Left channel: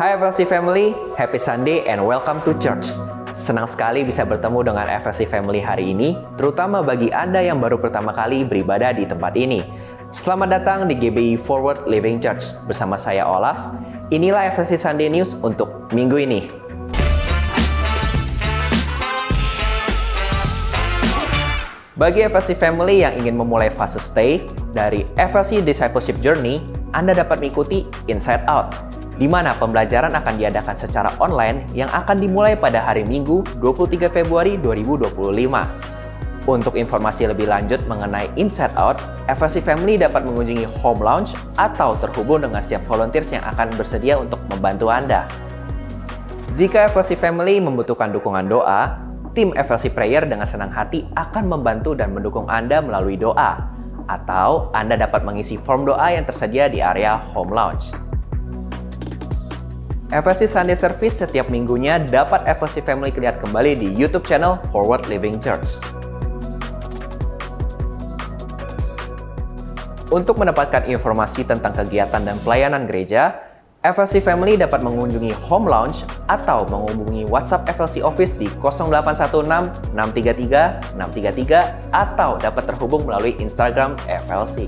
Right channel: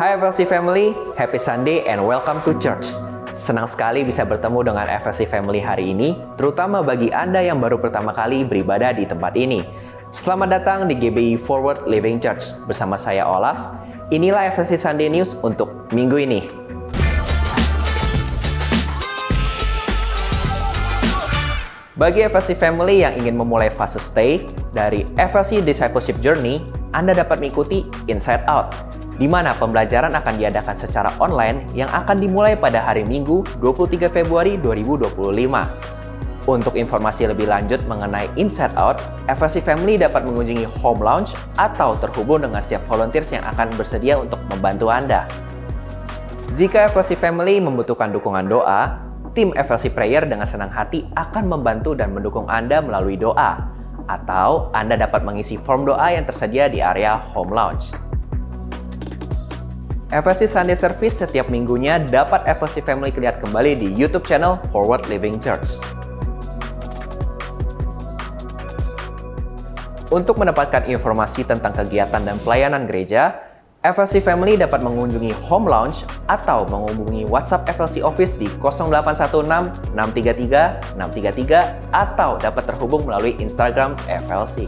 Hai FLC Family, happy Sunday and welcome to church. Senang sekali bisa bertemu dengan FLC Family hari ini, terutama bagi Anda yang baru pertama kali beribadah di tempat ini. Selamat datang di GBI Forward Living Church. Bersama saya Olaf, inilah FLC Sunday News untuk minggu ini. Bagi FLC Family yang ingin memulai fase stay dari FLC Discipleship Journey, Anda dapat mengikuti Inside Out, di mana pembelajaran akan diadakan secara online yang akan dimulai pada hari Minggu 23 Februari 2025. Untuk informasi lebih lanjut mengenai Inside Out, FLC Family dapat mengunjungi Home Lounge atau terhubung dengan setiap volunteers yang akan bersedia untuk membantu Anda. Jika FLC Family membutuhkan dukungan doa, tim FLC Prayer dengan senang hati akan membantu dan mendukung Anda melalui doa, atau Anda dapat mengisi form doa yang tersedia di area Home Lounge. FLC Sunday Service setiap minggunya dapat FLC Family lihat kembali di YouTube channel Forward Living Church. Untuk mendapatkan informasi tentang kegiatan dan pelayanan gereja, FLC Family dapat mengunjungi Home Lounge atau menghubungi WhatsApp FLC Office di 0816 633 633 atau dapat terhubung melalui Instagram FLC.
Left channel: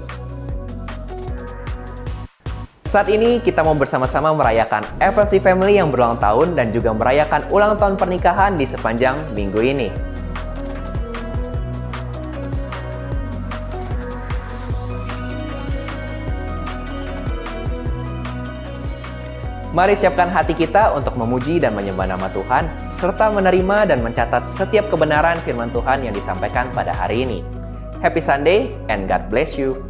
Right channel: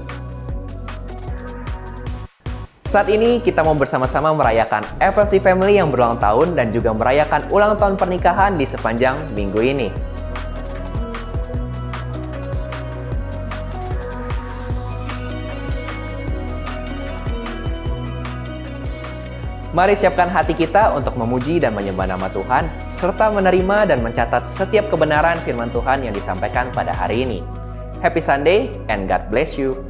Saat ini kita mau bersama-sama merayakan FLC Family yang berulang tahun dan juga merayakan ulang tahun pernikahan di sepanjang minggu ini. Mari siapkan hati kita untuk memuji dan menyembah nama Tuhan, serta menerima dan mencatat setiap kebenaran firman Tuhan yang disampaikan pada hari ini. Happy Sunday and God bless you.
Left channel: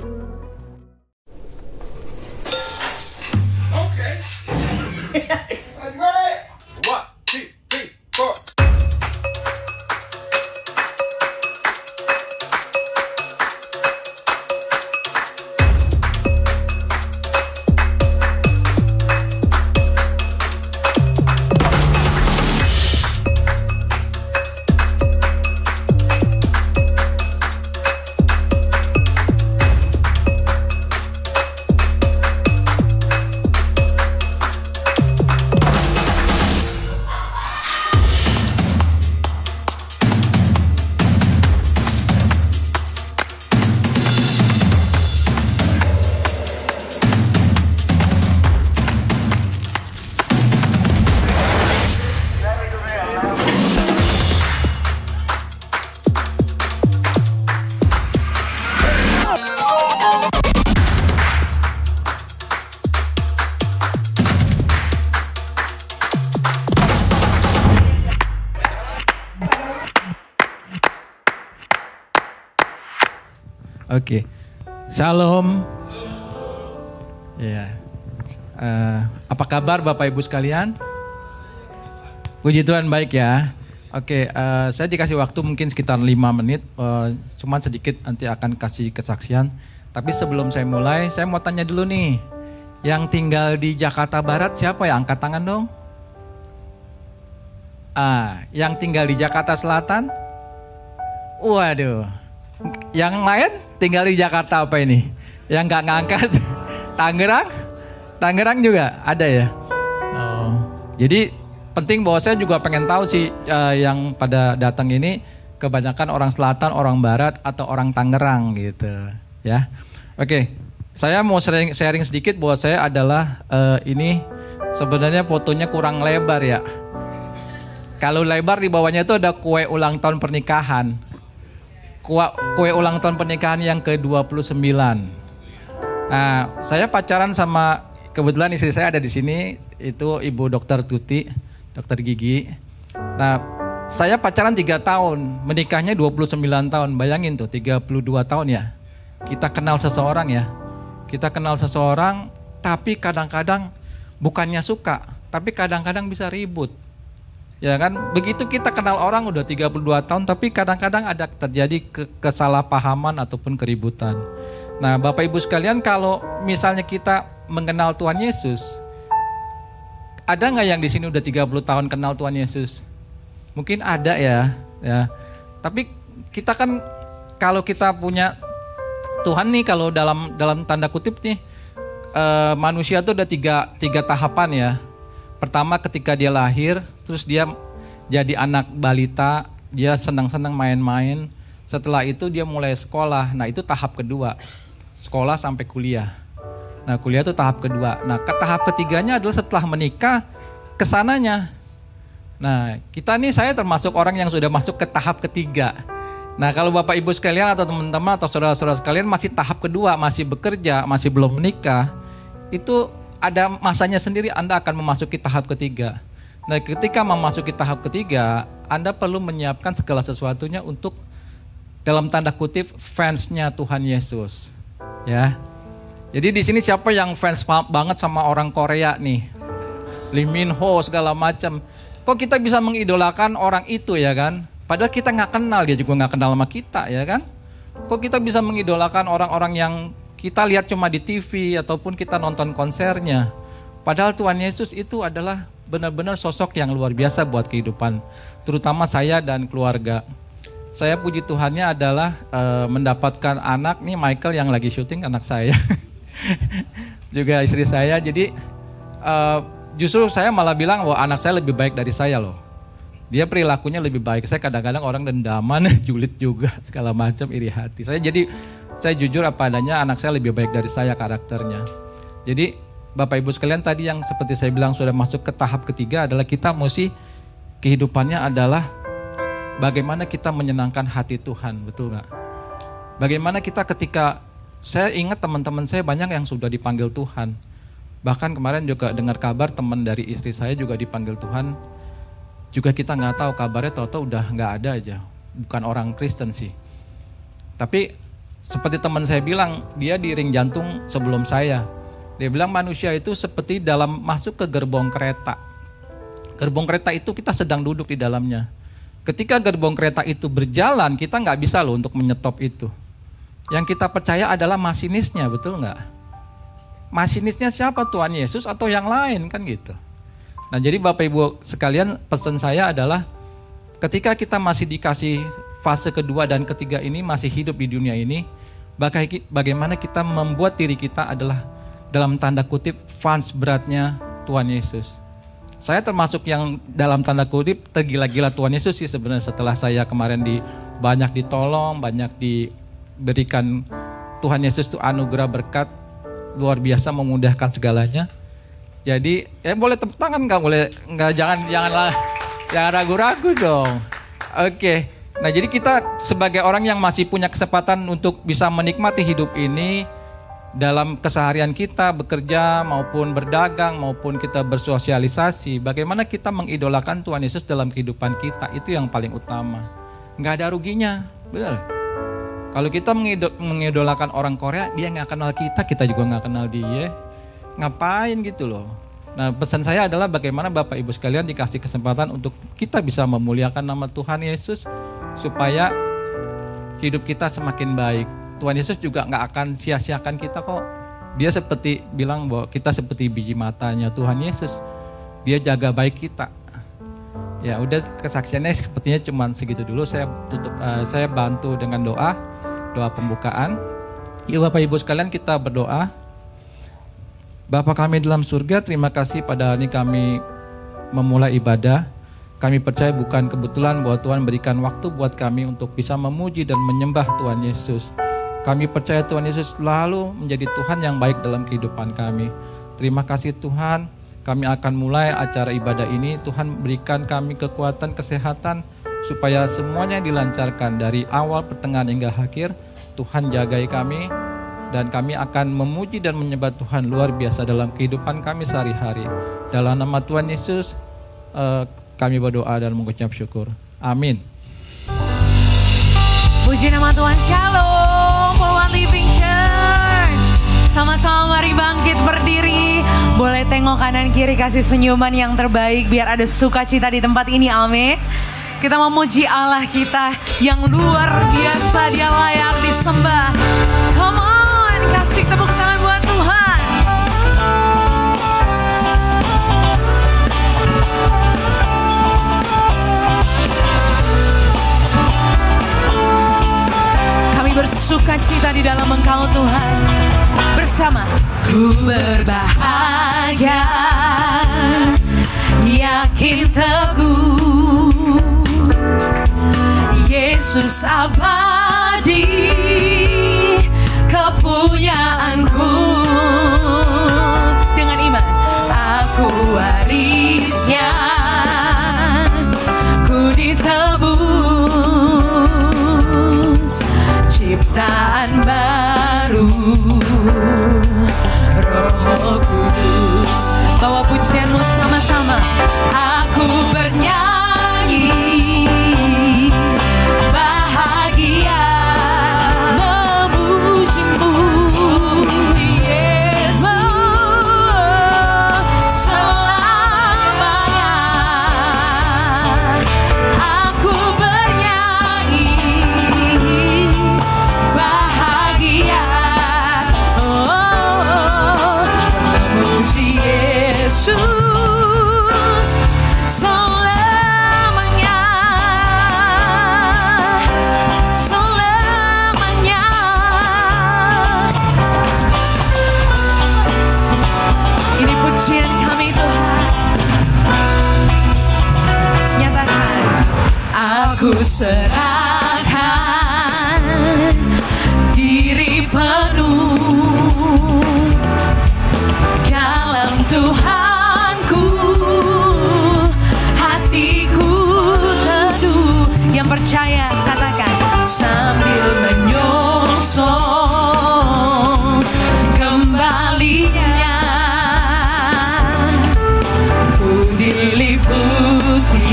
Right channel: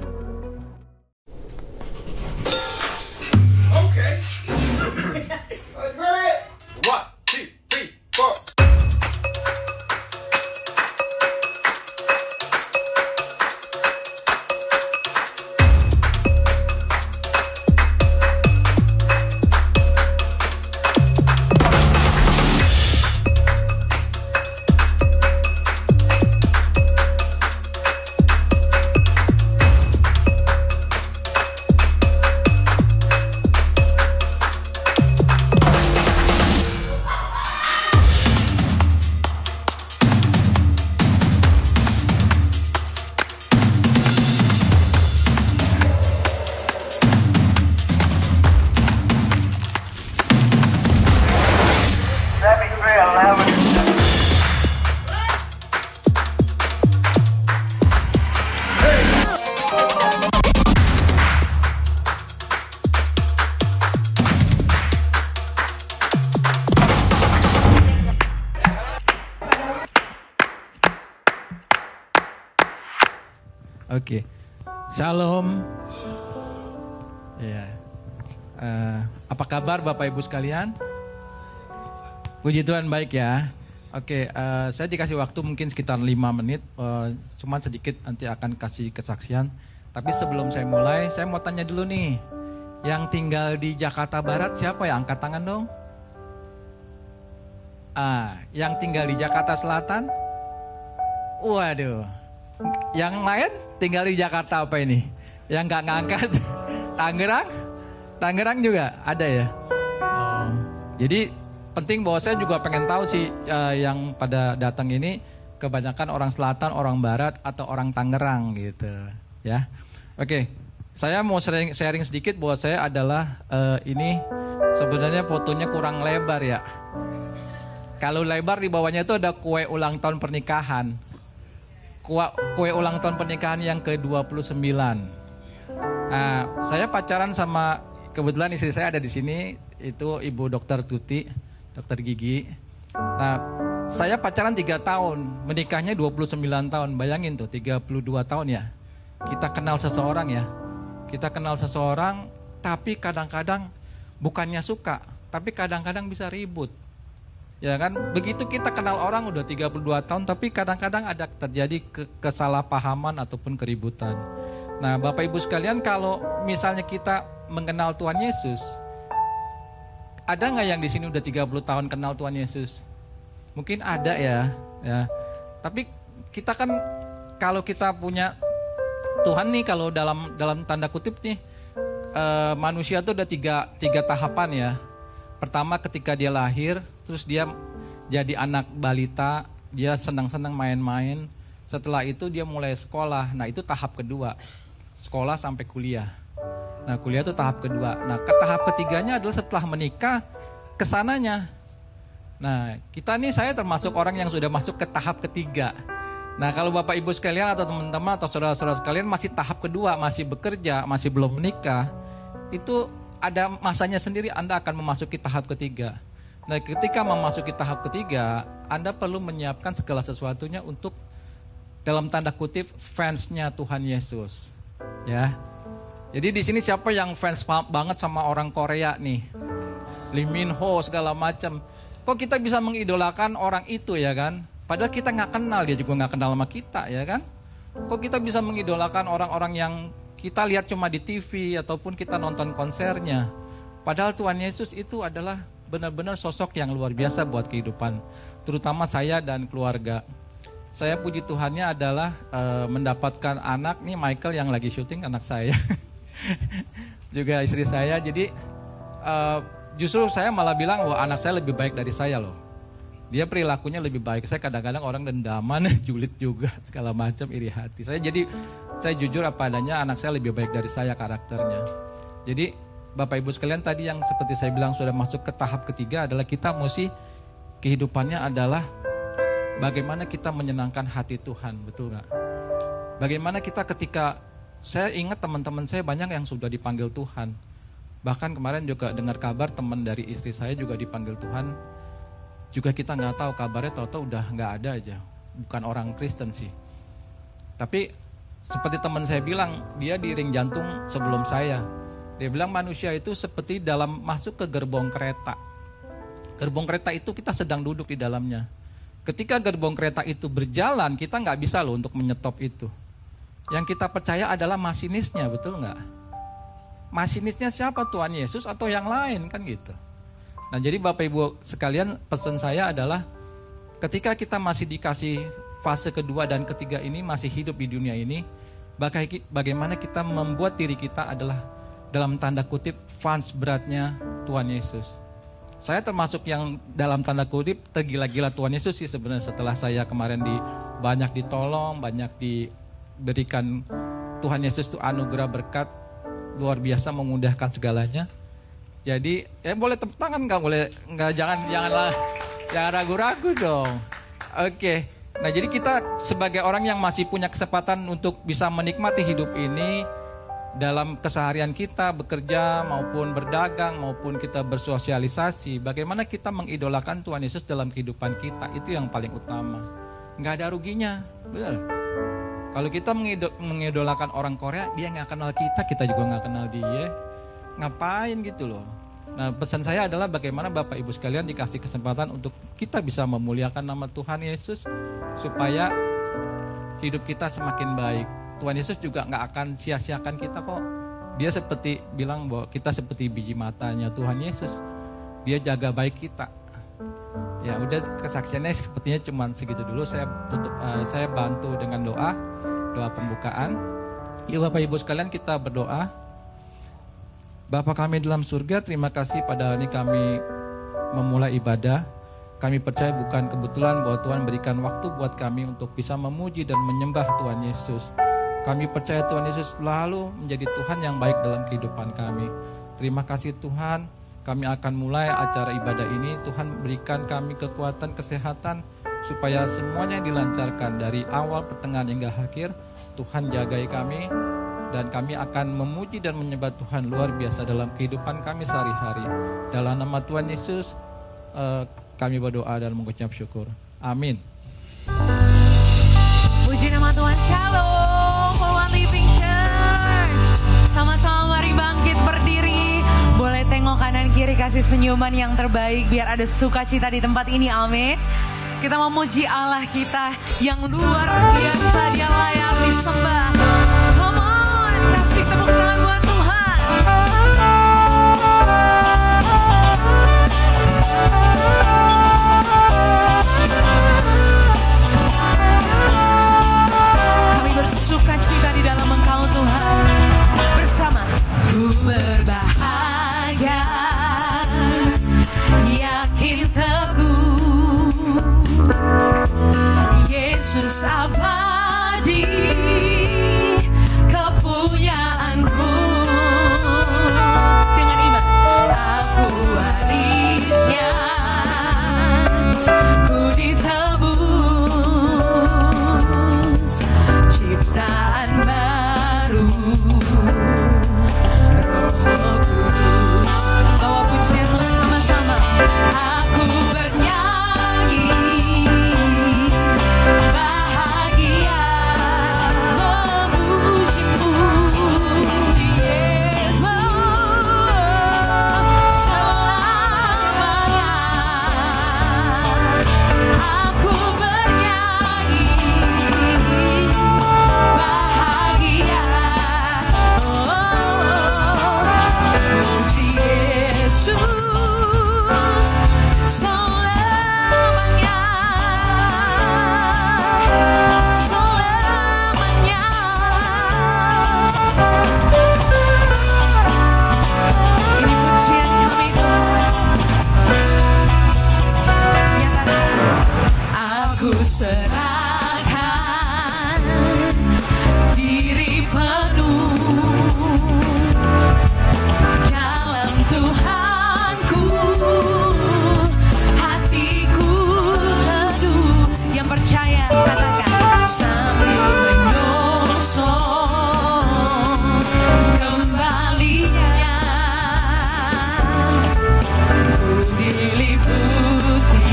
Oke, Shalom. Ya, apa kabar Bapak Ibu sekalian? Puji Tuhan baik ya. Oke, saya dikasih waktu mungkin sekitar 5 menit, cuman sedikit nanti akan kasih kesaksian. Tapi sebelum saya mulai, saya mau tanya dulu nih, yang tinggal di Jakarta Barat siapa ya? Angkat tangan dong. Yang tinggal di Jakarta Selatan? Waduh. Yang lain tinggal di Jakarta apa ini? Yang nggak ngangkat? Tangerang juga ada ya. Jadi penting bahwa saya juga pengen tahu sih yang pada datang ini kebanyakan orang Selatan, orang Barat atau orang Tangerang gitu ya. Oke, saya mau sharing sedikit bahwa saya adalah ini sebenarnya fotonya kurang lebar ya. Kalau lebar di bawahnya itu ada kue ulang tahun pernikahan. Kue ulang tahun pernikahan yang ke-29. Nah, saya pacaran sama, kebetulan istri saya ada di sini, itu Ibu Dokter Tuti, dokter gigi. Nah, saya pacaran 3 tahun, menikahnya 29 tahun. Bayangin tuh, 32 tahun ya. Kita kenal seseorang ya. Kita kenal seseorang, tapi kadang-kadang bukannya suka, tapi kadang-kadang bisa ribut. Ya kan, begitu kita kenal orang udah 32 tahun, tapi kadang-kadang ada terjadi kesalahpahaman ataupun keributan. Nah, Bapak Ibu sekalian, kalau misalnya kita mengenal Tuhan Yesus, ada nggak yang di sini udah 30 tahun kenal Tuhan Yesus? Mungkin ada ya. Tapi kita kan kalau kita punya Tuhan nih, kalau dalam tanda kutip nih, manusia tuh ada tiga tahapan ya. pertama ketika dia lahir, terus dia jadi anak balita, dia senang-senang main-main. Setelah itu dia mulai sekolah. Nah, itu tahap kedua. Sekolah sampai kuliah. Nah, kuliah itu tahap kedua. Nah, tahap ketiganya adalah setelah menikah, kesananya. Nah, kita nih, saya termasuk orang yang sudah masuk ke tahap ketiga. Nah, kalau Bapak Ibu sekalian atau teman-teman atau saudara-saudara sekalian masih tahap kedua, masih bekerja, masih belum menikah, itu ada masanya sendiri Anda akan memasuki tahap ketiga. Nah, ketika memasuki tahap ketiga, Anda perlu menyiapkan segala sesuatunya untuk dalam tanda kutip fansnya Tuhan Yesus, ya. Jadi di sini siapa yang fans banget sama orang Korea nih, Lee Min Ho segala macam. Kok kita bisa mengidolakan orang itu ya kan? Padahal kita nggak kenal, dia juga nggak kenal sama kita ya kan? Kok kita bisa mengidolakan orang-orang yang kita lihat cuma di TV ataupun kita nonton konsernya? Padahal Tuhan Yesus itu adalah benar-benar sosok yang luar biasa buat kehidupan, terutama saya dan keluarga. Saya puji Tuhannya adalah mendapatkan anak nih, Michael yang lagi syuting, anak saya. Juga istri saya. Jadi justru saya malah bilang bahwa anak saya lebih baik dari saya loh. Dia perilakunya lebih baik. Saya kadang-kadang orang dendaman, julid juga, segala macam, iri hati. Saya jujur apa adanya, anak saya lebih baik dari saya karakternya. Jadi Bapak Ibu sekalian, tadi yang seperti saya bilang sudah masuk ke tahap ketiga adalah kita mesti kehidupannya adalah bagaimana kita menyenangkan hati Tuhan, betul gak? Bagaimana kita ketika, saya ingat teman-teman saya banyak yang sudah dipanggil Tuhan. Bahkan kemarin juga dengar kabar teman dari istri saya juga dipanggil Tuhan. Juga kita gak tahu kabarnya, tahu-tahu udah gak ada aja. Bukan orang Kristen sih. Tapi seperti teman saya bilang, dia di ring jantung sebelum saya. Dia bilang manusia itu seperti dalam masuk ke gerbong kereta. Gerbong kereta itu kita sedang duduk di dalamnya. Ketika gerbong kereta itu berjalan, kita nggak bisa loh untuk menyetop itu. Yang kita percaya adalah masinisnya, betul nggak? Masinisnya siapa? Tuhan Yesus atau yang lain kan gitu. Nah, jadi Bapak Ibu sekalian, pesan saya adalah ketika kita masih dikasih fase kedua dan ketiga ini, masih hidup di dunia ini, bagaimana kita membuat diri kita adalah dalam tanda kutip fans beratnya Tuhan Yesus. Saya termasuk yang dalam tanda kutip tergila-gila Tuhan Yesus sih sebenarnya, setelah saya kemarin banyak ditolong, banyak diberikan Tuhan Yesus itu anugerah berkat luar biasa, memudahkan segalanya. Jadi boleh tepuk tangan nggak? Boleh nggak? Jangan ragu-ragu dong. Oke. Nah, jadi kita sebagai orang yang masih punya kesempatan untuk bisa menikmati hidup ini, dalam keseharian kita bekerja maupun berdagang maupun kita bersosialisasi, bagaimana kita mengidolakan Tuhan Yesus dalam kehidupan kita, itu yang paling utama. Nggak ada ruginya, benar. Kalau kita mengidolakan orang Korea, dia nggak kenal kita juga nggak kenal dia, ngapain gitu loh. Nah, pesan saya adalah bagaimana Bapak Ibu sekalian dikasih kesempatan untuk kita bisa memuliakan nama Tuhan Yesus supaya hidup kita semakin baik. Tuhan Yesus juga gak akan sia-siakan kita kok. Dia seperti bilang bahwa kita seperti biji matanya Tuhan Yesus. Dia jaga baik kita. Ya udah, kesaksiannya sepertinya cuma segitu dulu. Saya bantu dengan doa pembukaan. Yuk Bapak Ibu sekalian, kita berdoa. Bapa kami dalam surga, terima kasih pada hari ini kami memulai ibadah. Kami percaya bukan kebetulan bahwa Tuhan berikan waktu buat kami untuk bisa memuji dan menyembah Tuhan Yesus. Kami percaya Tuhan Yesus selalu menjadi Tuhan yang baik dalam kehidupan kami. Terima kasih Tuhan, kami akan mulai acara ibadah ini. Tuhan berikan kami kekuatan, kesehatan, supaya semuanya dilancarkan dari awal, pertengahan hingga akhir. Tuhan jagai kami, dan kami akan memuji dan menyembah Tuhan luar biasa dalam kehidupan kami sehari-hari. Dalam nama Tuhan Yesus, kami berdoa dan mengucap syukur. Amin. Puji nama Tuhan. Shalom. Living Church, sama-sama mari bangkit berdiri. Boleh tengok kanan kiri, kasih senyuman yang terbaik biar ada sukacita di tempat ini. Amin. Kita memuji Allah kita yang luar biasa, Dia layak disembah. Come on, kasih tepuk tangan buat Tuhan. Kami bersukacita di dalam Engkau Tuhan. Bersama ku berbahagia abadi kepunyaanku. Dengan iman aku warisnya, ku ditebus ciptaan baru. Roh Kudus, bawa pujianmu sama-sama. Aku bernyanyi bahagia memujimu, Yesus selamanya. Aku bernyanyi bahagia, memuji Yesus selamanya, selamanya. Ini pujian kami Tuhan. Nyatakan, aku serahkan diri penuh dalam Tuhanku, hatiku teduh. Yang percaya katakan, sambil menyongsong kembalinya, ku diliputi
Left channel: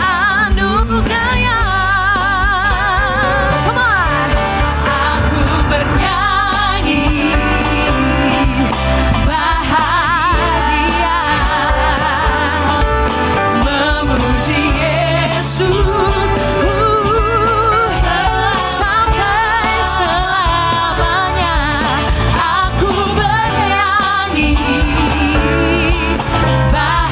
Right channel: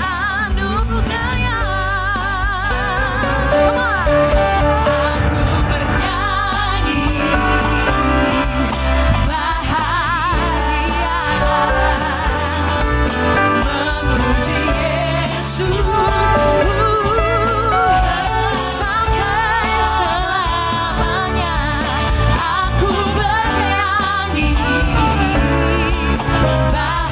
anugerahnya. Come on. Aku bernyanyi bahagia memuji Yesus sampai selamanya. Aku bernyanyi bahagia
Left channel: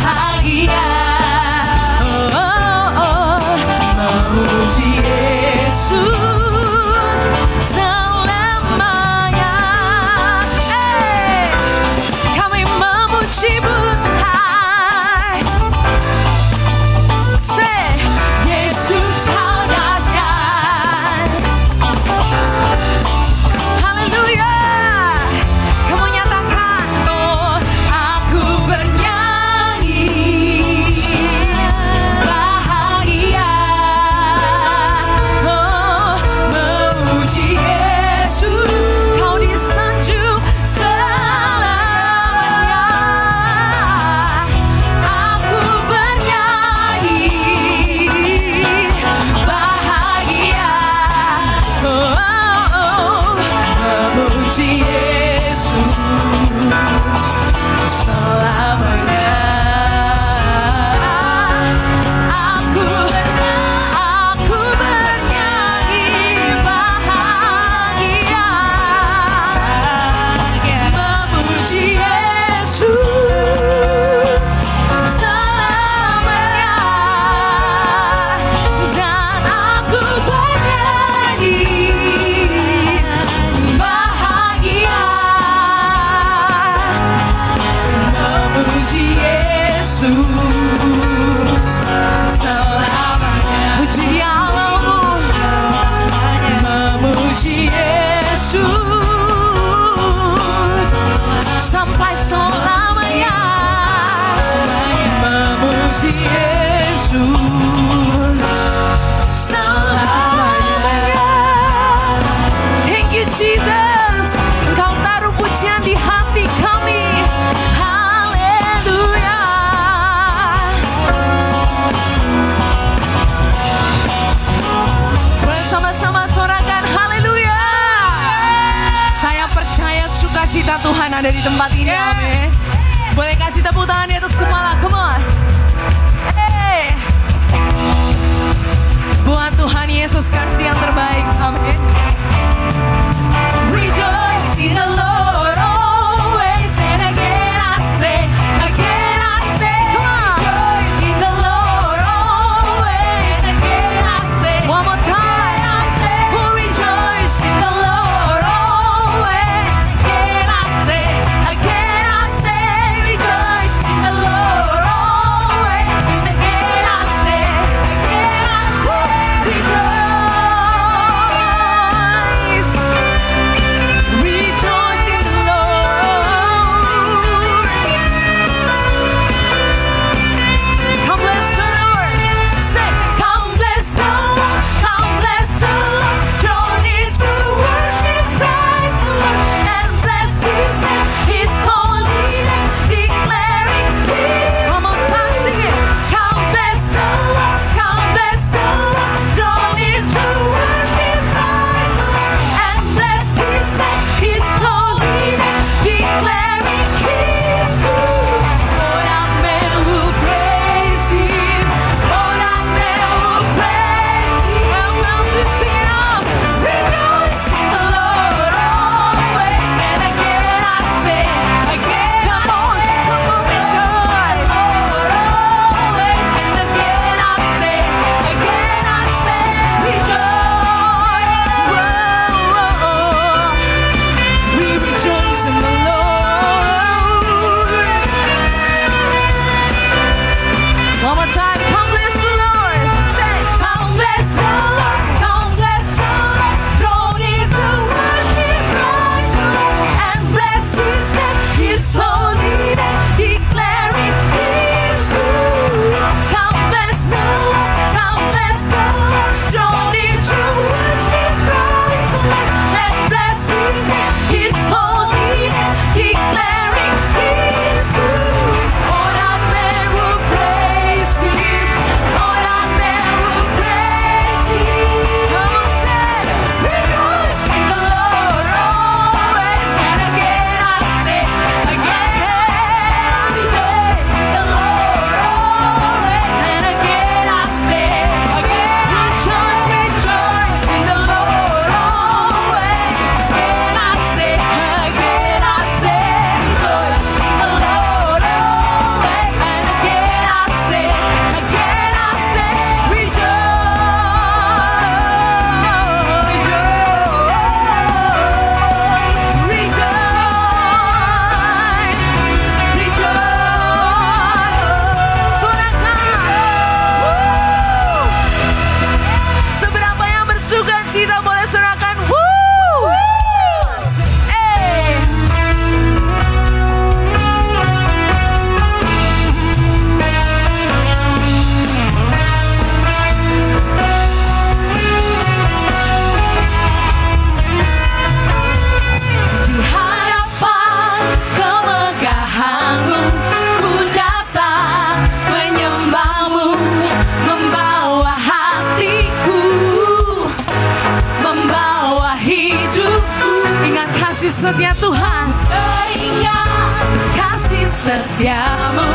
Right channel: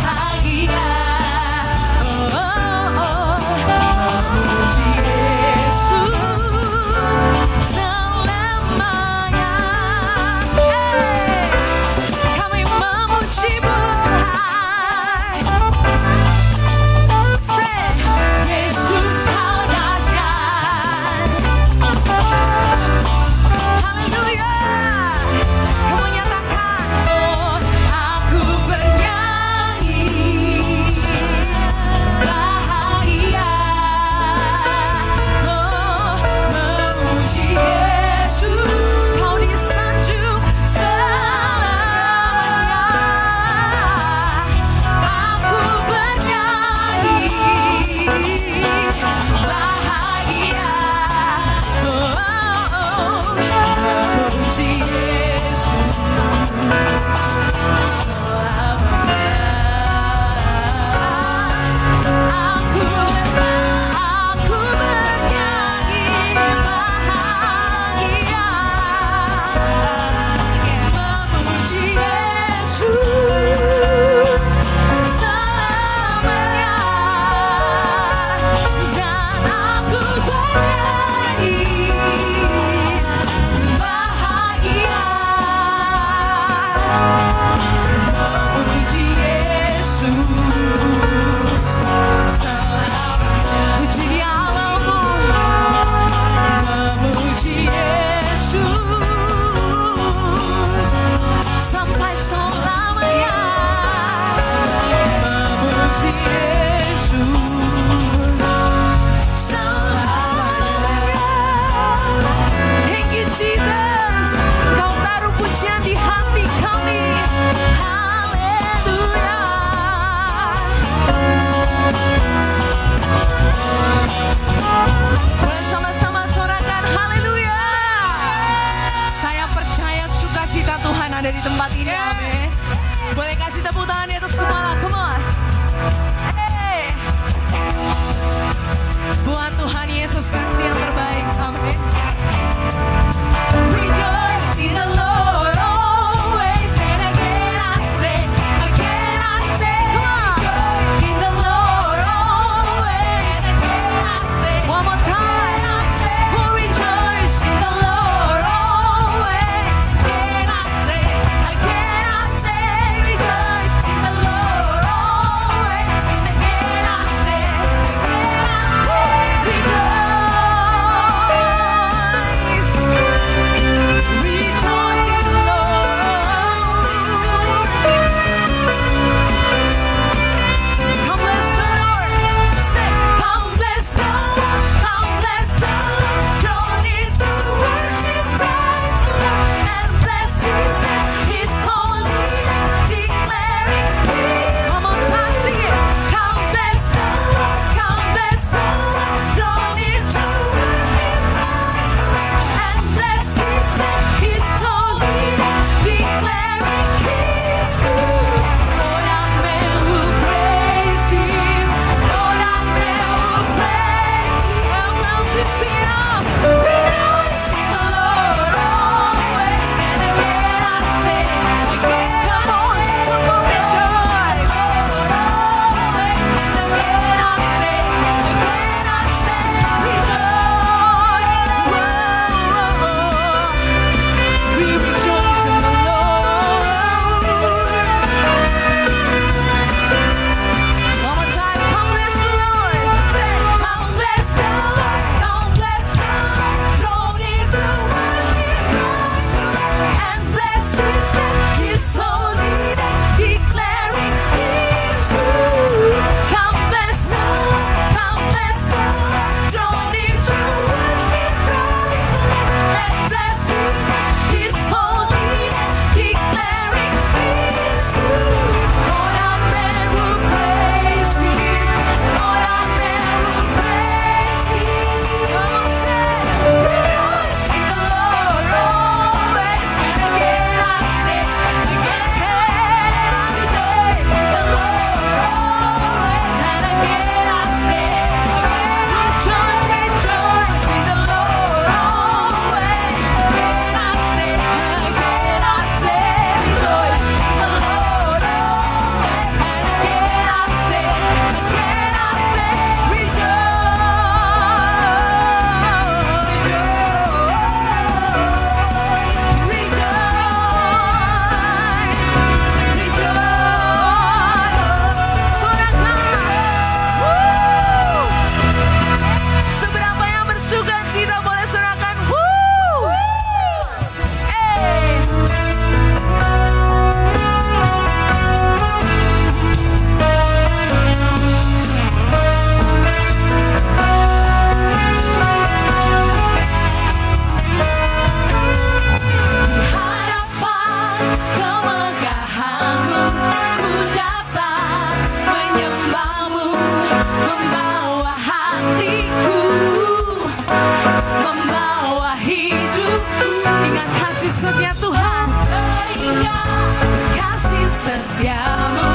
setiamu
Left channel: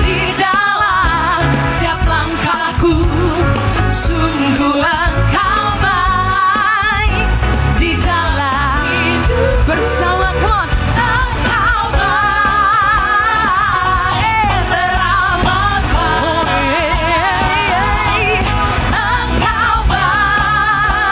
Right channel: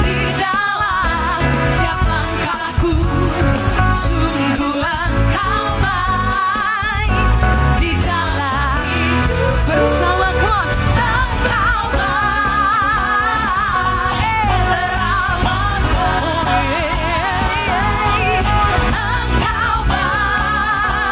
di dalam setiap langkahku. Sungguh engkau baik di dalam hidup bersamaku. Engkau baik teramatku. Engkau baik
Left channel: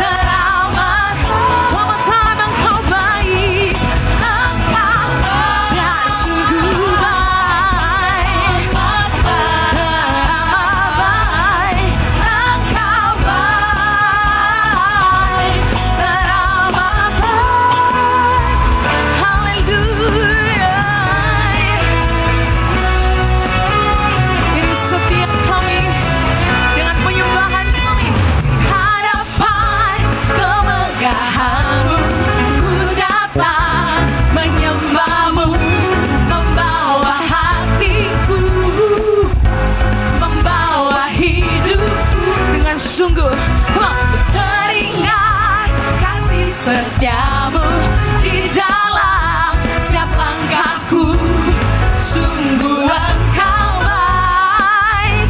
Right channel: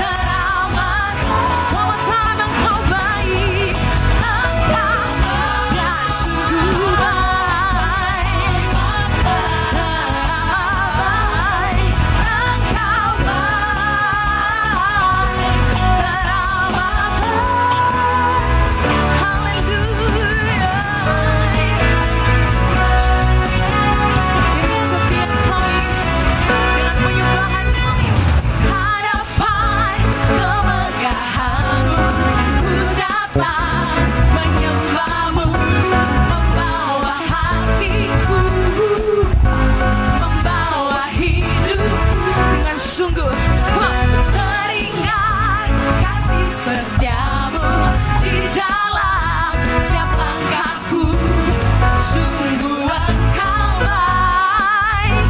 teramatku. One more time, engkau baik. Engkau baik sungguh baik teramat. Engkau baik teramat. Haleluya. Dari setiap kami dengan penyembahan kami hadapan kemegahanmu, ku datang menyembahmu, membawa hatiku, membawa hidupku dengan sungguh teringat kasih setiamu di dalam setiap langkahku. Sungguh engkau baik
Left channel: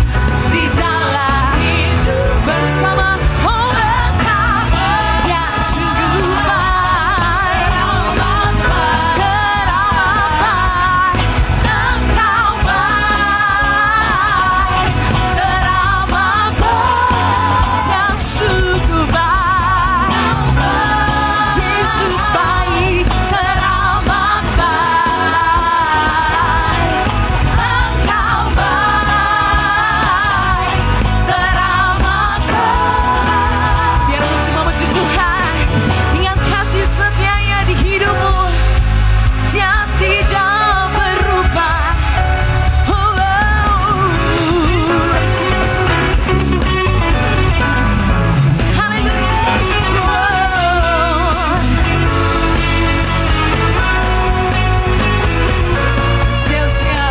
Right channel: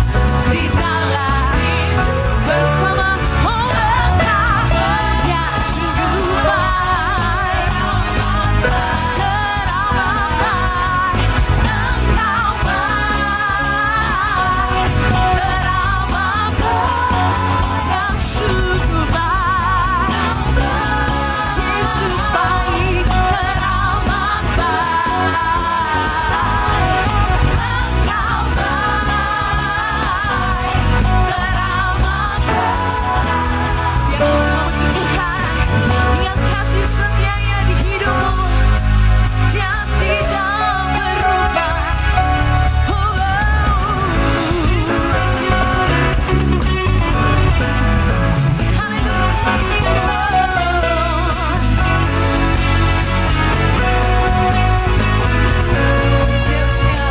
di dalam hidup bersamamu. Engkau baik sungguh baik teramat. Engkau baik teramat. Sungguh baik. Yesus baik teramat. Engkau baik teramat. Biar aku semua memuji Tuhan. Ingat kasih setianya di hidupmu, dia tidak berubah. Sia-sia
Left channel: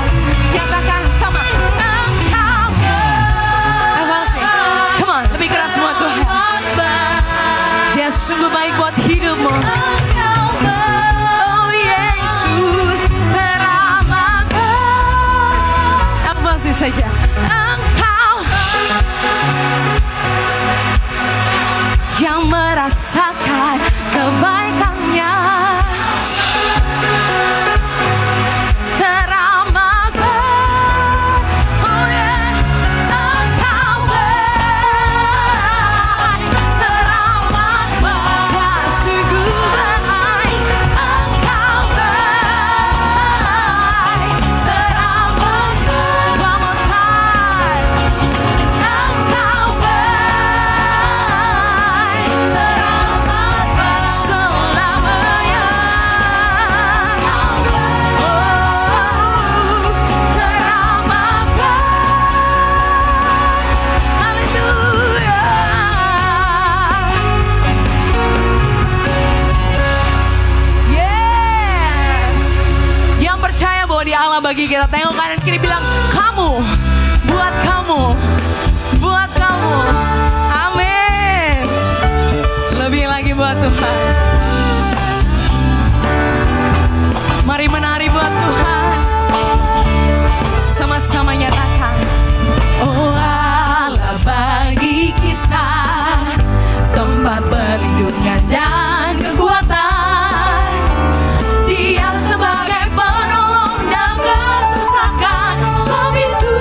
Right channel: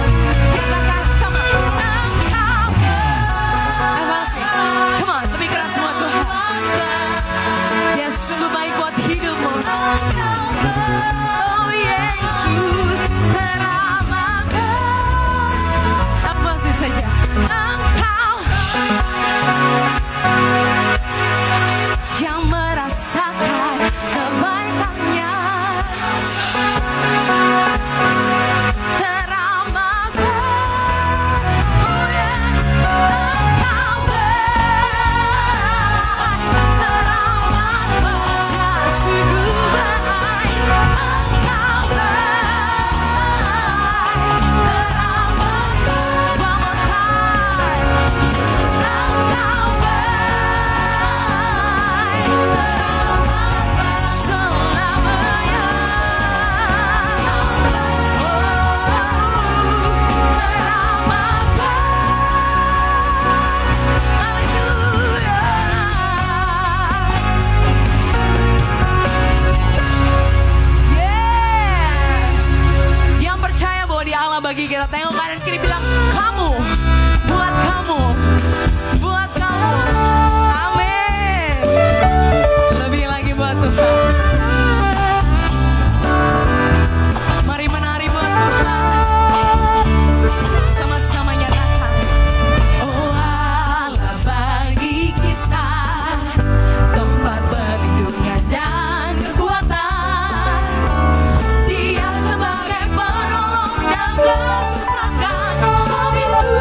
katakan sama engkau. Come on, lebih keras buat Tuhan. Dia sungguh baik buat hidupmu. Oh Yesus teramat. Apa sih saja engkau yang merasakan kebaikannya. Teramat. Oh yeah. Engkau baik teramat. Dia sungguh baik. Engkau baik teramat. One more time. Engkau baik teramat selamanya. Yes. Yang percaya bahwa dia Allah bagi kita, tengok kanan kiri, bilang kamu, buat kamu, buat kamu. Amin. Lebih lagi buat Tuhan. Mari menari buat Tuhan. Sama-sama nyatakan, oh Allah bagi kita tempat perlindungan dan kekuatan. Dia sebagai penolong dalam kesesakan. Sebab itu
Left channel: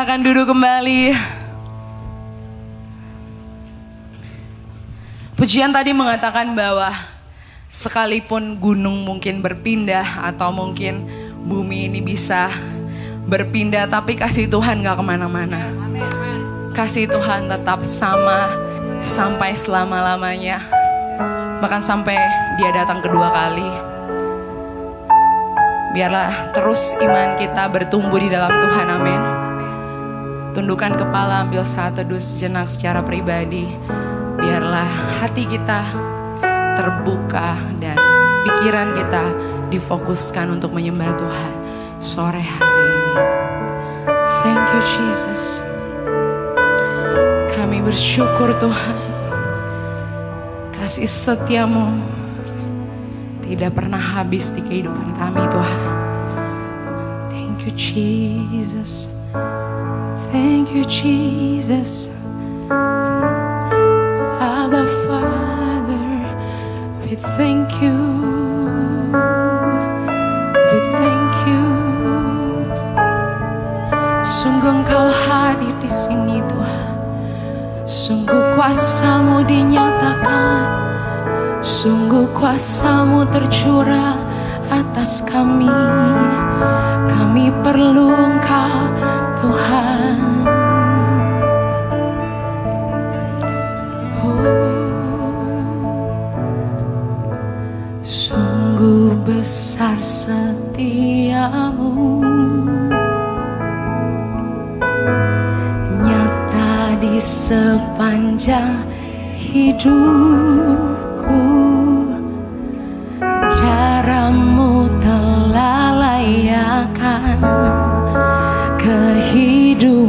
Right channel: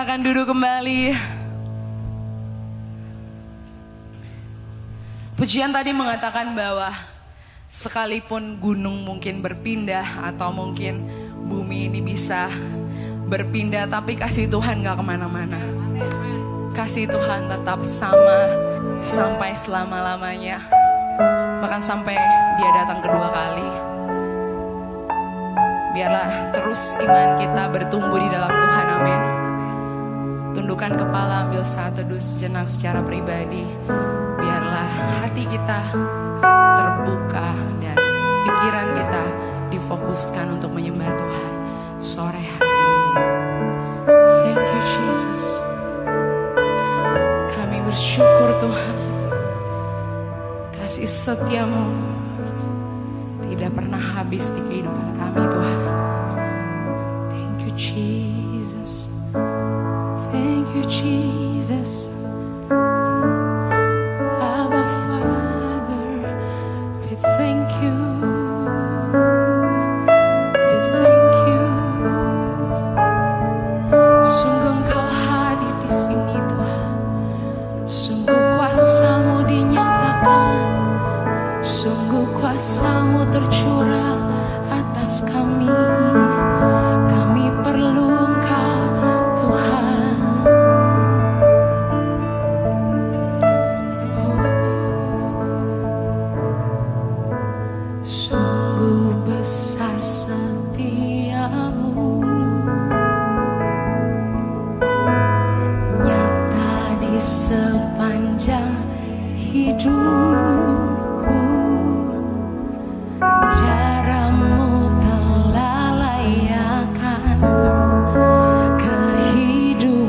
Silakan duduk kembali. Pujian tadi mengatakan bahwa sekalipun gunung mungkin berpindah atau mungkin bumi ini bisa berpindah, tapi kasih Tuhan gak kemana-mana. Kasih Tuhan tetap sama sampai selama-lamanya. Bahkan sampai dia datang kedua kali. Biarlah terus iman kita bertumbuh di dalam Tuhan, amin. Tundukkan kepala, ambil saat teduh sejenak secara pribadi. Biarlah hati kita terbuka dan pikiran kita difokuskan untuk menyembah Tuhan sore hari ini. Thank you Jesus. Kami bersyukur Tuhan. Kasih setiamu tidak pernah habis di kehidupan kami Tuhan. Thank you Jesus. Thank you Jesus. Abba Father, we thank you. We thank you. Sungguh Engkau hadir di sini Tuhan. Sungguh kuasa-Mu dinyatakan. Sungguh kuasa-Mu tercurah atas kami. Kami perlu Engkau Tuhan. Sungguh besar setiamu, nyata di sepanjang hidupku. Darah-Mu telah layakkan kehidupan.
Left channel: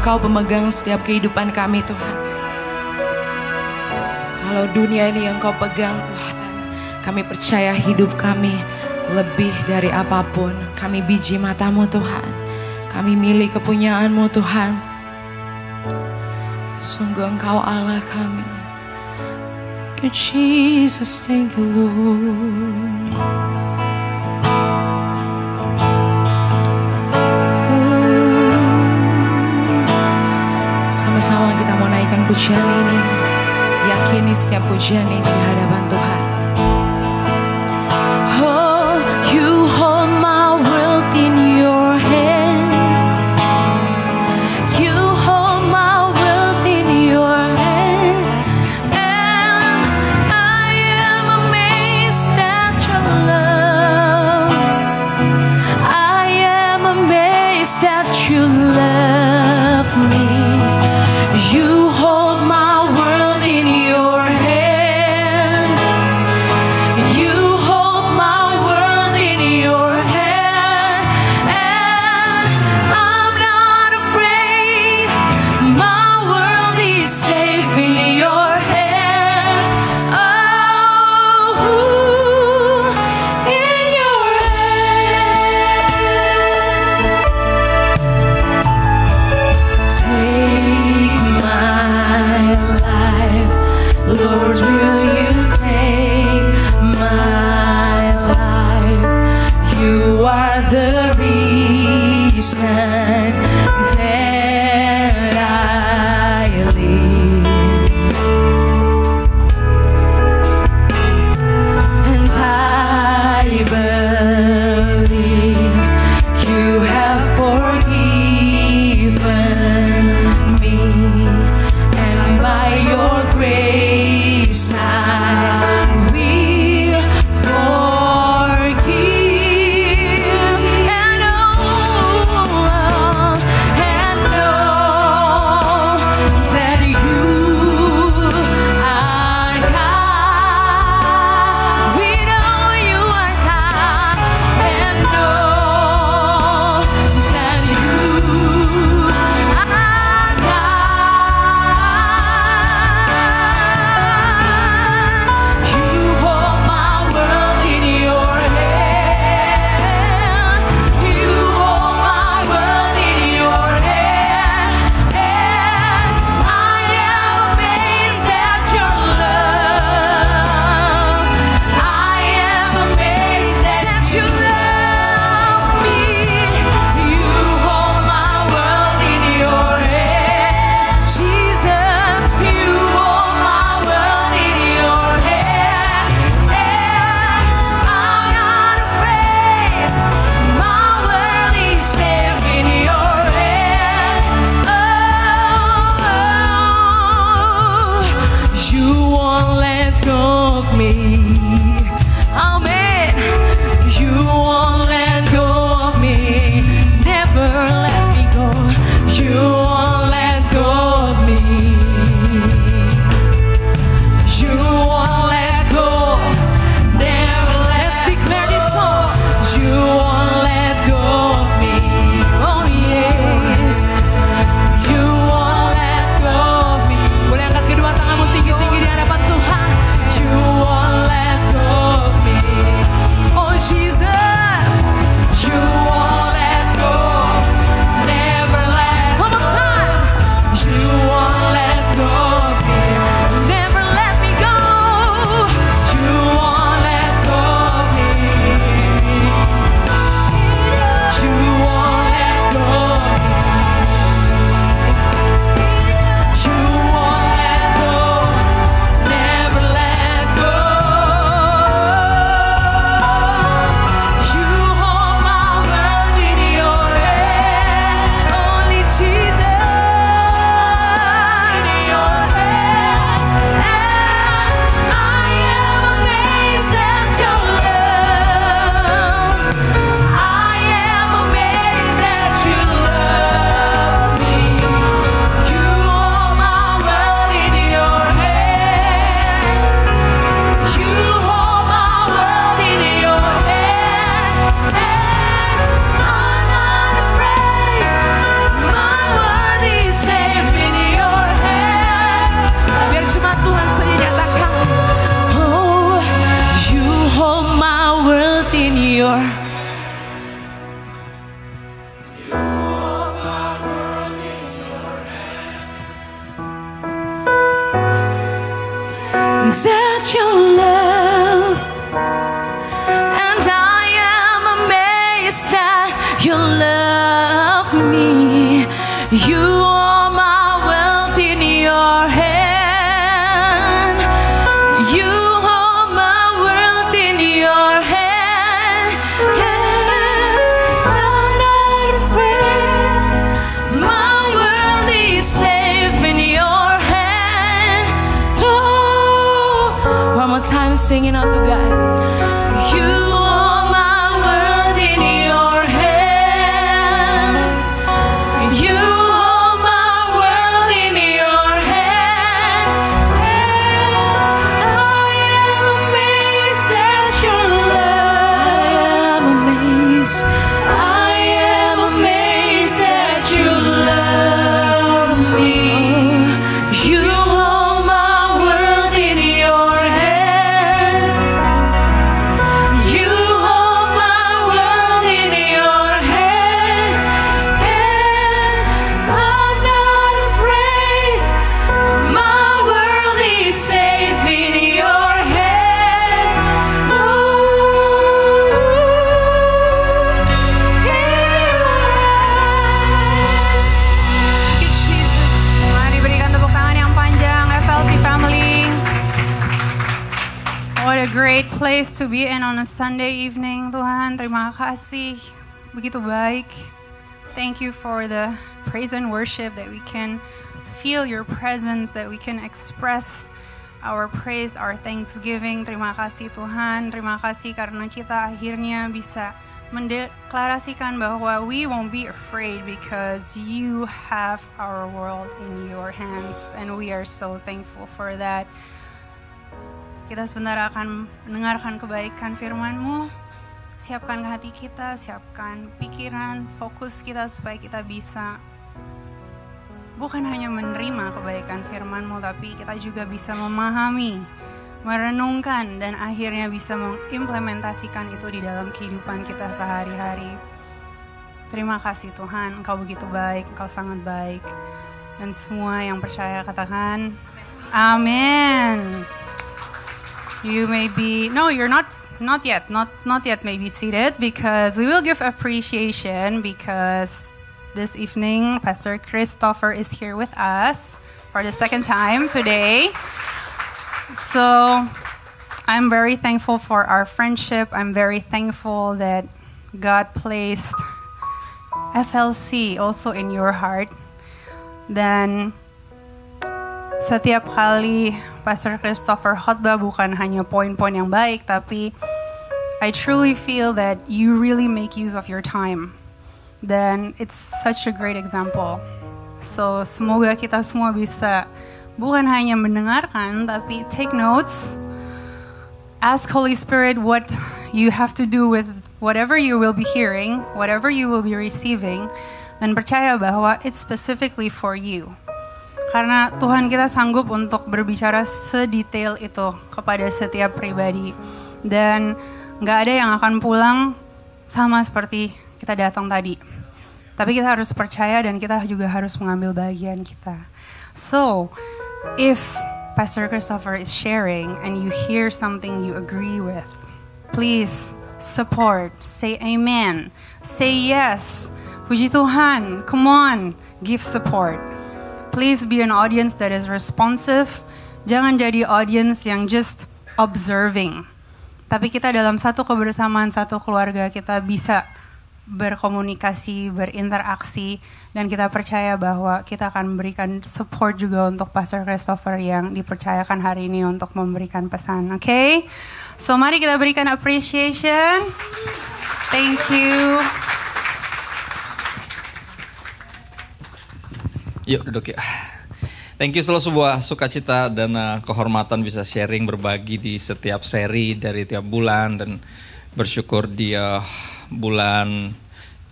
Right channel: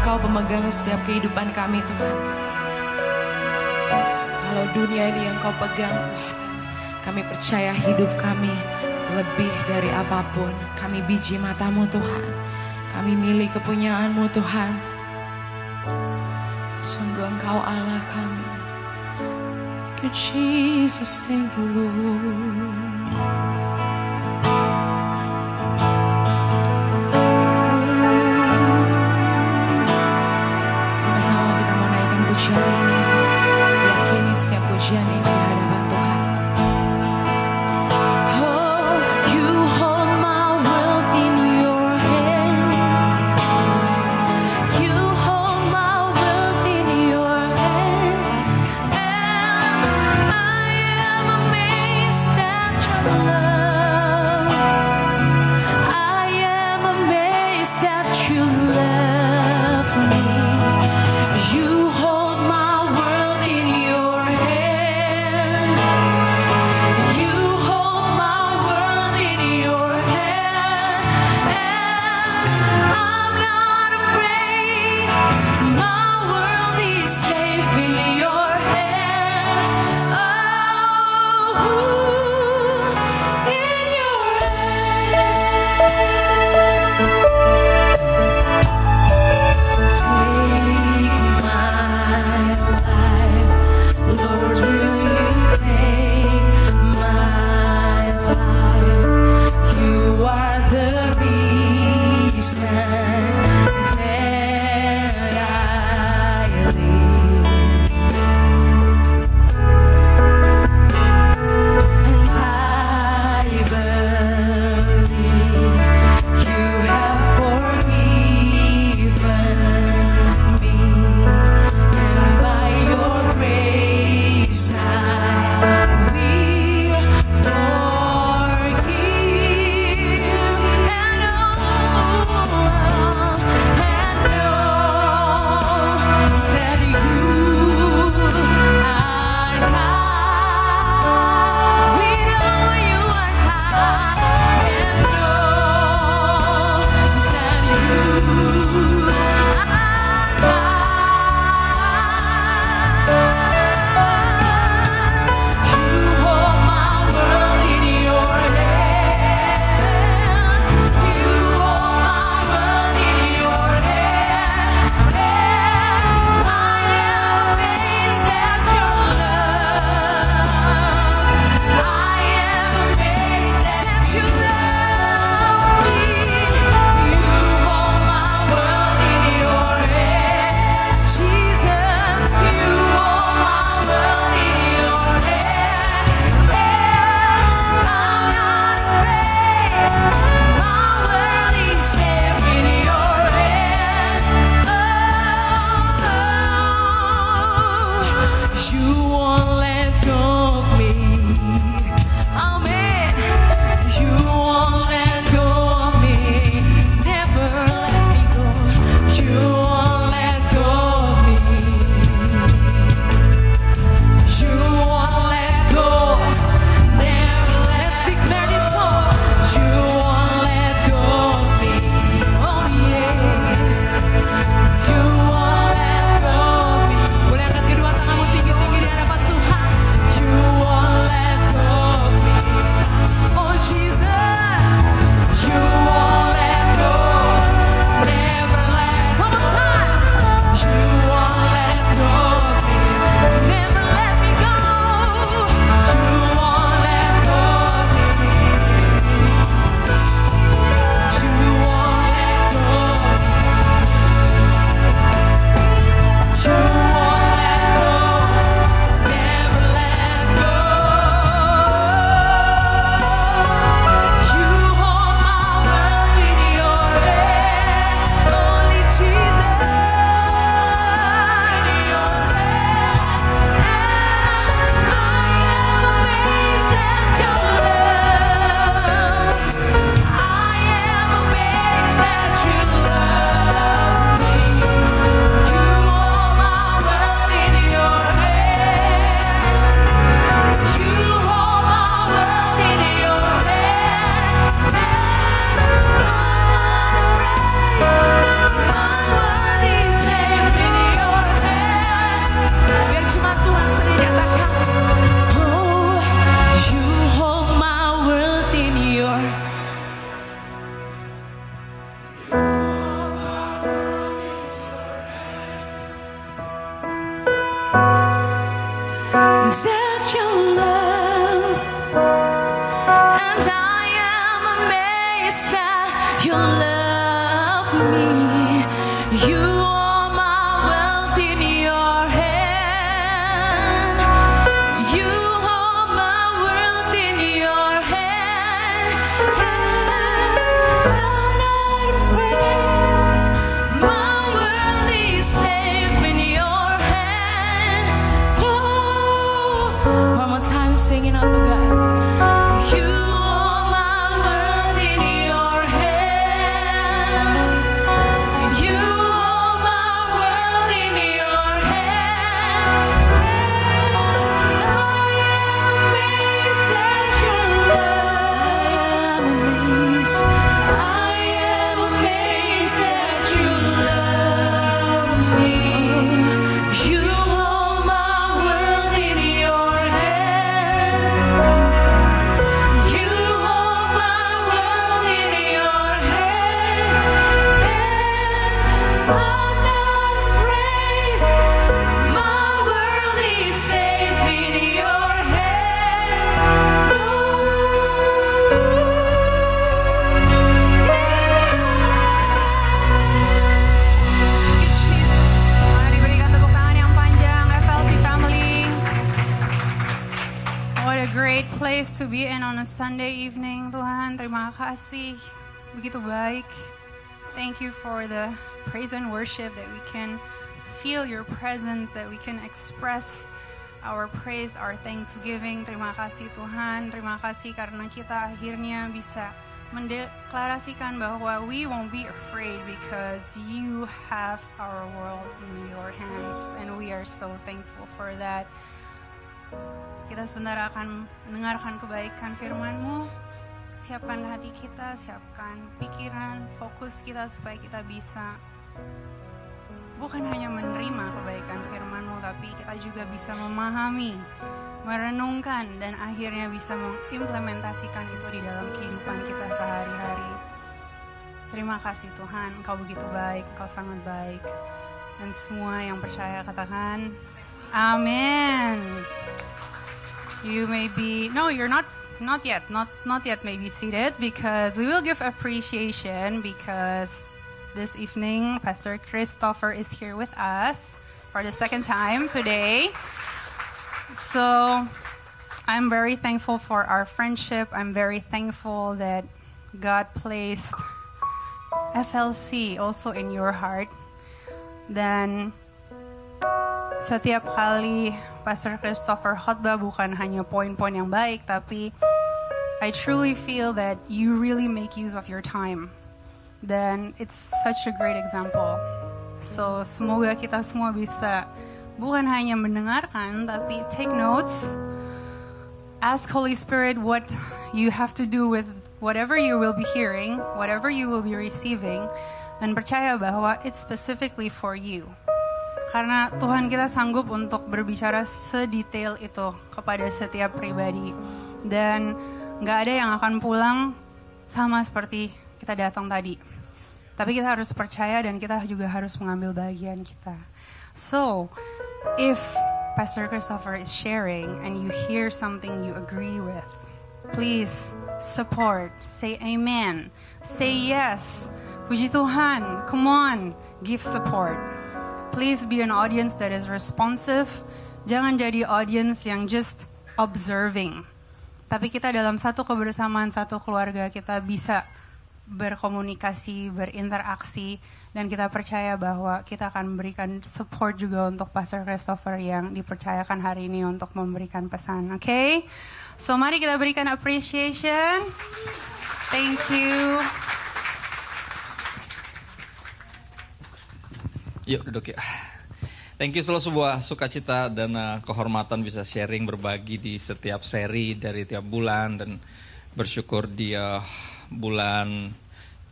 Engkau pemegang setiap kehidupan kami Tuhan. Kalau dunia ini Engkau pegang Tuhan, kami percaya hidup kami lebih dari apapun. Kami biji mata-Mu Tuhan, kami milik kepunyaan-Mu Tuhan. Sungguh Engkau Allah kami. Thank you Jesus, thank you Lord. Sama-sama kita mau naikkan pujian ini. Yakini setiap pujian ini di hadapan Tuhan. Oh, you hold my world in your hand. You hold my world in your hand. And I am amazed at your love. I am amazed that you love me. You hold my world in your hand. at your love, and I am amazed that you love me. You are my wealth in your hand. You hold my world in your hand. Yeah, I'm not afraid. My world is safe in your hand. Oh, one more time, singing out to God. You are my world in your hand. You hold my world in your hand. I am amazed at your love. I am amazed that you love me. You hold my world in your hand. You hold my world in your hand. And I'm not afraid. My world is safe in your hand. Thank you, Jesus. Mari berikan tepuk tangan yang panjang, FLC family. What a great place to be in on a Sunday evening, Tuhan. Terima kasih, begitu baik. Thank you for the praise and worship that we can feel your presence, that we can express our praise, our thanksgiving. Terima kasih Tuhan, terima kasih karena kita akhirnya bisa mendeklarasikan bahwa we won't be afraid because you have our world in your hands, and we are so thankful for that. Kita sebentar akan mendengarkan kebaikan firman-Mu. Siapkan hati kita, siapkan pikiran, fokus kita supaya kita bisa bukan hanya menerima kebaikan firman-Mu, tapi kita juga bisa memahami, merenungkan, dan akhirnya bisa mengimplementasikan itu di dalam kehidupan kita sehari-hari. Terima kasih Tuhan, Engkau begitu baik, Engkau sangat baik. Dan semua yang percaya katakan, amin. You may be, no, you're not yet may be seated, because we will give appreciation because this evening Pastor Christopher is here with us for the second time today. So I'm very thankful for our friendship. I'm very thankful that God placed FLC also in your heart. Dan setiap kali Pastor Christopher khotbah bukan hanya poin-poin yang baik, tapi I truly feel that you really make use of your time. Dan it's such a great example. So semoga kita semua bisa bukan hanya mendengarkan, tapi take notes. Ask Holy Spirit what you have to do with whatever you will be hearing, whatever you will be receiving, dan percaya bahwa it's specifically for you. Karena Tuhan kita sanggup untuk berbicara sedetail itu kepada setiap pribadi. Dan gak ada yang akan pulang sama seperti kita datang tadi. Tapi kita harus percaya dan kita juga harus mengambil bagian kita. So, if Pastor Christopher is sharing and you hear something you agree with, please support, say amen, say yes. Puji Tuhan, come on, give support. Please be an audience that is responsive. Jangan jadi audience yang just observing. Tapi kita dalam satu kebersamaan, satu keluarga, kita bisa berkomunikasi, berinteraksi, dan kita percaya bahwa kita akan memberikan support juga untuk Pastor Christopher yang dipercayakan hari ini untuk memberikan pesan. Okay? So mari kita berikan appreciation. Thank you. Yuk duduk ya. Thank you, selalu sebuah sukacita dan kehormatan bisa sharing, berbagi di setiap seri dari tiap bulan, dan bersyukur di bulan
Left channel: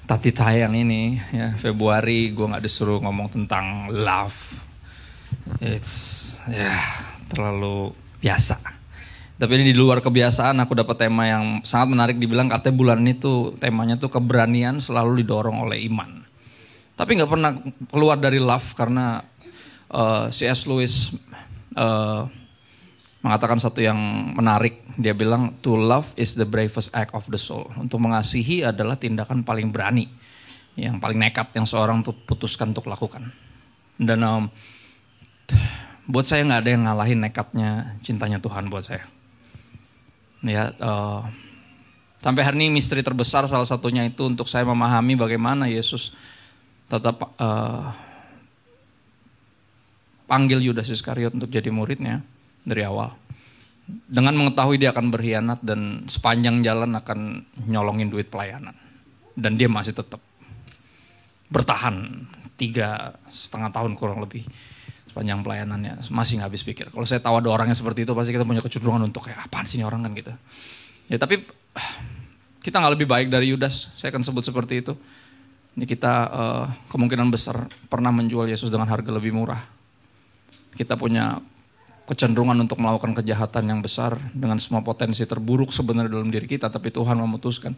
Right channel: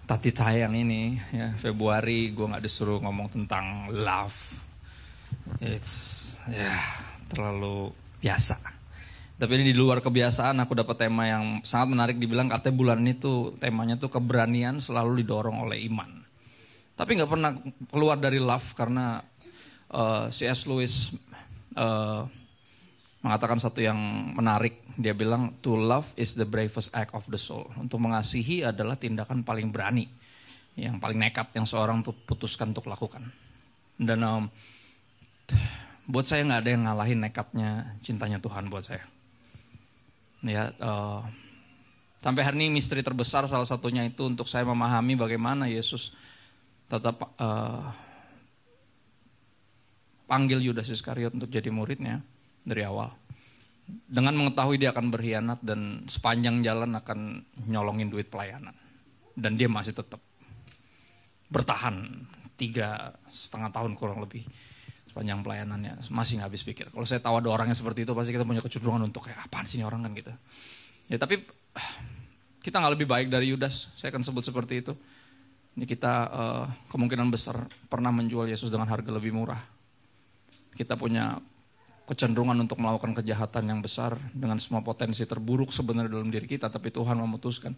tati tayang ini ya, Februari, gue nggak disuruh ngomong tentang love. It's terlalu biasa. Tapi ini di luar kebiasaan, aku dapat tema yang sangat menarik. Dibilang katanya bulan ini tuh temanya tuh keberanian selalu didorong oleh iman. Tapi nggak pernah keluar dari love, karena C.S. Lewis mengatakan satu yang menarik. Dia bilang, to love is the bravest act of the soul. Untuk mengasihi adalah tindakan paling berani, yang paling nekat yang seorang tuh putuskan untuk lakukan. Dan buat saya nggak ada yang ngalahin nekatnya cintanya Tuhan buat saya. Ya, sampai hari ini misteri terbesar salah satunya itu untuk saya memahami bagaimana Yesus tetap panggil Yudas Iskariot untuk jadi muridnya dari awal. Dengan mengetahui dia akan berkhianat dan sepanjang jalan akan nyolongin duit pelayanan. Dan dia masih tetap bertahan 3,5 tahun kurang lebih sepanjang pelayanannya, masih nggak habis pikir. Kalau saya tahu ada orangnya seperti itu, pasti kita punya kecenderungan untuk kayak apaan sih ini orang kan gitu. Ya tapi kita nggak lebih baik dari Yudas, saya akan sebut seperti itu. Ini kita kemungkinan besar pernah menjual Yesus dengan harga lebih murah. Kita punya kecenderungan untuk melakukan kejahatan yang besar dengan semua potensi terburuk sebenarnya dalam diri kita, tapi Tuhan memutuskan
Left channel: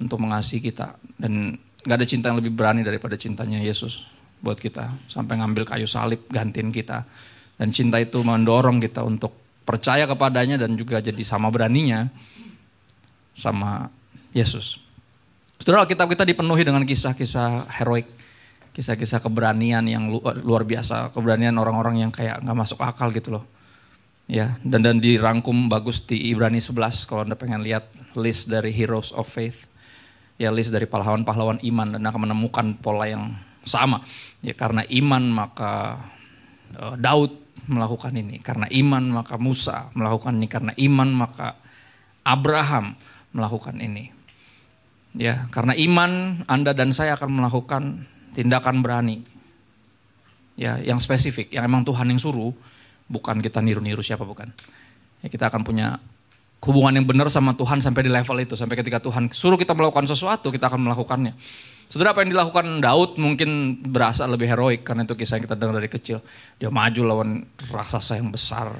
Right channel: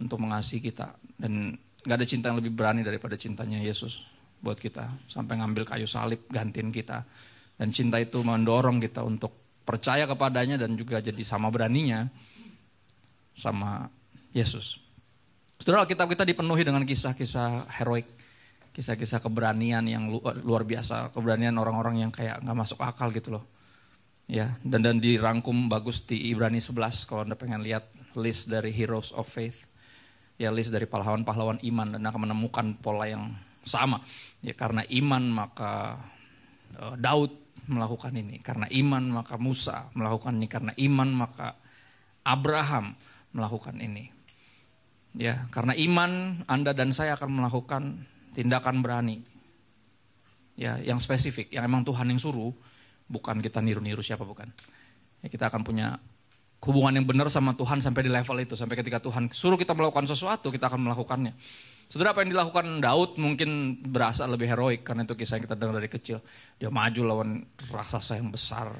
untuk mengasihi kita. Dan gak ada cinta yang lebih berani daripada cintanya Yesus buat kita, sampai ngambil kayu salib gantiin kita. Dan cinta itu mendorong kita untuk percaya kepadanya dan juga jadi sama beraninya sama Yesus. Saudara, Alkitab kita dipenuhi dengan kisah-kisah heroik, kisah-kisah keberanian yang luar biasa, keberanian orang-orang yang kayak gak masuk akal gitu loh. Ya, dan dirangkum bagus di Ibrani 11 kalau Anda pengen lihat list dari heroes of faith. Ya, list dari pahlawan-pahlawan iman, dan akan menemukan pola yang sama. Ya, karena iman maka Daud melakukan ini, karena iman maka Musa melakukan ini, karena iman maka Abraham melakukan ini. Ya, karena iman Anda dan saya akan melakukan tindakan berani. Ya, yang spesifik, yang emang Tuhan yang suruh, bukan kita niru-niru siapa, bukan. Ya, kita akan punya hubungan yang benar sama Tuhan sampai di level itu, sampai ketika Tuhan suruh kita melakukan sesuatu, kita akan melakukannya. Saudara, apa yang dilakukan Daud mungkin berasa lebih heroik karena itu kisah yang kita dengar dari kecil. Dia maju lawan raksasa yang besar.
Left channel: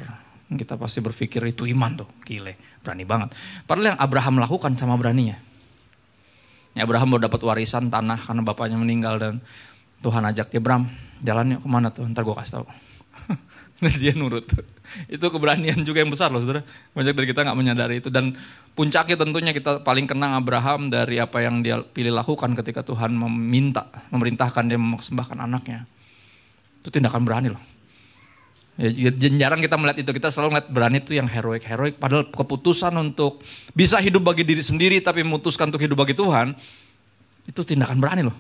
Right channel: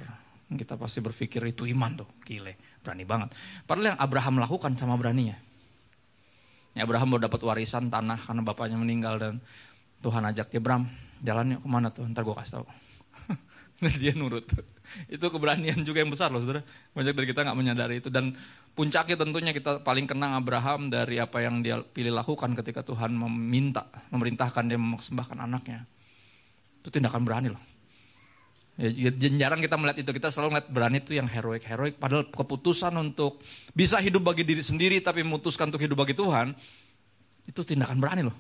Kita pasti berpikir itu iman tuh, gile, berani banget. Padahal yang Abraham lakukan sama beraninya. Ya, Abraham baru dapat warisan tanah karena bapaknya meninggal dan Tuhan ajak dia, Bram, jalannya kemana tuh? Ntar gue kasih tahu. Dan dia nurut. Itu keberanian juga yang besar loh, saudara. Banyak dari kita gak menyadari itu. Dan puncaknya tentunya kita paling kenang Abraham dari apa yang dia pilih lakukan ketika Tuhan memerintahkan dia mempersembahkan anaknya. Itu tindakan berani loh. Ya, jarang kita melihat itu. Kita selalu melihat berani itu yang heroik. Padahal keputusan untuk bisa hidup bagi diri sendiri tapi memutuskan untuk hidup bagi Tuhan, itu tindakan berani loh.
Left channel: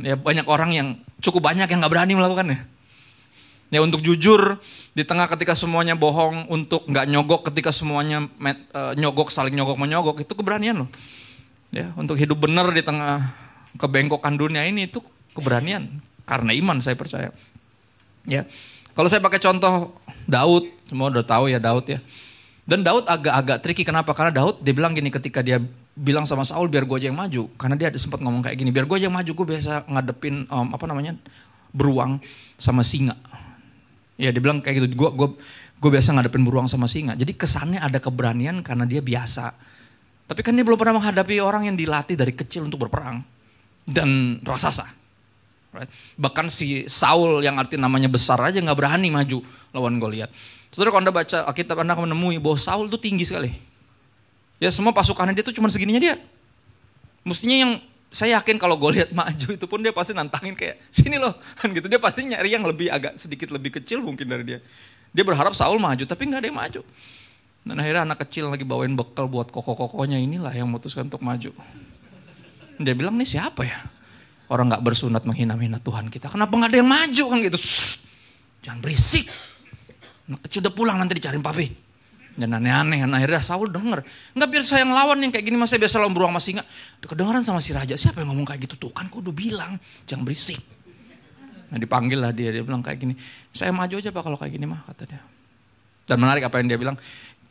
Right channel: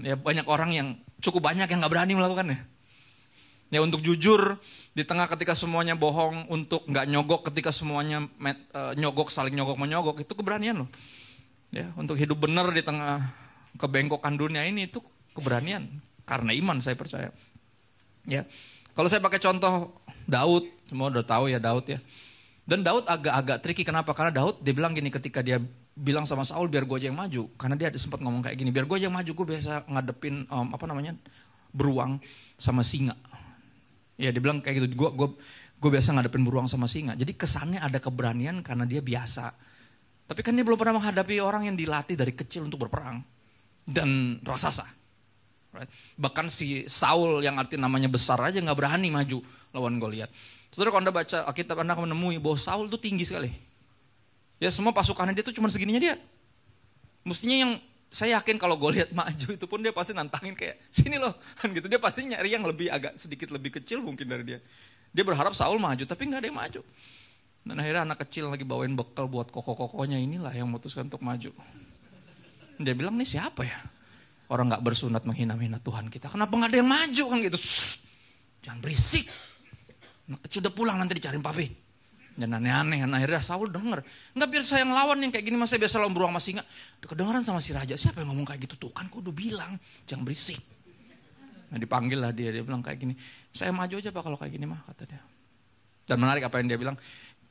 Ya, banyak orang yang cukup banyak yang gak berani melakukannya. Ya, untuk jujur di tengah ketika semuanya bohong, untuk nggak nyogok ketika semuanya nyogok, saling nyogok menyogok, itu keberanian loh. Ya, untuk hidup benar di tengah kebengkokan dunia ini, itu keberanian karena iman, saya percaya. Ya, kalau saya pakai contoh Daud, semua udah tahu ya Daud ya. Dan Daud agak tricky, kenapa? Karena Daud dia bilang gini ketika dia bilang sama Saul biar gue aja yang maju, karena dia ada sempat ngomong kayak gini, biar gue aja yang maju, gue biasa ngadepin beruang sama singa. Ya, dia bilang kayak gitu, gue biasa ngadepin beruang sama singa. Jadi kesannya ada keberanian karena dia biasa. Tapi kan dia belum pernah menghadapi orang yang dilatih dari kecil untuk berperang. Dan raksasa. Right? Bahkan si Saul yang arti namanya besar aja gak berani maju lawan Goliat. Saudara, kalau Anda baca Alkitab, Anda akan menemui bahwa Saul itu tinggi sekali. Ya, semua pasukannya dia tuh cuma segininya dia. Mestinya yang saya yakin kalau Goliat maju itu pun dia pasti nantangin kayak sini loh kan gitu. Dia pasti nyari yang lebih sedikit lebih kecil mungkin dari dia. Dia berharap Saul maju tapi nggak ada yang maju. Dan akhirnya anak kecil lagi bawain bekal buat kokoh-kokohnya inilah yang memutuskan untuk maju. Dia bilang, nih siapa ya? Orang nggak bersunat menghina-hina Tuhan kita. Kenapa nggak ada yang maju kan gitu? Shh, jangan berisik. Anak kecil udah pulang nanti dicariin papi. Dan aneh-aneh, akhirnya Saul denger. Enggak, biar saya yang lawan yang kayak gini, mas saya biasa lawan beruang sama singa. Kedengeran sama si raja, siapa yang ngomong kayak gitu? Tuh kan, aku udah bilang, jangan berisik. Nah, dipanggil lah dia bilang kayak gini, saya maju aja Pak kalau kayak gini mah, kata dia. Dan menarik apa yang dia bilang,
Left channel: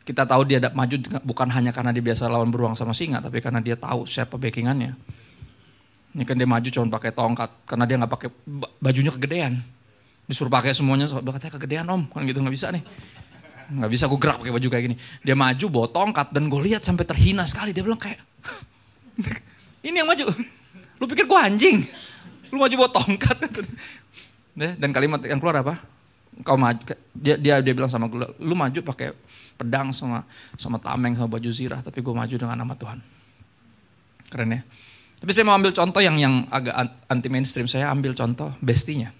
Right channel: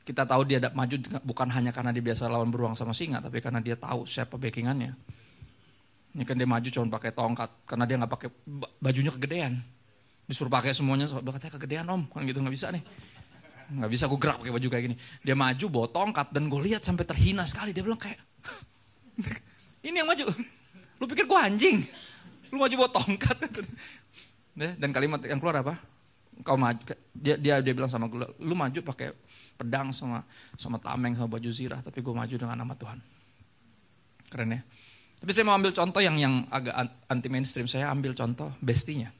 kita tahu dia maju bukan hanya karena dia biasa lawan beruang sama singa, tapi karena dia tahu siapa backingannya. Ini kan dia maju cuma pakai tongkat, karena dia gak pakai bajunya kegedean. Disuruh pakai semuanya, katanya kegedean om, kan gitu gak bisa nih. Nggak bisa gue gerak pakai baju kayak gini. Dia maju bawa tongkat dan gue lihat sampai terhina sekali. Dia bilang kayak, ini yang maju. Lu pikir gue anjing? Lu maju bawa tongkat. Dan kalimat yang keluar apa? kau maju, dia bilang sama gue, lu maju pakai pedang sama tameng sama baju zirah, tapi gue maju dengan nama Tuhan. Keren ya. Tapi saya mau ambil contoh yang agak anti mainstream. Saya ambil contoh bestinya.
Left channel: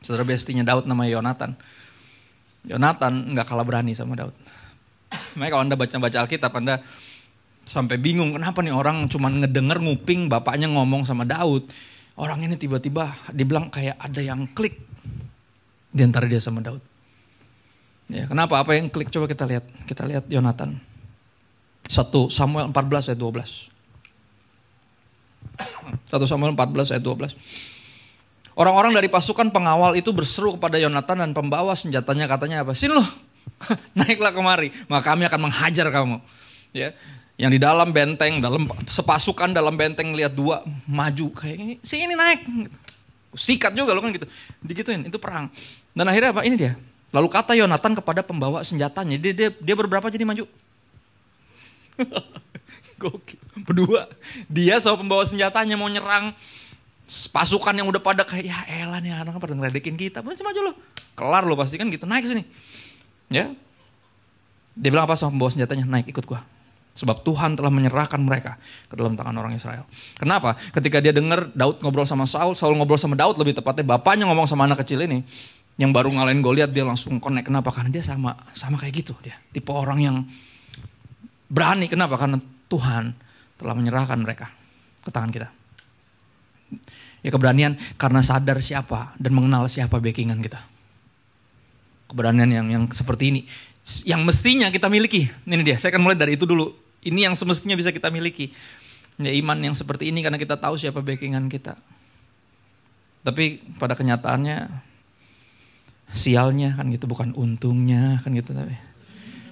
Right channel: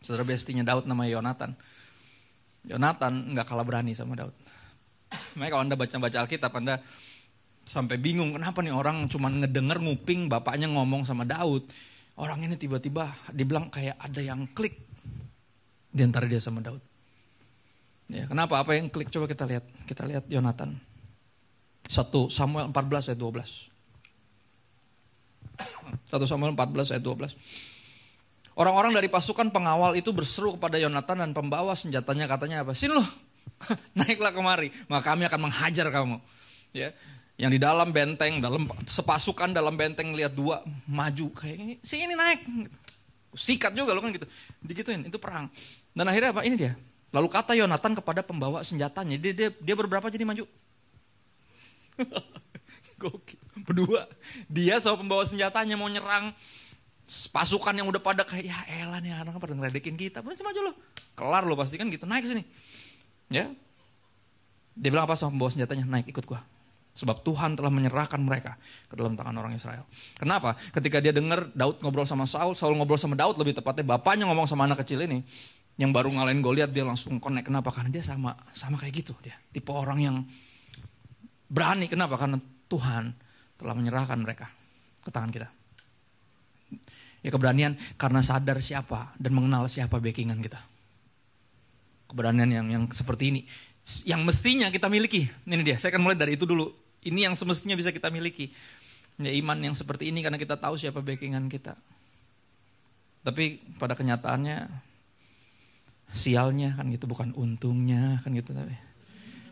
Saudara bestinya Daud namanya Yonatan. Yonatan nggak kalah berani sama Daud. Makanya kalau Anda baca Alkitab, Anda sampai bingung kenapa nih orang cuman ngedenger nguping bapaknya ngomong sama Daud. Orang ini tiba-tiba dibilang kayak ada yang klik di antara dia sama Daud. Ya, kenapa? Apa yang klik? Coba kita lihat. Kita lihat Yonatan. 1 Samuel 14 ayat 12. 1 Samuel 14 ayat 12. Orang-orang dari pasukan pengawal itu berseru kepada Yonatan dan pembawa senjatanya, katanya apa? Sini lo, naiklah kemari, maka kami akan menghajar kamu. Ya, yang di dalam benteng, sepasukan dalam benteng lihat dua maju kayak ini, sini naik. Sikat juga lo kan gitu. Digituin, itu perang. Dan akhirnya apa? Ini dia. Lalu kata Yonatan kepada pembawa senjatanya, dia berberapa jadi maju? Gokil. Berdua. Dia sama pembawa senjatanya mau nyerang pasukan yang udah pada kayak, ya elah nih anak pada ngeledekin kita. Maju lo. Kelar lo pasti kan gitu. Naik sini. Ya. Dia bilang apa sama pembawa senjatanya? Naik ikut gua. Sebab Tuhan telah menyerahkan mereka ke dalam tangan orang Israel. Kenapa? Ketika dia dengar Daud ngobrol sama Saul ngobrol sama Daud, lebih tepatnya bapaknya ngomong sama anak kecil ini yang baru ngalahin Goliat, dia langsung connect. Kenapa? Karena dia sama kayak gitu dia. Tipe orang yang berani. Kenapa? Karena Tuhan telah menyerahkan mereka ke tangan kita. Ya, keberanian karena sadar siapa dan mengenal siapa backingan kita. Keberanian yang seperti ini yang mestinya kita miliki. Ini dia, saya akan mulai dari itu dulu. Ini yang semestinya bisa kita miliki. Ya, iman yang seperti ini karena kita tahu siapa backingan kita. Tapi pada kenyataannya sialnya kan gitu, bukan untungnya kan gitu. Tapi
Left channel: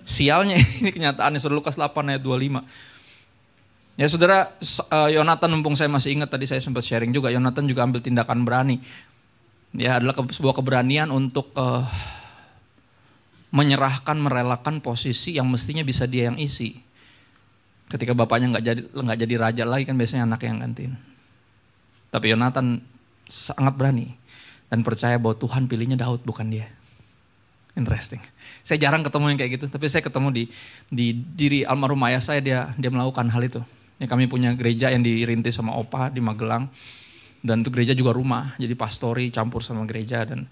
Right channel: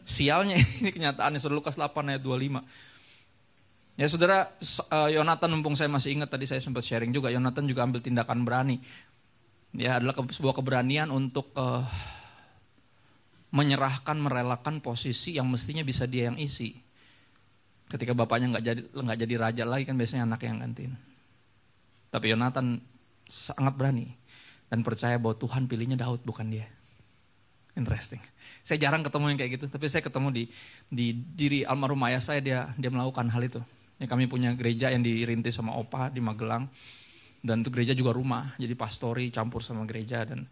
sialnya ini kenyataannya. Saudara Lukas 8 ayat 25. Ya saudara, Yonatan, mumpung saya masih ingat tadi saya sempat sharing juga, Yonatan juga ambil tindakan berani. Ya, adalah sebuah keberanian untuk menyerahkan, merelakan posisi yang mestinya bisa dia yang isi. Ketika bapaknya nggak jadi raja lagi kan biasanya anak yang gantiin. Tapi Yonatan sangat berani dan percaya bahwa Tuhan pilihnya Daud bukan dia. Interesting. Saya jarang ketemu yang kayak gitu, tapi saya ketemu di diri almarhum ayah saya, dia melakukan hal itu. Ya, kami punya gereja yang dirintis sama Opa di Magelang, dan itu gereja juga rumah, jadi pastori campur sama gereja. Dan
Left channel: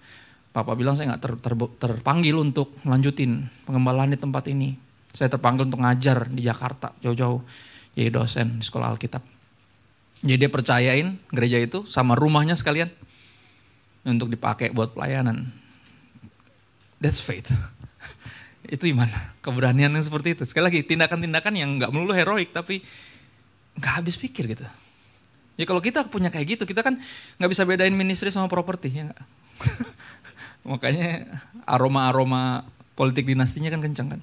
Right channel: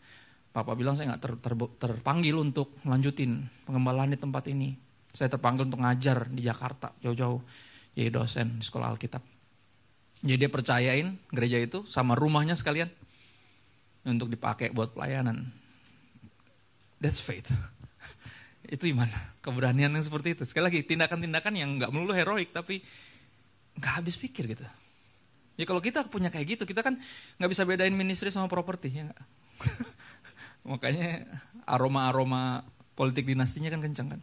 Papa bilang saya nggak terpanggil untuk melanjutin pengembalaan di tempat ini. Saya terpanggil untuk ngajar di Jakarta jauh-jauh, jadi dosen di sekolah Alkitab. Jadi dia percayain gereja itu sama rumahnya sekalian untuk dipakai buat pelayanan. That's faith. Itu iman, keberanian yang seperti itu. Sekali lagi, tindakan-tindakan yang gak melulu heroik, tapi gak habis pikir gitu. Ya kalau kita punya kayak gitu, kita kan gak bisa bedain ministry sama properti. Ya gak? Makanya aroma-aroma politik dinastinya kan kencang kan.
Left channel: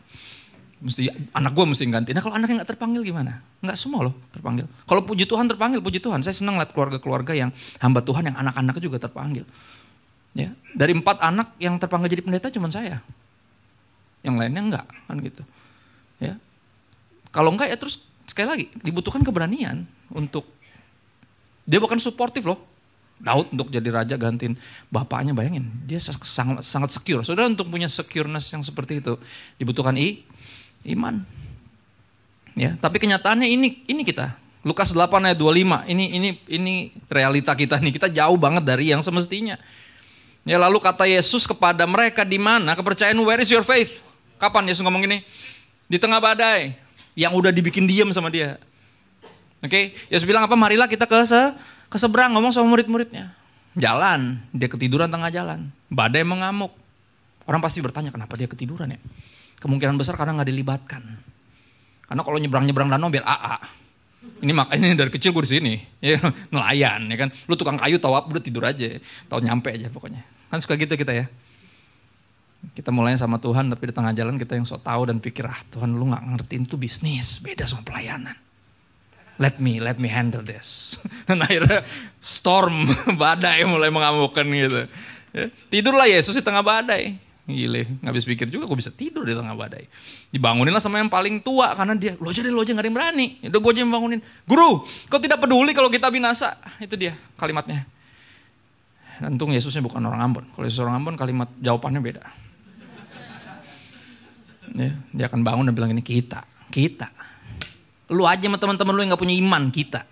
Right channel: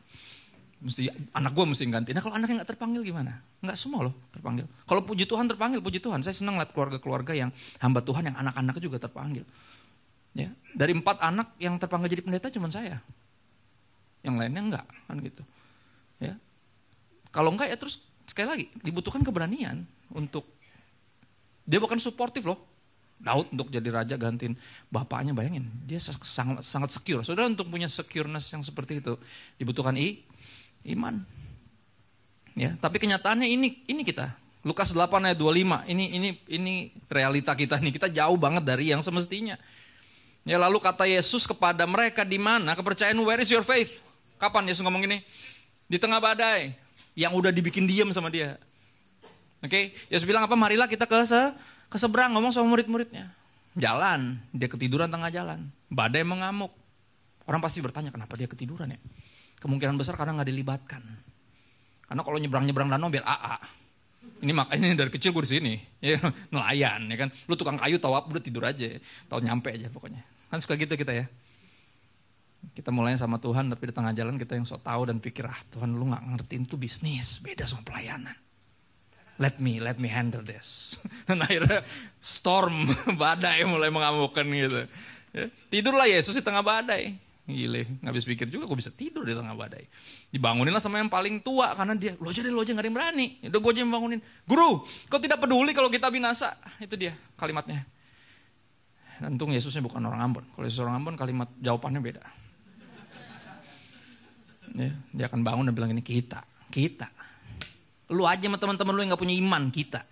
Mesti anak gue mesti ganti. Nah kalau anaknya gak terpanggil gimana? Gak semua loh terpanggil. Kalau puji Tuhan terpanggil, puji Tuhan. Saya senang lihat keluarga-keluarga yang hamba Tuhan, yang anak-anaknya juga terpanggil. Ya, dari 4 anak yang terpanggil jadi pendeta cuma saya. Yang lainnya enggak kan gitu. Ya. Kalau enggak ya terus sekali lagi dibutuhkan keberanian untuk, dia bukan suportif loh. Daud untuk jadi raja gantiin bapaknya, bayangin. Dia sangat secure. Saudara, untuk punya secureness yang seperti itu dibutuhkan iman. Ya, tapi kenyataannya ini kita. Lukas 8 ayat 25. Ini realita kita nih. Kita jauh banget dari yang semestinya. Ya, lalu kata Yesus kepada mereka, di mana kepercayaanmu? Where is your faith? Kapan Yesus ngomong gini? Di tengah badai yang udah dibikin diam sama dia. Oke, Yesus bilang apa? Marilah kita ke seberang, ngomong sama murid-muridnya. Jalan, dia ketiduran tengah jalan. Badai mengamuk. Orang pasti bertanya kenapa dia ketiduran ya? Kemungkinan besar karena nggak dilibatkan. Karena kalau nyebrang danau biar AA. Ini makanya dari kecil gue di sini, ya, nelayan, ya kan. Lu tukang kayu tahu apa, udah tidur aja, tahu nyampe aja pokoknya. Kan suka gitu kita ya. Kita mulainya sama Tuhan, tapi di tengah jalan kita yang sok tahu dan pikir, Tuhan lu nggak ngertiin itu bisnis, beda sama pelayanan. Let me handle this. Dan akhirnya storm, badai mulai mengamukkan gitu. Ya, tidurlah Yesus di tengah badai. Gile, gak habis pikir juga gue bisa tidur di tengah badai. Dibanguninlah sama yang paling tua karena dia, lo aja gak ada yang berani. Udah gue aja yang bangunin. Guru, kau tidak peduli kalau kita binasa. Itu dia kalimatnya. Untung Yesusnya bukan orang Ambon. Kalau Yesus orang Ambon kalimat jawabannya beda. Ya, dia akan bangun dan bilang ini kita. Lu aja sama teman-teman lu yang gak punya iman, kita.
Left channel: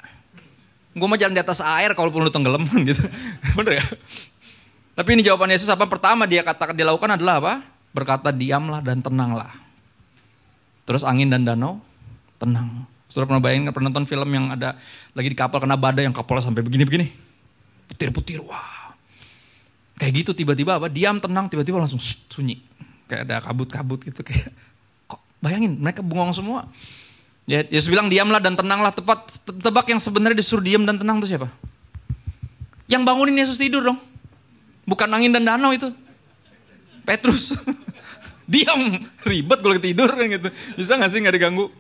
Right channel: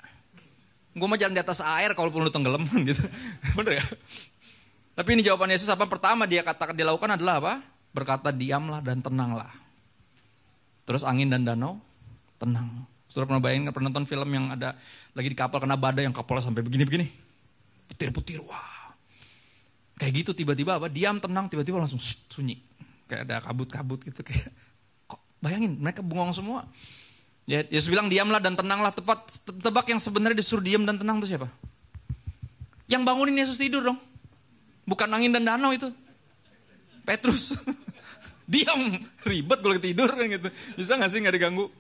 Gue mau jalan di atas air kalaupun lu tenggelam gitu. Bener ya? Tapi ini jawaban Yesus apa? Pertama dia lakukan adalah apa? Berkata diamlah dan tenanglah. Terus angin dan danau tenang. Saudara pernah bayangin, pernah nonton film yang ada lagi di kapal kena badai yang kapalnya sampai begini-begini? Putir-putir, wah. Kayak gitu tiba-tiba apa? Diam, tenang, tiba-tiba langsung sunyi. Kayak ada kabut-kabut gitu. Kayak, kok bayangin mereka bengong semua. Ya, Yesus bilang diamlah dan tenanglah. Tebak yang sebenarnya disuruh diam dan tenang itu siapa? Yang bangunin Yesus tidur dong. Bukan angin dan danau itu. Petrus. Diam. Ribet kalau tidur gitu. Bisa gak sih gak diganggu?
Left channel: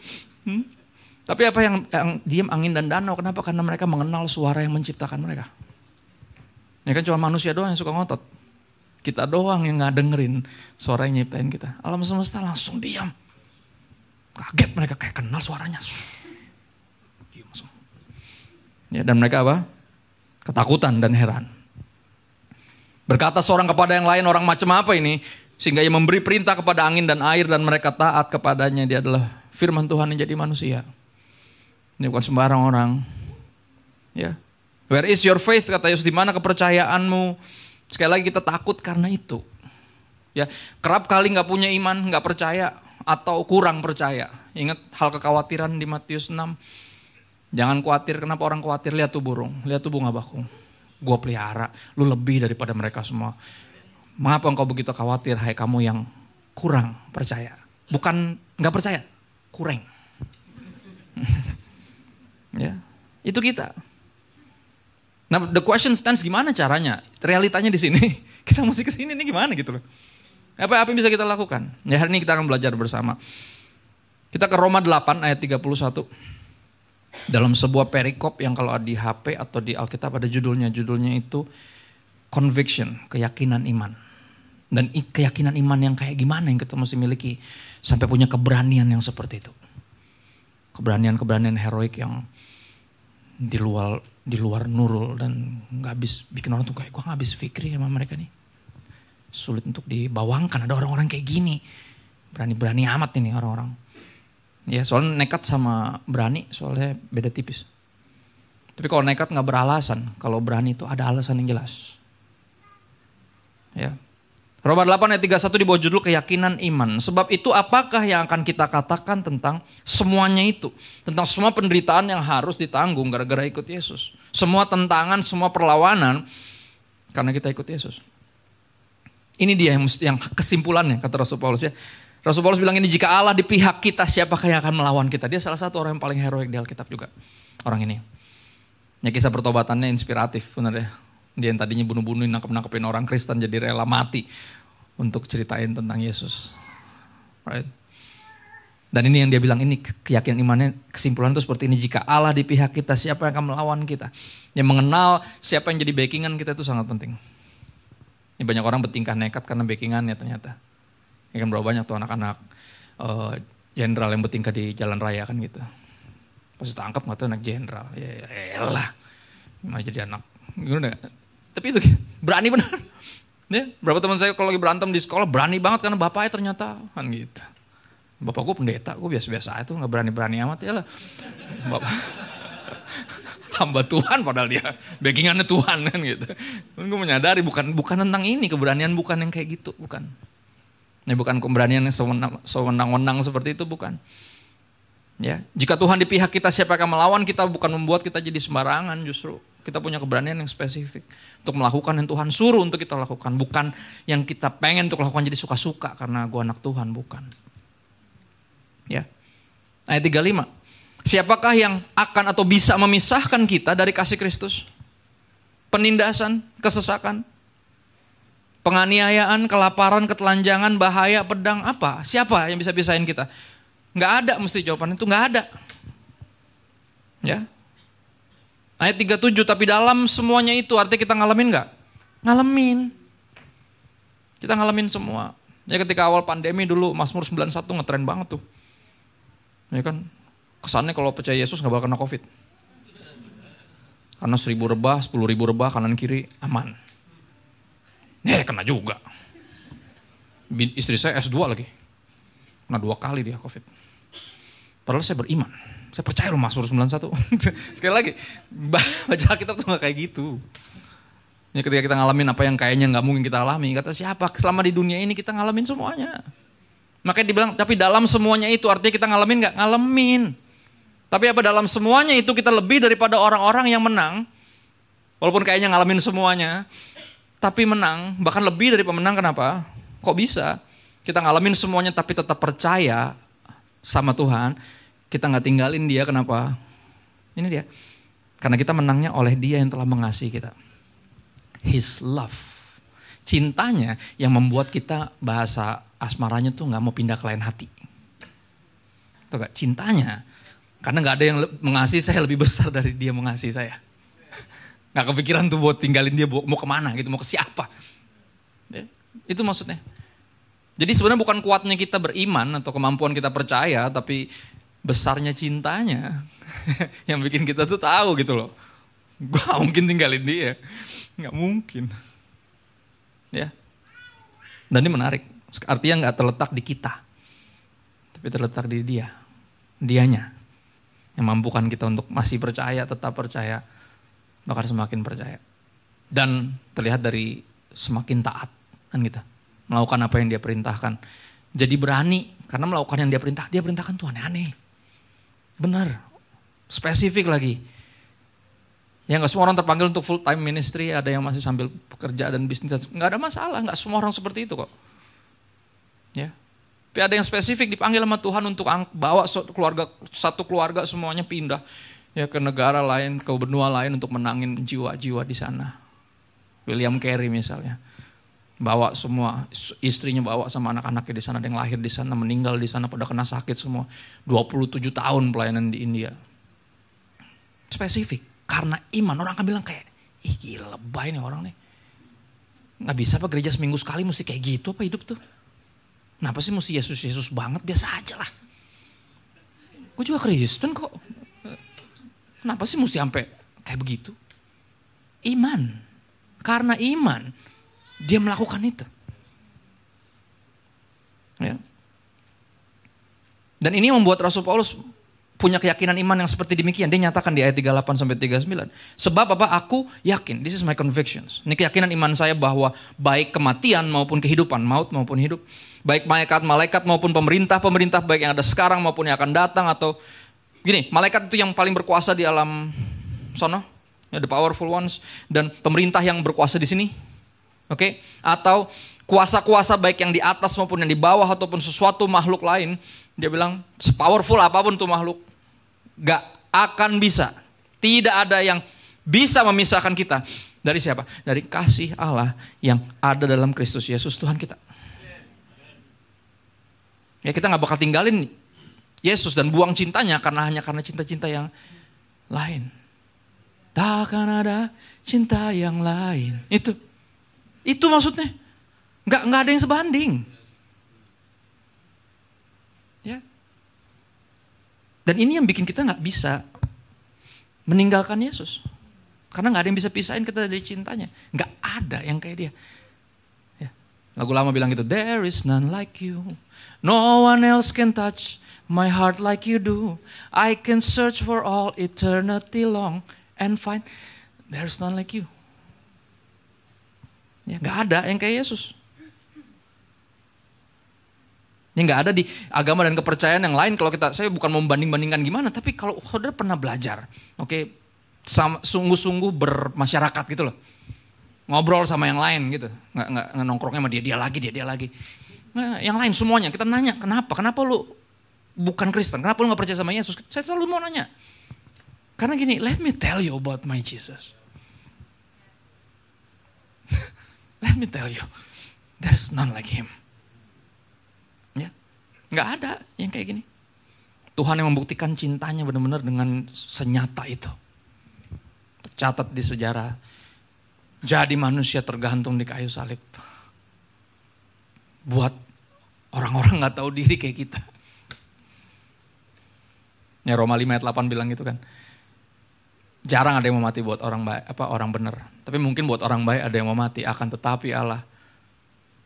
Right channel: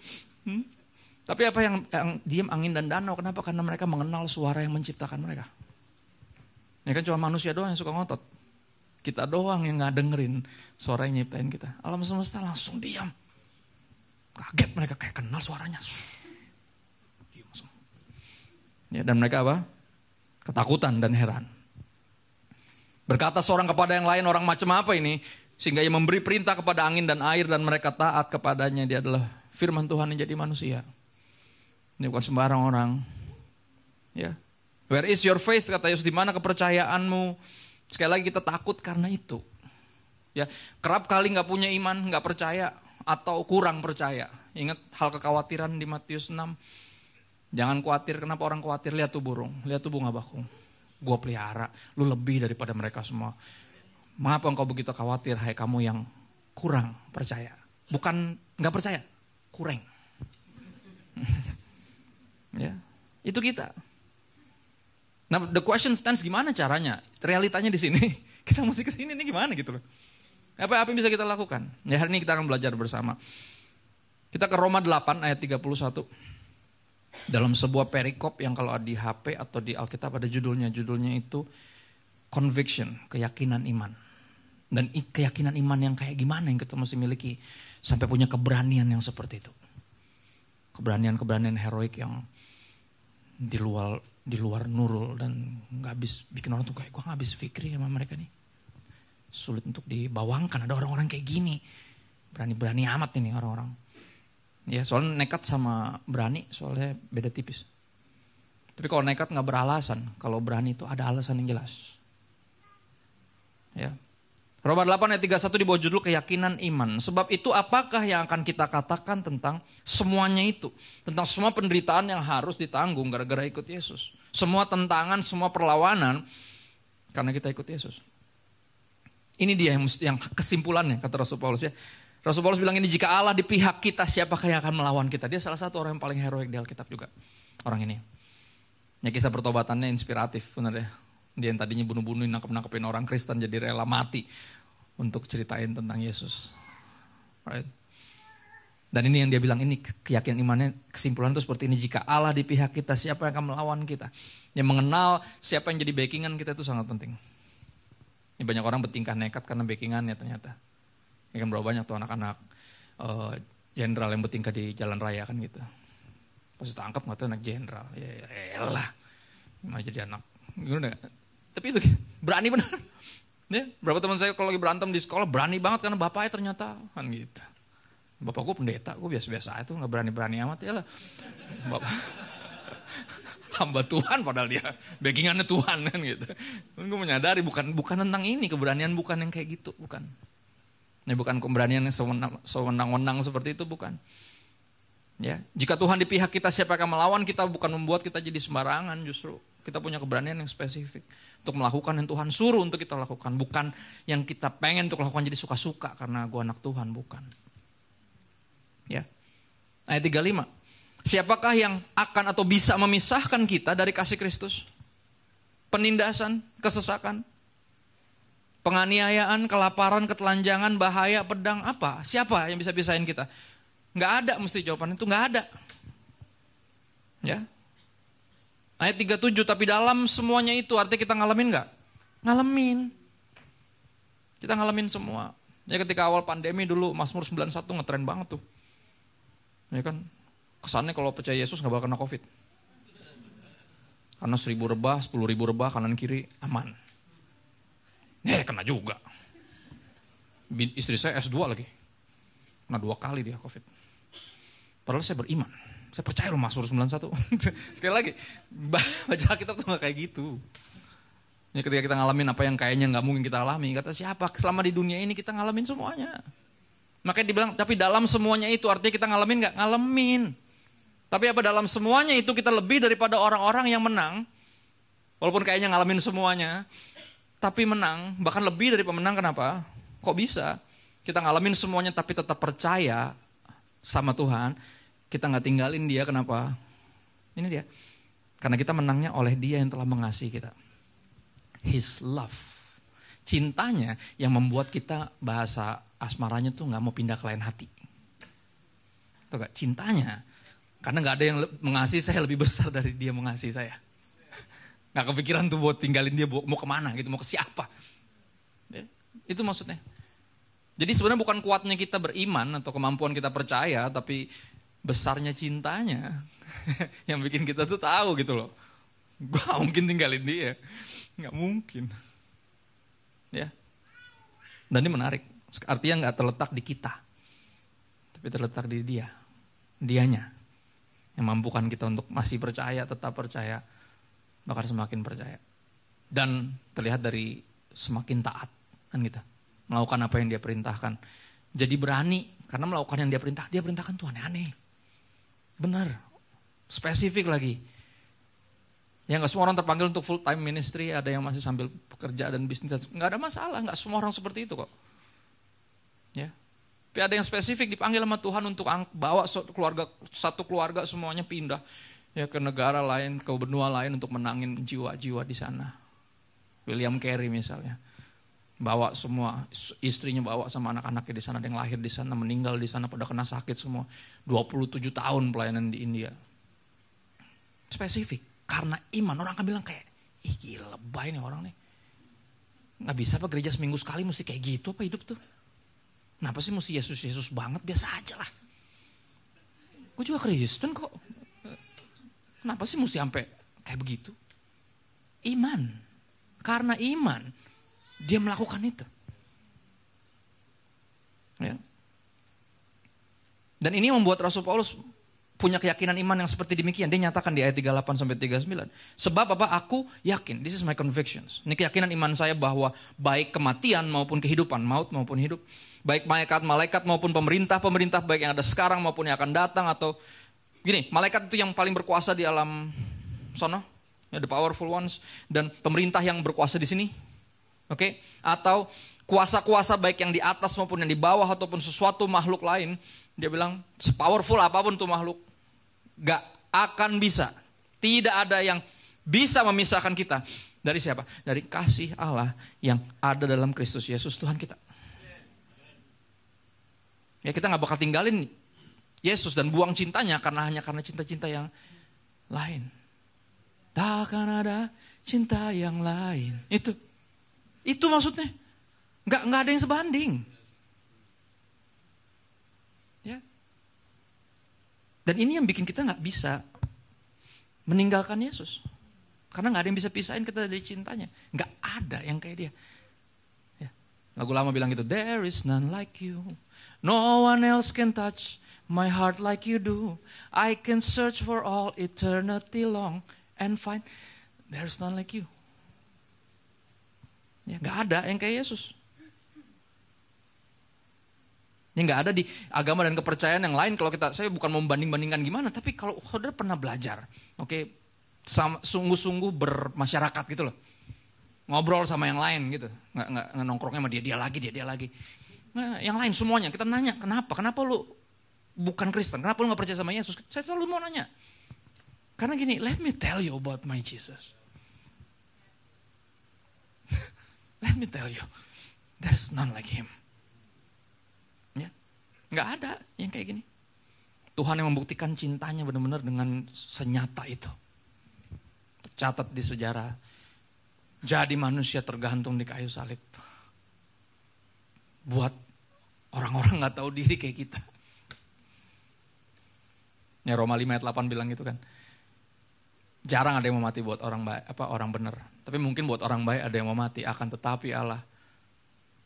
Tapi apa yang diam angin dan danau? Kenapa? Karena mereka mengenal suara yang menciptakan mereka. Ya kan cuma manusia doang yang suka ngotot. Kita doang yang gak dengerin suara yang nyiptain kita. Alam semesta langsung diam. Kaget mereka kayak kenal suaranya. Ya, dan mereka apa? Ketakutan dan heran. Berkata seorang kepada yang lain, orang macam apa ini? Sehingga ia memberi perintah kepada angin dan air dan mereka taat kepadanya. Dia adalah firman Tuhan yang jadi manusia. Ini bukan sembarang orang. Ya. Where is your faith? Kata Yesus, di mana kepercayaanmu? Sekali lagi kita takut karena itu. Ya, kerap kali nggak punya iman, nggak percaya atau kurang percaya. Ingat hal kekhawatiran di Matius 6. Jangan khawatir, kenapa orang khawatir? Lihat tuh burung, lihat tuh bunga bakung. Gua pelihara, lu lebih daripada mereka semua. Mengapa engkau begitu khawatir, hai kamu yang kurang percaya? Bukan nggak percaya, kurang. Ya, itu kita. Nah, the question stands, gimana caranya? Realitanya di sini. Kita mesti ke sini nih gimana gitu loh. Apa yang bisa kita lakukan? Ya, hari ini kita akan belajar bersama. Kita ke Roma 8 ayat 31. Dalam sebuah perikop yang kalau di HP atau di Alkitab ada judulnya. Judulnya itu conviction, keyakinan iman. Dan keyakinan iman yang kayak gimana yang kita mesti miliki. Sampai punya keberanian yang seperti itu. Keberanian-keberanian heroik yang di luar nurul dan gak habis bikin orang tuh kayak gue gak habis fikri sama mereka nih. Sulit untuk dibawangkan, ada orang-orang kayak gini. Berani-berani amat ini orang-orang. Ya soalnya nekat sama berani soalnya beda tipis. Tapi kalau nekat gak beralasan, kalau berani itu ada alasan yang jelas. Ya. Roma 8 ayat 31 di bawah judul keyakinan iman. Sebab itu apakah yang akan kita katakan tentang semuanya itu. Tentang semua penderitaan yang harus ditanggung gara-gara ikut Yesus. Semua tentangan, semua perlawanan karena kita ikut Yesus. Ini dia yang kesimpulannya kata Rasul Paulus ya. Rasul Paulus bilang ini, jika Allah di pihak kita siapakah yang akan melawan kita. Dia salah satu orang yang paling heroik di Alkitab juga. Orang ini. Ya, kisah pertobatannya inspiratif benar ya. Dia yang tadinya bunuh-bunuhin, nangkep-nangkepin orang Kristen jadi rela mati untuk ceritain tentang Yesus. Right? Dan ini yang dia bilang, ini keyakinan imannya, kesimpulan itu seperti ini. Jika Allah di pihak kita, siapa yang akan melawan kita? Yang mengenal siapa yang jadi backingan kita itu sangat penting. Ini banyak orang bertingkah nekat karena backingannya ternyata. Ini kan berapa banyak tuh anak-anak jenderal yang bertingkah di jalan raya kan gitu. Pas ditangkap nggak tuh anak jenderal. Ya elah, mau jadi anak. Gimana? Tapi itu berani benar. Ya, berapa teman saya kalau lagi berantem di sekolah berani banget karena bapaknya ternyata kan gitu. Bapak gue pendeta, gue biasa-biasa aja tuh nggak berani-berani amat ya lah. Bapak hamba Tuhan padahal dia backingannya Tuhan kan gitu. Gue menyadari bukan tentang ini, keberanian bukan yang kayak gitu, bukan. Ini bukan keberanian yang sewenang-wenang seperti itu, bukan. Ya, jika Tuhan di pihak kita siapa akan melawan kita, bukan membuat kita jadi sembarangan, justru kita punya keberanian yang spesifik untuk melakukan yang Tuhan suruh untuk kita lakukan, bukan yang kita pengen untuk lakukan jadi suka-suka karena gue anak Tuhan, bukan. Ya. Ayat 35. Siapakah yang akan atau bisa memisahkan kita dari kasih Kristus? Penindasan, kesesakan, penganiayaan, kelaparan, ketelanjangan, bahaya, pedang, apa? Siapa yang bisa pisahin kita? Nggak ada, mesti jawaban itu nggak ada. Ya. Ayat 37, tapi dalam semuanya itu artinya kita ngalamin nggak? Ngalamin. Kita ngalamin semua. Ya ketika awal pandemi dulu Mazmur 91 ngetren banget tuh. Ya kan, kesannya kalau percaya Yesus nggak bakal kena COVID. Karena 1.000 rebah, 10.000 rebah kanan kiri aman. Kena juga. Istri saya S2 lagi. Kena 2 kali dia COVID. Padahal saya beriman. Saya percaya loh Mazmur 91. Sekali lagi, baca Alkitab tuh gak kayak gitu. Ya, ketika kita ngalamin apa yang kayaknya gak mungkin kita alami, kata siapa? Selama di dunia ini kita ngalamin semuanya. Makanya dibilang, tapi dalam semuanya itu artinya kita ngalamin gak? Ngalamin. Tapi apa dalam semuanya itu kita lebih daripada orang-orang yang menang. Walaupun kayaknya ngalamin semuanya, tapi menang. Bahkan lebih dari pemenang, kenapa? Kok bisa? Kita ngalamin semuanya tapi tetap percaya sama Tuhan. Kita gak tinggalin dia, kenapa? Ini dia. Karena kita menangnya oleh dia yang telah mengasihi kita. His love. Cintanya yang membuat kita bahasa asmaranya tuh gak mau pindah ke lain hati. Tuh gak? Cintanya. Karena gak ada yang mengasihi saya lebih besar dari dia mengasihi saya. Gak kepikiran tuh buat tinggalin dia, mau kemana gitu, mau ke siapa. Ya, itu maksudnya. Jadi sebenarnya bukan kuatnya kita beriman atau kemampuan kita percaya, tapi besarnya cintanya yang bikin kita tuh tahu gitu loh. Gue gak mungkin tinggalin dia. Gak mungkin. Ya. Dan ini menarik. Artinya gak terletak di kita. Tapi terletak di dia. Dianya. Yang mampukan kita untuk masih percaya, tetap percaya. Bahkan semakin percaya. Dan terlihat dari semakin taat kan kita. Melakukan apa yang dia perintahkan. Jadi berani. Karena melakukan yang dia perintahkan tuh aneh-aneh. Benar. Spesifik lagi. Ya gak semua orang terpanggil untuk full time ministry. Ada yang masih sambil pekerja dan bisnis. Gak ada masalah. Gak semua orang seperti itu kok. Ya. Tapi ada yang spesifik dipanggil sama Tuhan untuk bawa satu keluarga semuanya pindah. Ya ke negara lain, ke benua lain untuk menangin jiwa-jiwa di sana. William Carey misalnya. Bawa semua, istrinya bawa sama anak-anaknya di sana. Ada yang lahir di sana, meninggal di sana, pada kena sakit semua. 27 tahun pelayanan di India. Spesifik. Karena iman, orang akan bilang kayak, ih gila lebay nih orang nih. Gak bisa apa gereja seminggu sekali mesti kayak gitu apa hidup tuh. Kenapa sih mesti Yesus-Yesus banget, biasa aja lah. Gue juga Kristen kok. Kenapa sih mesti sampai kayak begitu? Iman. Karena iman, dia melakukan itu. Ya. Dan ini membuat Rasul Paulus punya keyakinan iman yang seperti demikian. Dia nyatakan di ayat 38-39. Sebab apa? Aku yakin, this is my convictions. Ini keyakinan iman saya bahwa baik kematian maupun kehidupan, maut maupun hidup. Baik malaikat maupun pemerintah baik yang ada sekarang maupun yang akan datang. Atau gini, malaikat itu yang paling berkuasa di alam sono. Ya, the powerful ones. Dan pemerintah yang berkuasa di sini. Oke, atau kuasa-kuasa baik yang di atas maupun yang di bawah ataupun sesuatu makhluk lain, dia bilang sepowerful apapun tuh makhluk, gak akan bisa, tidak ada yang bisa memisahkan kita dari siapa? Dari kasih Allah yang ada dalam Kristus Yesus Tuhan kita. Ya kita gak bakal tinggalin Yesus dan buang cintanya hanya karena cinta-cinta yang lain. Takkan ada cinta yang lain. Itu maksudnya. Nggak ada yang sebanding. Ya. Dan ini yang bikin kita nggak bisa meninggalkan Yesus. Karena nggak ada yang bisa pisahin kita dari cintanya. Nggak ada yang kayak dia. Ya. Lagu lama bilang gitu, there is none like you. No one else can touch my heart like you do. I can search for all eternity long and find there's none like you. Ya, nggak ada yang kayak Yesus. Ini nggak ada di agama dan kepercayaan yang lain. Kalau saya bukan mau membanding-bandingkan gimana, tapi kalau saudara pernah belajar, oke, sungguh-sungguh bermasyarakat gitu loh, ngobrol sama yang lain gitu, nggak nongkrongnya sama dia lagi. Nah, yang lain semuanya kita nanya kenapa lu bukan Kristen, kenapa lu nggak percaya sama Yesus? Saya selalu mau nanya, karena gini, let me tell you about my Jesus. Let me tell you, there's none like him. Ya, nggak ada yang kayak gini. Tuhan yang membuktikan cintanya benar-benar dengan senyata itu. Tercatat di sejarah. Jadi manusia tergantung di kayu salib. Buat orang-orang nggak tahu diri kayak kita. Ya Roma 5 ayat 8 bilang gitu kan. Jarang ada yang mau mati buat orang baik, orang benar. Tapi mungkin buat orang baik ada yang mau mati. Akan tetapi Allah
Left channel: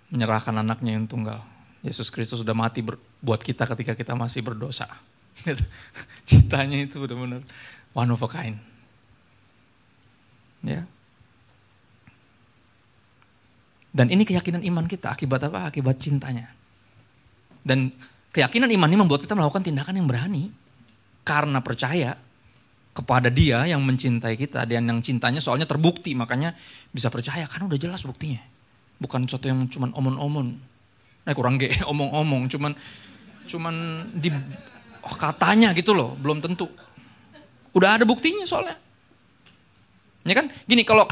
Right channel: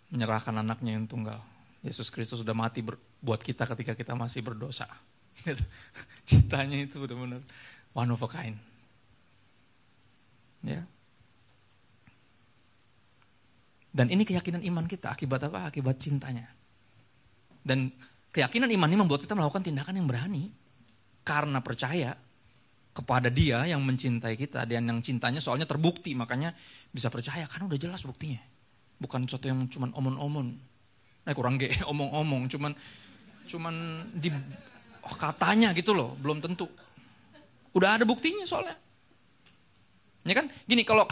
menyerahkan anaknya yang tunggal. Yesus Kristus sudah mati buat kita ketika kita masih berdosa. Cintanya itu benar-benar one of a kind. Ya. Dan ini keyakinan iman kita. Akibat apa? Akibat cintanya. Dan keyakinan iman ini membuat kita melakukan tindakan yang berani. Karena percaya kepada Dia yang mencintai kita. Dan yang cintanya soalnya terbukti. Makanya bisa percaya karena udah jelas buktinya. Bukan sesuatu yang cuman omong-omong. Kurang omong-omong. Cuman di katanya gitu loh. Belum tentu. Udah ada buktinya soalnya. Ya kan, gini kalau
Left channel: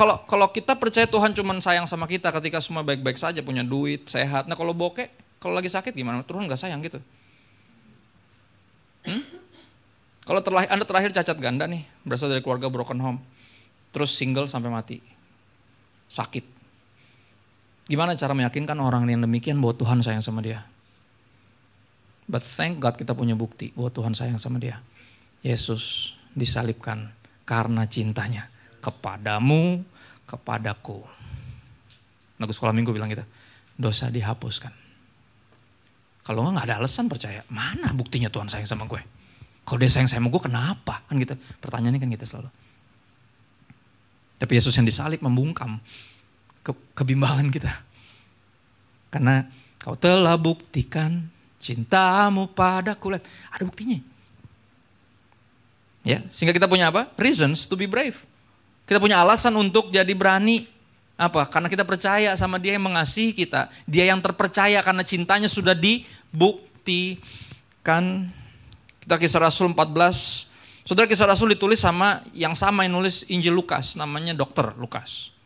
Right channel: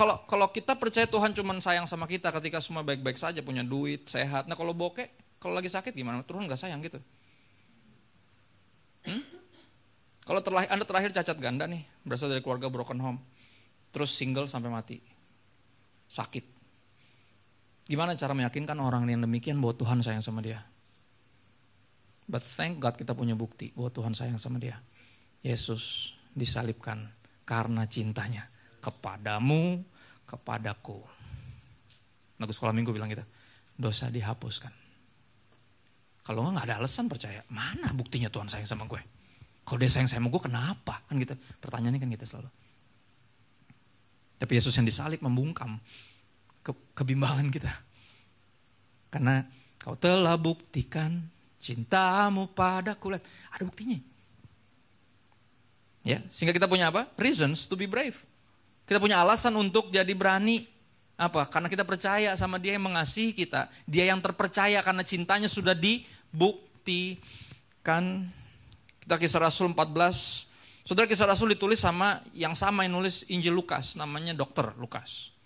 kita percaya Tuhan cuma sayang sama kita ketika semua baik-baik saja, punya duit, sehat. Nah kalau bokeh, kalau lagi sakit gimana? Tuhan nggak sayang gitu. Kalau Anda terakhir cacat ganda nih, berasal dari keluarga broken home, terus single sampai mati, sakit. Gimana cara meyakinkan orang yang demikian bahwa Tuhan sayang sama dia? But thank God kita punya bukti bahwa Tuhan sayang sama dia. Yesus disalibkan karena cintanya. Kepadamu, kepadaku. Lagu sekolah minggu bilang gitu, dosa dihapuskan. Kalau nggak ada alasan percaya, mana buktinya Tuhan sayang sama gue? Kalau dia sayang sama gue kenapa? Kan gitu, pertanyaannya kan gitu selalu. Tapi Yesus yang disalib membungkam kebimbangan kita. Karena kau telah buktikan cintamu padaku. Lihat, ada buktinya. Ya, sehingga kita punya apa? Reasons to be brave. Kita punya alasan untuk jadi berani. Apa? Karena kita percaya sama Dia yang mengasihi kita. Dia yang terpercaya karena cintanya sudah dibuktikan. Kita Kisah Rasul 14. Saudara, Kisah Rasul ditulis sama yang nulis Injil Lukas. Namanya Dr. Lukas.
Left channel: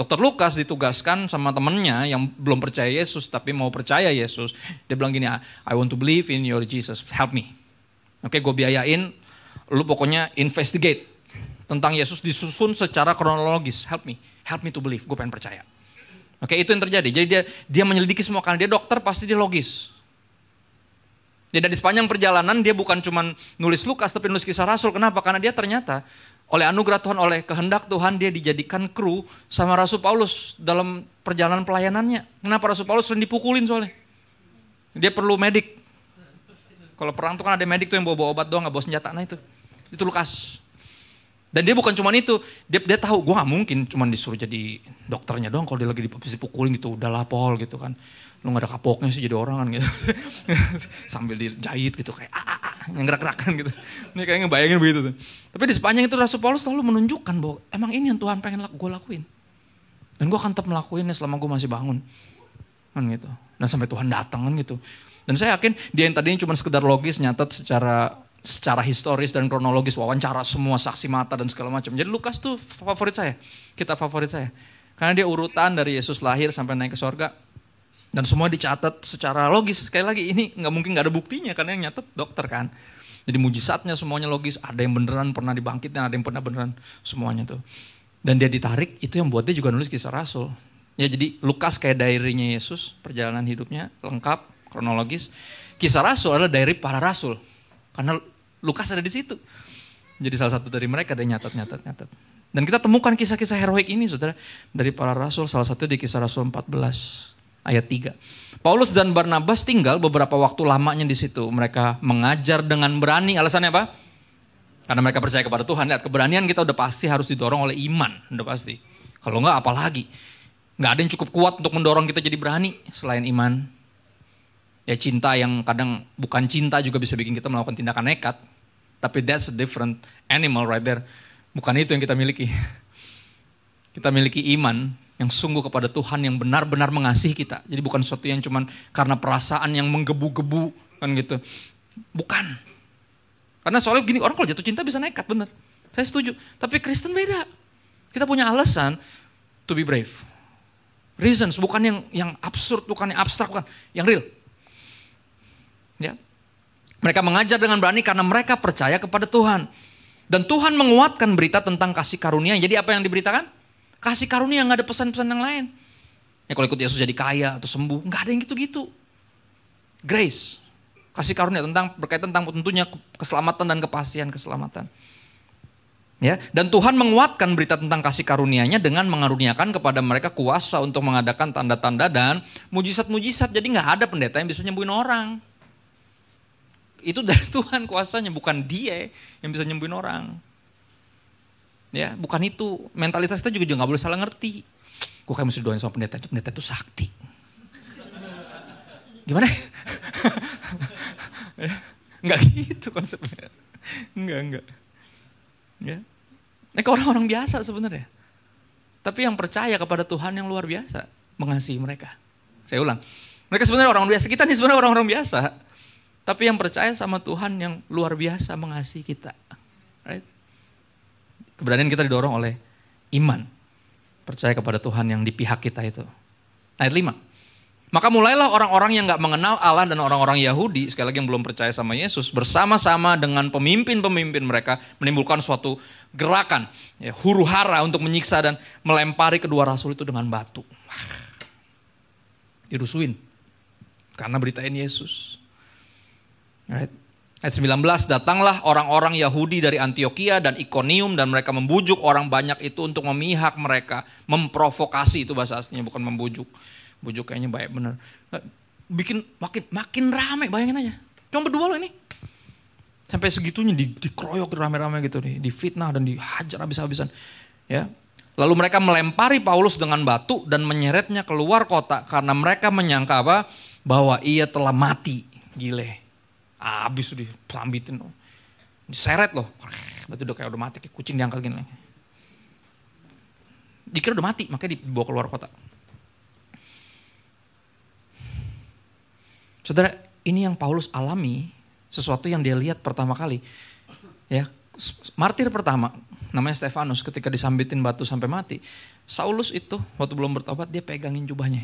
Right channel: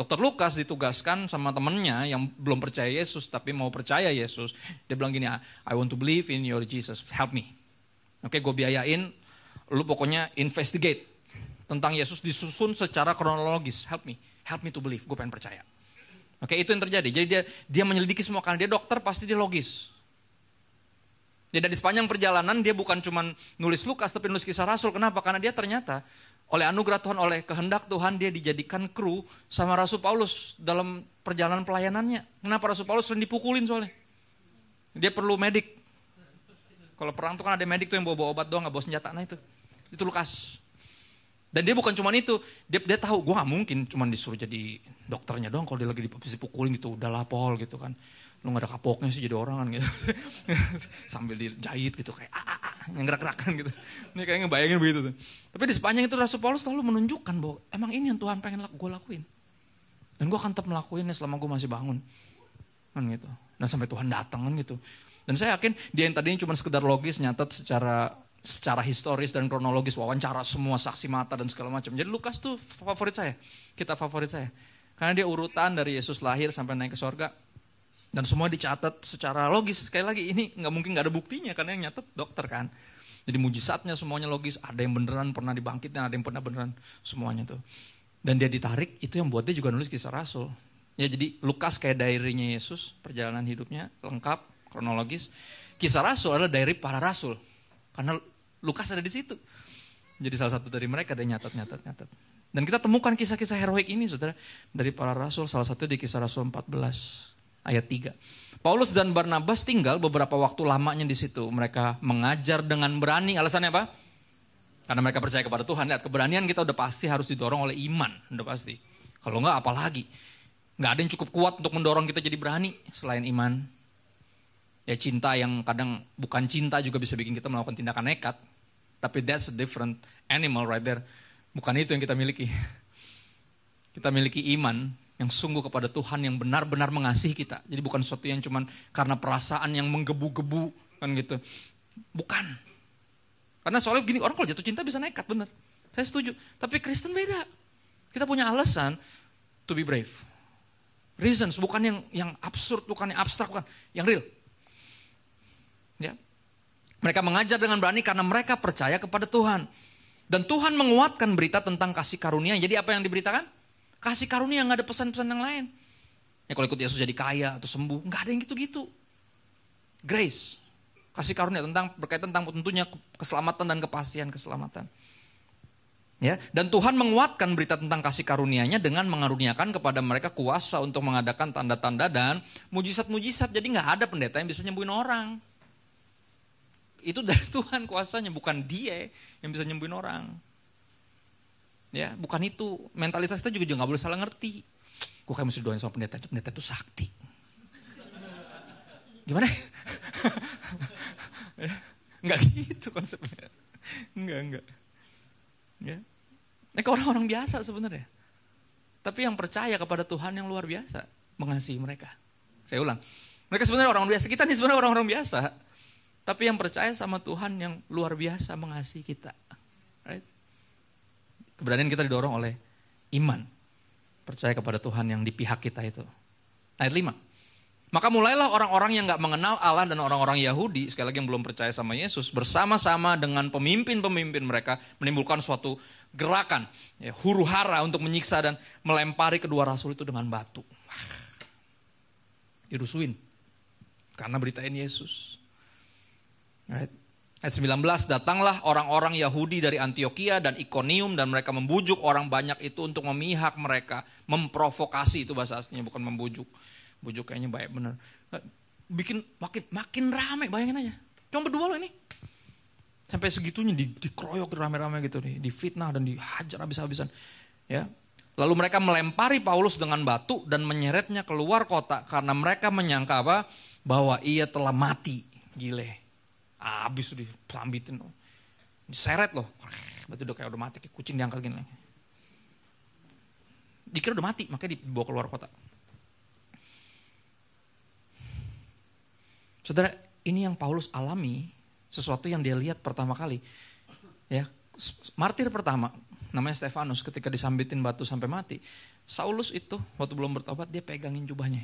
Dr. Lukas ditugaskan sama temennya yang belum percaya Yesus tapi mau percaya Yesus. Dia bilang gini, I want to believe in your Jesus. Help me. Oke, gue biayain. Lu pokoknya investigate. Tentang Yesus disusun secara kronologis. Help me to believe. Gue pengen percaya. Oke, itu yang terjadi. Jadi dia menyelidiki semua. Karena dia dokter, pasti dia logis. Jadi di sepanjang perjalanan dia bukan cuma nulis Lukas, tapi nulis Kisah Rasul. Kenapa? Karena dia ternyata oleh anugerah Tuhan, oleh kehendak Tuhan, dia dijadikan kru sama Rasul Paulus dalam perjalanan pelayanannya. Kenapa Rasul Paulus sering dipukulin soalnya? Dia perlu medik. Kalau perang tuh kan ada medik tuh yang bawa obat doang, gak bawa senjata. Nah itu Lukas. Dan dia bukan cuma itu, dia tahu gue gak mungkin cuma disuruh jadi dokternya doang kalau dia lagi dipukulin gitu, udahlah Paul gitu kan. Lu gak ada kapoknya sih jadi orang kan gitu. Sambil dijahit gitu kayak yang gerak-gerakan gitu. Ini kayak ngebayangin begitu tuh. Tapi di sepanjang itu Rasul Paulus selalu menunjukkan bahwa emang ini yang Tuhan pengen gue lakuin. Dan gue akan tetap melakuinnya selama gue masih bangun. Kan gitu. Dan sampai Tuhan datang kan gitu. Dan saya yakin dia yang tadinya cuma sekedar logis nyatat secara historis dan kronologis, wawancara semua saksi mata dan segala macam. Jadi Lukas tuh favorit saya, kitab favorit saya. Karena dia urutan dari Yesus lahir sampai naik ke sorga. Dan semua dicatat secara logis. Sekali lagi ini mungkin gak ada buktinya karena yang nyatet dokter kan. Jadi mujizatnya semuanya logis. Ada yang beneran pernah dibangkit dan ada yang pernah beneran semuanya tuh. Dan dia ditarik, itu yang buat dia juga nulis Kisah Rasul. Ya jadi Lukas kayak diary-nya Yesus, perjalanan hidupnya lengkap, kronologis. Kisah Rasul adalah diary para rasul. Karena Lukas ada di situ. Jadi salah satu dari mereka ada nyatat. Dan kita temukan kisah-kisah heroik ini saudara. Dari para rasul, salah satu di Kisah Rasul 14 ayat 3. Paulus dan Barnabas tinggal beberapa waktu lamanya di situ. Mereka mengajar dengan berani. Alasannya apa? Karena mereka percaya kepada Tuhan. Lihat, keberanian kita udah pasti harus didorong oleh iman. Udah pasti. Kalau enggak apalagi. Enggak ada yang cukup kuat untuk mendorong kita jadi berani selain iman. Ya cinta yang kadang bukan cinta juga bisa bikin kita melakukan tindakan nekat. Tapi that's a different animal right there. Bukan itu yang kita miliki. Kita miliki iman yang sungguh kepada Tuhan yang benar-benar mengasihi kita. Jadi bukan sesuatu yang cuman karena perasaan yang menggebu-gebu kan gitu. Bukan. Karena soalnya gini, orang kalau jatuh cinta bisa nekat, benar. Saya setuju. Tapi Kristen beda. Kita punya alasan to be brave. Reasons, bukan yang absurd, bukan yang abstrak, bukan. Yang real. Ya. Mereka mengajar dengan berani karena mereka percaya kepada Tuhan. Dan Tuhan menguatkan berita tentang kasih karunia. Jadi apa yang diberitakan? Kasih karunia, gak ada pesan-pesan yang lain. Ya kalau ikut Yesus jadi kaya atau sembuh, gak ada yang gitu-gitu. Grace. Kasih karunia berkaitan tentang tentunya keselamatan dan kepastian keselamatan. Ya, dan Tuhan menguatkan berita tentang kasih karunia-Nya dengan mengaruniakan kepada mereka kuasa untuk mengadakan tanda-tanda dan mujizat-mujizat. Jadi nggak ada pendeta yang bisa nyembuhin orang. Itu dari Tuhan kuasanya, bukan dia yang bisa nyembuhin orang. Ya, bukan itu. Mentalitas kita juga nggak boleh salah ngerti. Gue kayak mesti doain sama pendeta itu sakti. Gimana? Nggak gitu konsepnya. Enggak. Ya. Mereka orang-orang biasa sebenarnya. Tapi yang percaya kepada Tuhan yang luar biasa mengasihi mereka. Saya ulang. Mereka sebenarnya orang biasa. Kita nih sebenarnya orang-orang biasa. Tapi yang percaya sama Tuhan yang luar biasa mengasihi kita. Right? Keberanian kita didorong oleh iman. Percaya kepada Tuhan yang di pihak kita itu. Ayat 5. Maka mulailah orang-orang yang gak mengenal Allah dan orang-orang Yahudi, sekali lagi yang belum percaya sama Yesus, bersama-sama dengan pemimpin-pemimpin mereka menimbulkan suatu gerakan, ya, huru hara untuk menyiksa dan melempari kedua rasul itu dengan batu. Dirusuin karena beritain Yesus. Right. Ayat 19, datanglah orang-orang Yahudi dari Antioquia dan Ikonium dan mereka membujuk orang banyak itu untuk memihak mereka, memprovokasi, itu bahasa aslinya, bukan membujuk. Bujuk kayaknya baik bener. Bikin makin rame, bayangin aja. Cuma berdua loh ini. Sampai segitunya dikeroyok rame-rame gitu nih, difitnah dan dihajar habis-habisan. Ya. Lalu mereka melempari Paulus dengan batu dan menyeretnya keluar kota karena mereka menyangka apa? Bahwa ia telah mati. Gile. Habis tuh disambitin. Diseret loh. Berarti udah kayak udah mati, kayak kucing diangkat gini. Dikira udah mati, makanya dibawa keluar kota. Saudara, ini yang Paulus alami, sesuatu yang dia lihat pertama kali. Ya, martir pertama, namanya Stefanus, ketika disambitin batu sampai mati. Saulus itu, waktu belum bertobat, dia pegangin jubahnya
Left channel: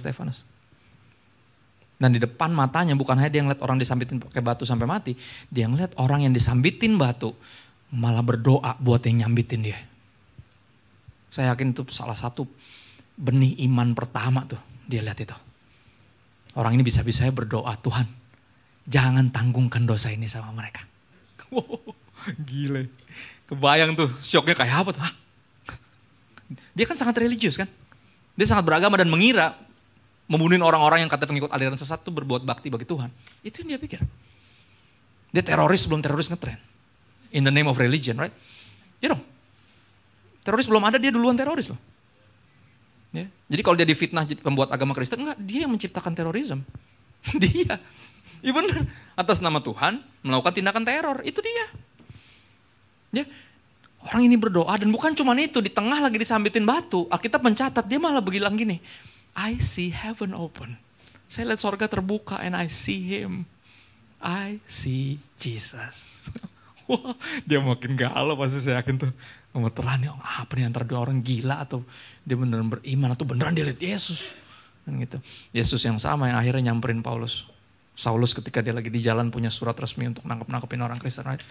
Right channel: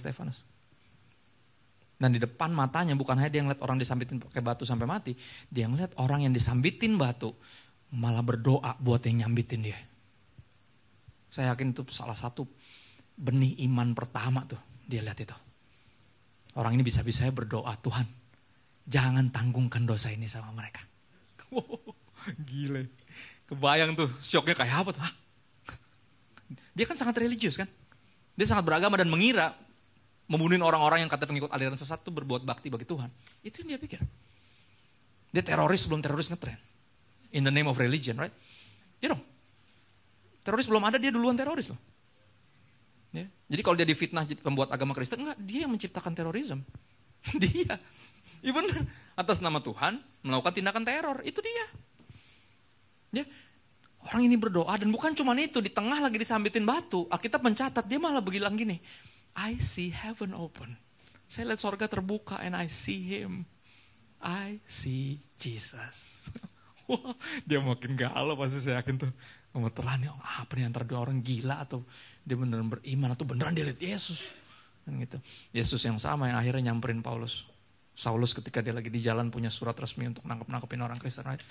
Stefanus. Dan di depan matanya, bukan hanya dia ngeliat orang disambitin pakai batu sampai mati, dia ngeliat orang yang disambitin batu, malah berdoa buat yang nyambitin dia. Saya yakin itu salah satu benih iman pertama tuh, dia lihat itu. Orang ini bisa-bisanya berdoa, Tuhan jangan tanggungkan dosa ini sama mereka. Wow, gile. Kebayang tuh syoknya kayak apa tuh. Hah? Dia kan sangat religius kan. Dia sangat beragama dan mengira membunuh orang-orang yang kata pengikut aliran sesat itu berbuat bakti bagi Tuhan. Itu yang dia pikir. Dia teroris sebelum teroris ngetren. In the name of religion, right? Ya dong. Teroris belum ada, dia duluan teroris loh. Ya. Jadi kalau dia difitnah pembuat agama Kristen, enggak, dia yang menciptakan terorisme. Dia. Iya benar. Atas nama Tuhan melakukan tindakan teror, itu dia. Ya. Orang ini berdoa dan bukan cuma itu, di tengah lagi disambitin batu, Alkitab mencatat dia malah bilang gini, I see heaven open. Saya lihat sorga terbuka and I see him. I see Jesus. Wah, dia makin galau pasti saya yakin tuh. Gemeteran ya, apa nih antara dua orang gila atau dia beneran beriman atau beneran dia lihat Yesus. Dan gitu. Yesus yang sama yang akhirnya nyamperin Paulus. Saulus ketika dia lagi di jalan punya surat resmi untuk nangkep-nangkepin orang Kristen. Right?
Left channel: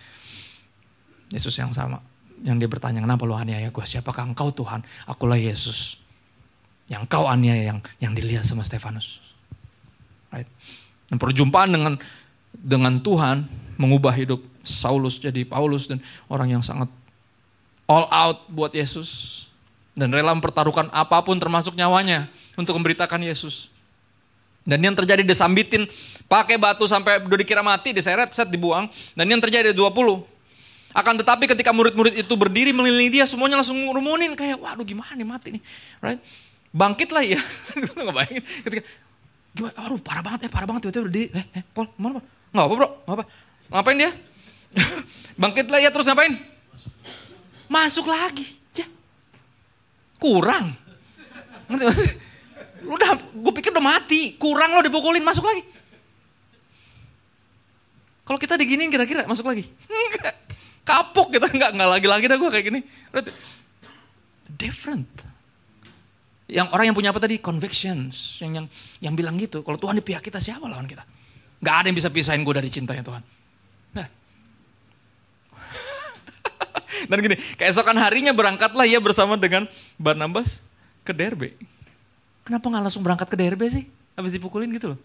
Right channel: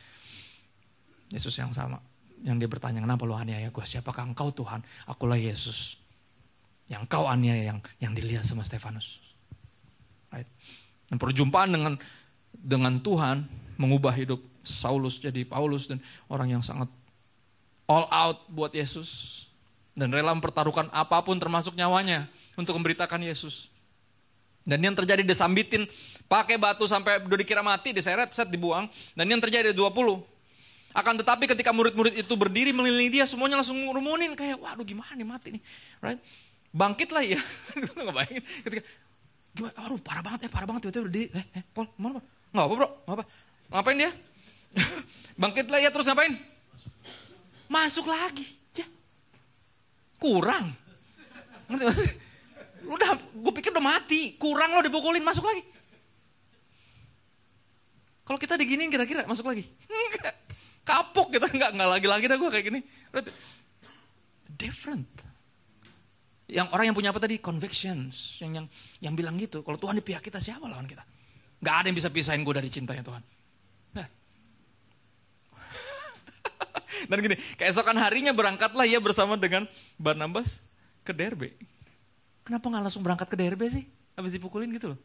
Yesus yang sama. Yang dia bertanya, kenapa lu aniaya gue? Siapakah engkau Tuhan? Akulah Yesus. Yang kau aniaya yang dilihat sama Stefanus. Right? Dan perjumpaan dengan Tuhan mengubah hidup Saulus jadi Paulus dan orang yang sangat all out buat Yesus. Dan rela mempertaruhkan apapun termasuk nyawanya untuk memberitakan Yesus. Dan yang terjadi disambitin pakai batu sampai udah dikira mati, diseret, dibuang. Dan yang terjadi 20. Akan tetapi ketika murid-murid itu berdiri mengelilingi dia, semuanya langsung ngurumunin kayak waduh gimana nih mati nih. Right? Bangkit lah ya. Gak bayangin ketika waduh parah banget tiba-tiba berdiri. Paul, mana Paul? Gak apa bro, gak apa. Ngapain dia? Bangkit lah ya, terus ngapain? Masuk lagi. Kurang. Udah, gue pikir udah mati. Kurang lo dipukulin, masuk lagi. Kalau kita diginiin kira-kira masuk lagi? Enggak. Kapok kita, enggak lagi-lagi dah gue kayak gini. Different. Yang orang yang punya apa tadi? Convictions. Yang bilang gitu. Kalau Tuhan di pihak kita, siapa lawan kita? Gak ada yang bisa pisahin gue dari cintanya Tuhan. Nah. Dan gini, keesokan harinya berangkatlah ia bersama dengan Barnabas ke Derbe. Kenapa gak langsung berangkat ke Derbe sih? Habis dipukulin gitu loh.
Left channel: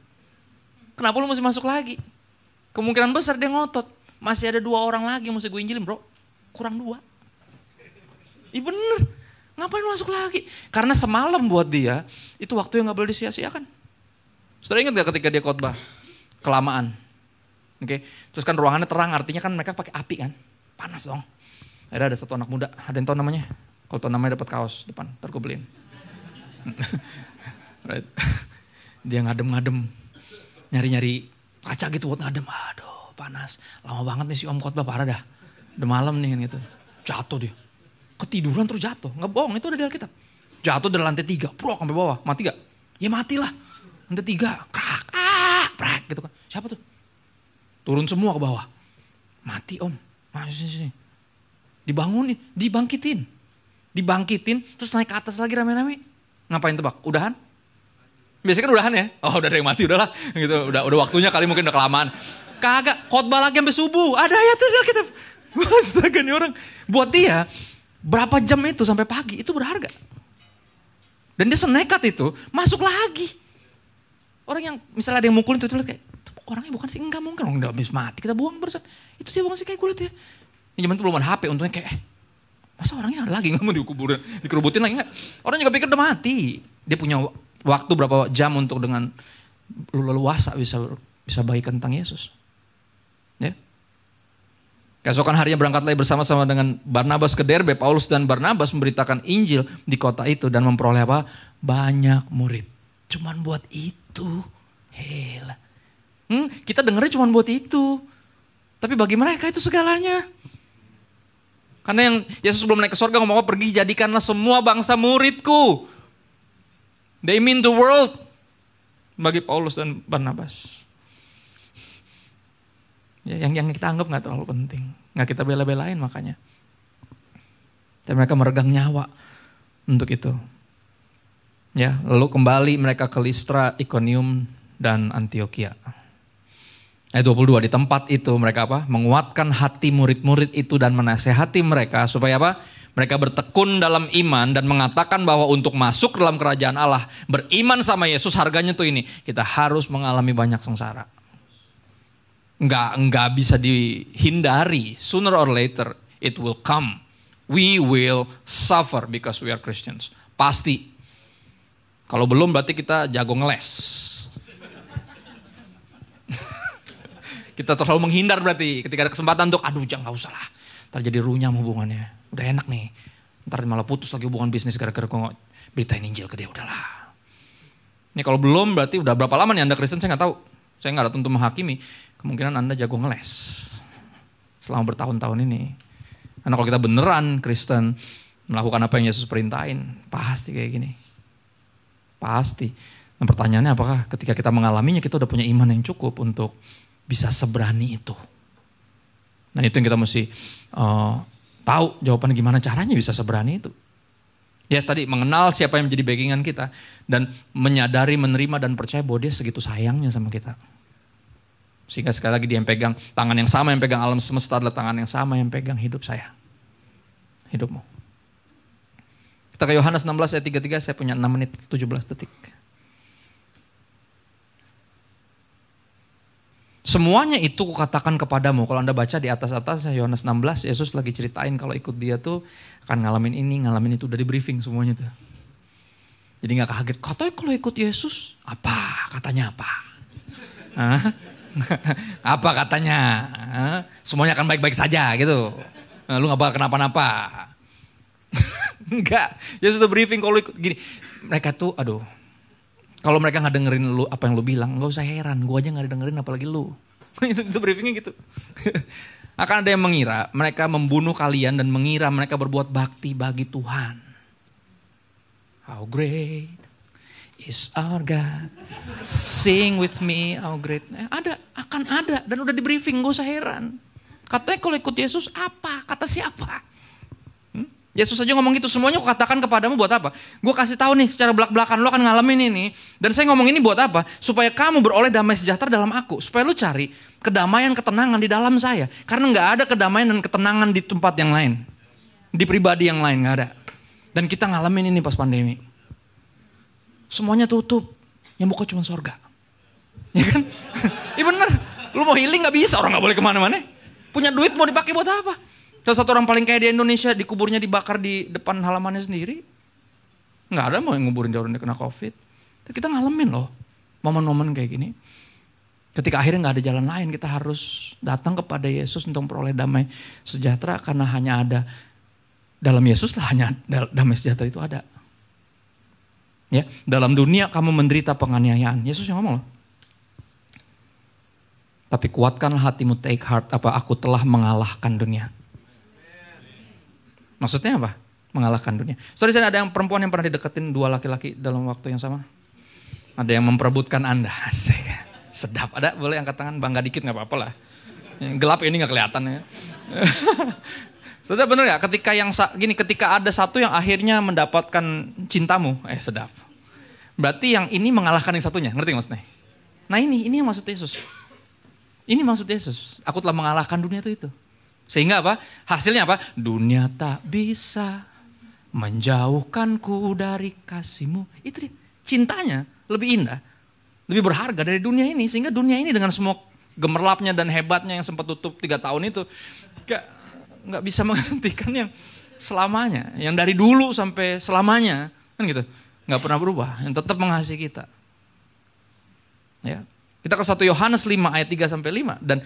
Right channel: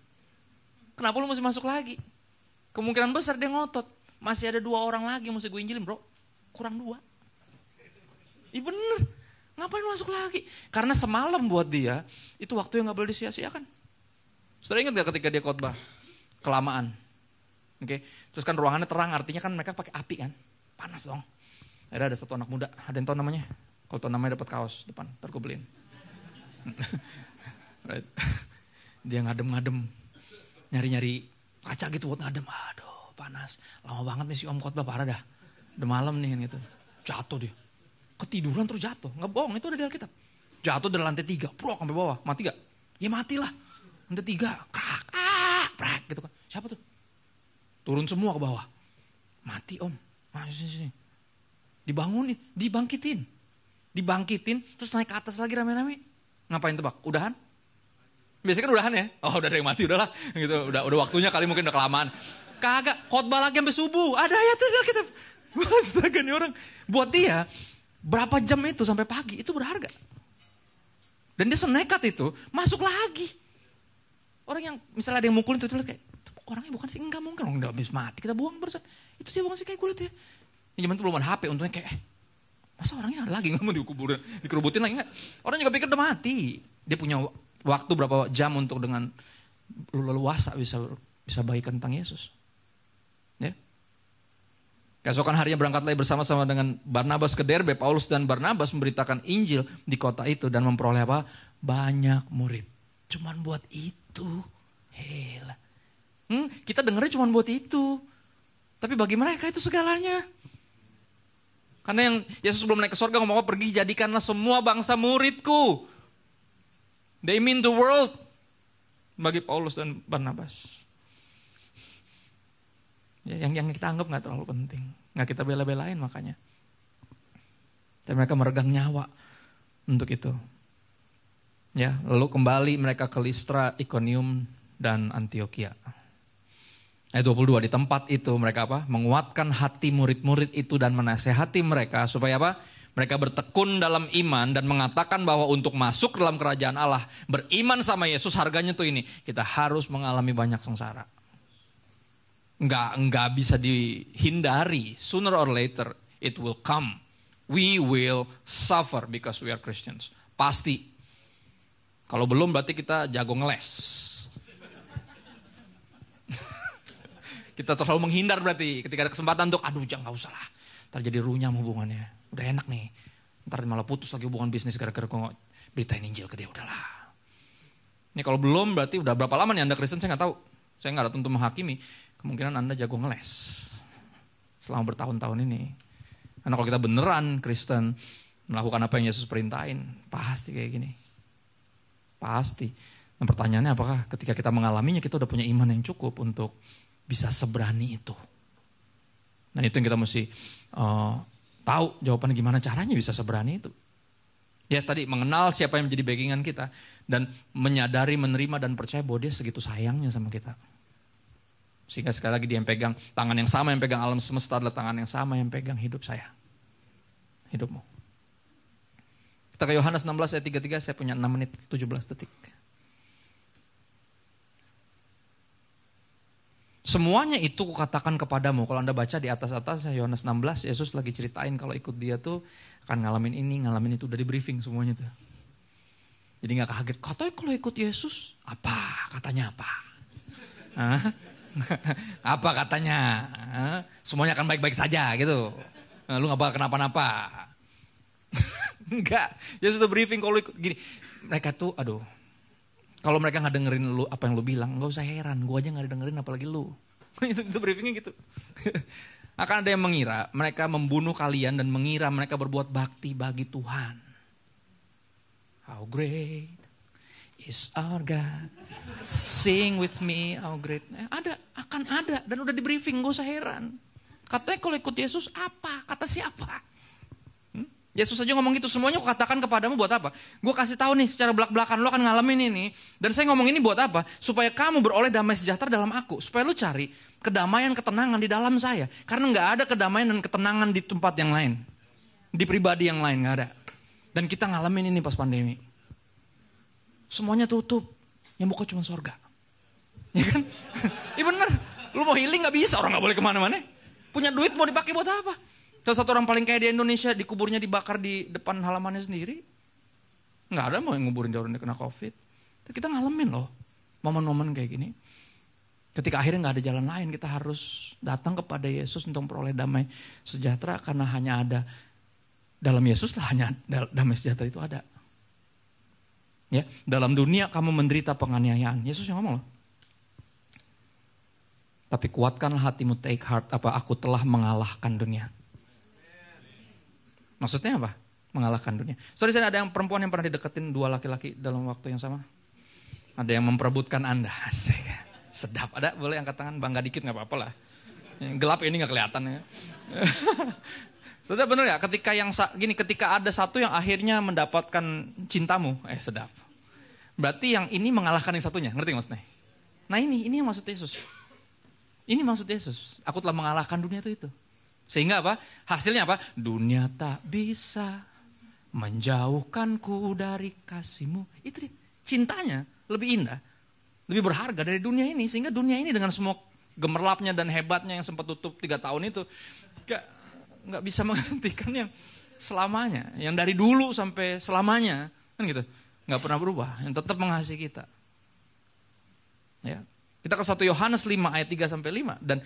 Kenapa lu masih masuk lagi? Kemungkinan besar dia ngotot. Masih ada 2 orang lagi yang mesti gue injilin bro. kurang 2. Iya bener, ngapain masuk lagi? Karena semalam buat dia, itu waktu yang gak boleh disia-siakan. Saudara ingat gak ketika dia khotbah? Kelamaan. Oke, terus kan ruangannya terang, artinya kan mereka pakai api kan, panas dong. Akhirnya ada satu anak muda, ada yang tahu namanya? Kalau tahu namanya dapat kaos depan, ntar gue beliin. Right. Dia ngadem-ngadem, nyari-nyari kaca gitu buat ngadem. Aduh panas, lama banget nih si om khotbah, parah dah. Udah malam nih kan gitu, jatuh dia. Ketiduran terus jatuh, nggak bohong, itu udah di Alkitab. Jatuh dari lantai 3, prok sampai bawah, mati gak? Ya matilah, lantai 3, krak, prak gitu kan. Siapa tuh? Turun semua ke bawah. Mati om, masih sini. Dibangunin, dibangkitin, terus naik ke atas lagi rame-rame. Ngapain tebak? Udahan? Biasanya kan udahan ya. Oh udah ada yang mati, udahlah. Gitu, udah waktunya kali mungkin udah kelamaan. Kagak, khotbah lagi sampai subuh. Ada ayatnya kita. Astaga nih orang. Buat dia, berapa jam itu sampai pagi itu berharga. Dan dia senekat itu masuk lagi. Orang yang misalnya ada yang mukulin itu lihat kayak, orangnya bukan sih, enggak mungkin orang udah habis mati, kita buang berusaha. Itu dia bukan sih kayak kulit ya. Ini zaman itu belum ada HP, untungnya kayak masa orangnya ada lagi nggak mau dikuburin, dikerubutin lagi nggak? Orang juga pikir udah mati. Dia punya waktu berapa jam untuk dengan leluasa bisa bagikan tentang Yesus. Ya. Keesokan harinya berangkat lagi bersama-sama dengan Barnabas ke Derbe. Paulus dan Barnabas memberitakan Injil di kota itu dan memperoleh apa? Banyak murid. Cuman buat itu, hela. Kita dengarnya cuma buat itu. Tapi bagi mereka itu segalanya. Karena yang Yesus sebelum naik ke surga ngomong apa? Pergi jadikanlah semua bangsa muridku. They mean the world. Bagi Paulus dan Barnabas. Ya, yang kita anggap gak terlalu penting. Gak kita bela-belain makanya. Dan mereka meregang nyawa untuk itu. Ya, lalu kembali mereka ke Listra, Ikonium, dan Antioquia. Ayat 22, di tempat itu mereka apa? Menguatkan hati murid-murid itu dan menasehati mereka supaya apa? Mereka bertekun dalam iman dan mengatakan bahwa untuk masuk dalam kerajaan Allah, beriman sama Yesus harganya tuh ini. Kita harus mengalami banyak sengsara. Enggak bisa dihindari. Sooner or later it will come. We will suffer because we are Christians. Pasti. Kalau belum berarti kita jago ngeles. Kita terlalu menghindar berarti ketika ada kesempatan untuk aduh jangan gak usah lah. Ntar jadi runyam hubungannya. Udah enak nih. Ntar malah putus lagi hubungan bisnis gara-gara kok beritain Injil ke dia. Udahlah. Ini kalau belum berarti udah berapa lama nih Anda Kristen saya gak tahu. Saya gak datang untuk menghakimi. Kemungkinan Anda jago ngeles. Selama bertahun-tahun ini. Karena kalau kita beneran Kristen melakukan apa yang Yesus perintahin. Pasti kayak gini. Pasti. Nah pertanyaannya apakah ketika kita mengalaminya kita udah punya iman yang cukup untuk bisa seberani itu. Dan itu yang kita mesti tahu jawabannya gimana caranya bisa seberani itu. Ya tadi mengenal siapa yang menjadi backingan kita. Dan menyadari, menerima dan percaya bahwa dia segitu sayangnya sama kita. Sehingga sekali lagi dia yang pegang tangan yang sama yang pegang alam semesta adalah tangan yang sama yang pegang hidup saya. Hidupmu. Kita ke Yohanes 16 ayat 33, saya punya 6 menit 17 detik. Semuanya itu kukatakan kepadamu. Kalau Anda baca di atas-atas Yohanes 16, Yesus lagi ceritain kalau ikut dia tuh akan ngalamin ini, ngalamin itu. Udah di briefing semuanya tuh. Jadi gak kaget. Katanya kalau ikut Yesus, apa? Katanya apa? Apa katanya? Semuanya akan baik-baik saja gitu. Nah, lu gak bakal kenapa-napa. Enggak. Yesus udah briefing kalau ikut gini. Mereka tuh aduh. Kalau mereka gak dengerin lu apa yang lu bilang, gak usah heran. Gue aja gak dengerin apalagi lu. itu briefingnya gitu. Akan ada yang mengira mereka membunuh kalian dan mengira mereka berbuat bakti bagi Tuhan. How great is our God. Sing with me, how great. Akan ada. Dan udah di briefing, gak usah heran. Katanya kalau ikut Yesus apa? Kata siapa? Yesus aja ngomong gitu, semuanya aku katakan kepadamu buat apa? Gue kasih tahu nih secara belak-belakan lo akan ngalamin ini. Dan saya ngomong ini buat apa? Supaya kamu beroleh damai sejahtera dalam aku. Supaya lo cari kedamaian, ketenangan di dalam saya. Karena gak ada kedamaian dan ketenangan di tempat yang lain. Di pribadi yang lain gak ada. Dan kita ngalamin ini pas pandemi. Semuanya tutup. Yang buka cuma surga. Ya kan? Iya bener. Lo mau healing gak bisa, orang gak boleh kemana-mana. Punya duit mau dipakai buat apa? Salah satu orang paling kaya di Indonesia dikuburnya dibakar di depan halamannya sendiri. Nggak ada mau yang nguburin dia orang kena COVID. Kita ngalamin loh momen-momen kayak gini. Ketika akhirnya nggak ada jalan lain, kita harus datang kepada Yesus untuk memperoleh damai sejahtera, karena hanya ada dalam Yesus lah hanya damai sejahtera itu ada. Ya, dalam dunia kamu menderita penganiayaan. Yesus yang ngomong loh. Tapi kuatkanlah hatimu, take heart, aku telah mengalahkan dunia. Maksudnya apa? Mengalahkan dunia. Sorry, saya ada yang perempuan yang pernah dideketin 2 laki-laki dalam waktu yang sama. Ada yang memperebutkan Anda. Asik. Sedap. Ada? Boleh angkat tangan, bangga dikit gak apa-apa lah. Gelap ini gak kelihatan ya. Saudara benar ya, ketika ada satu yang akhirnya mendapatkan cintamu, sedap. Berarti yang ini mengalahkan yang satunya, ngerti maksudnya? Nah ini yang maksud Yesus. Ini maksud Yesus. Aku telah mengalahkan dunia itu. Sehingga apa? Hasilnya apa? Dunia tak bisa menjauhkanku dari kasihmu. Itu cintanya lebih indah, lebih berharga dari dunia ini. Sehingga dunia ini dengan semua gemerlapnya dan hebatnya yang sempat tutup 3 tahun itu, nggak bisa menggantikan yang selamanya, yang dari dulu sampai selamanya, kan gitu, nggak pernah berubah, yang tetap mengasihi kita. Ya, kita ke 1 Yohanes 5 ayat 3-5, dan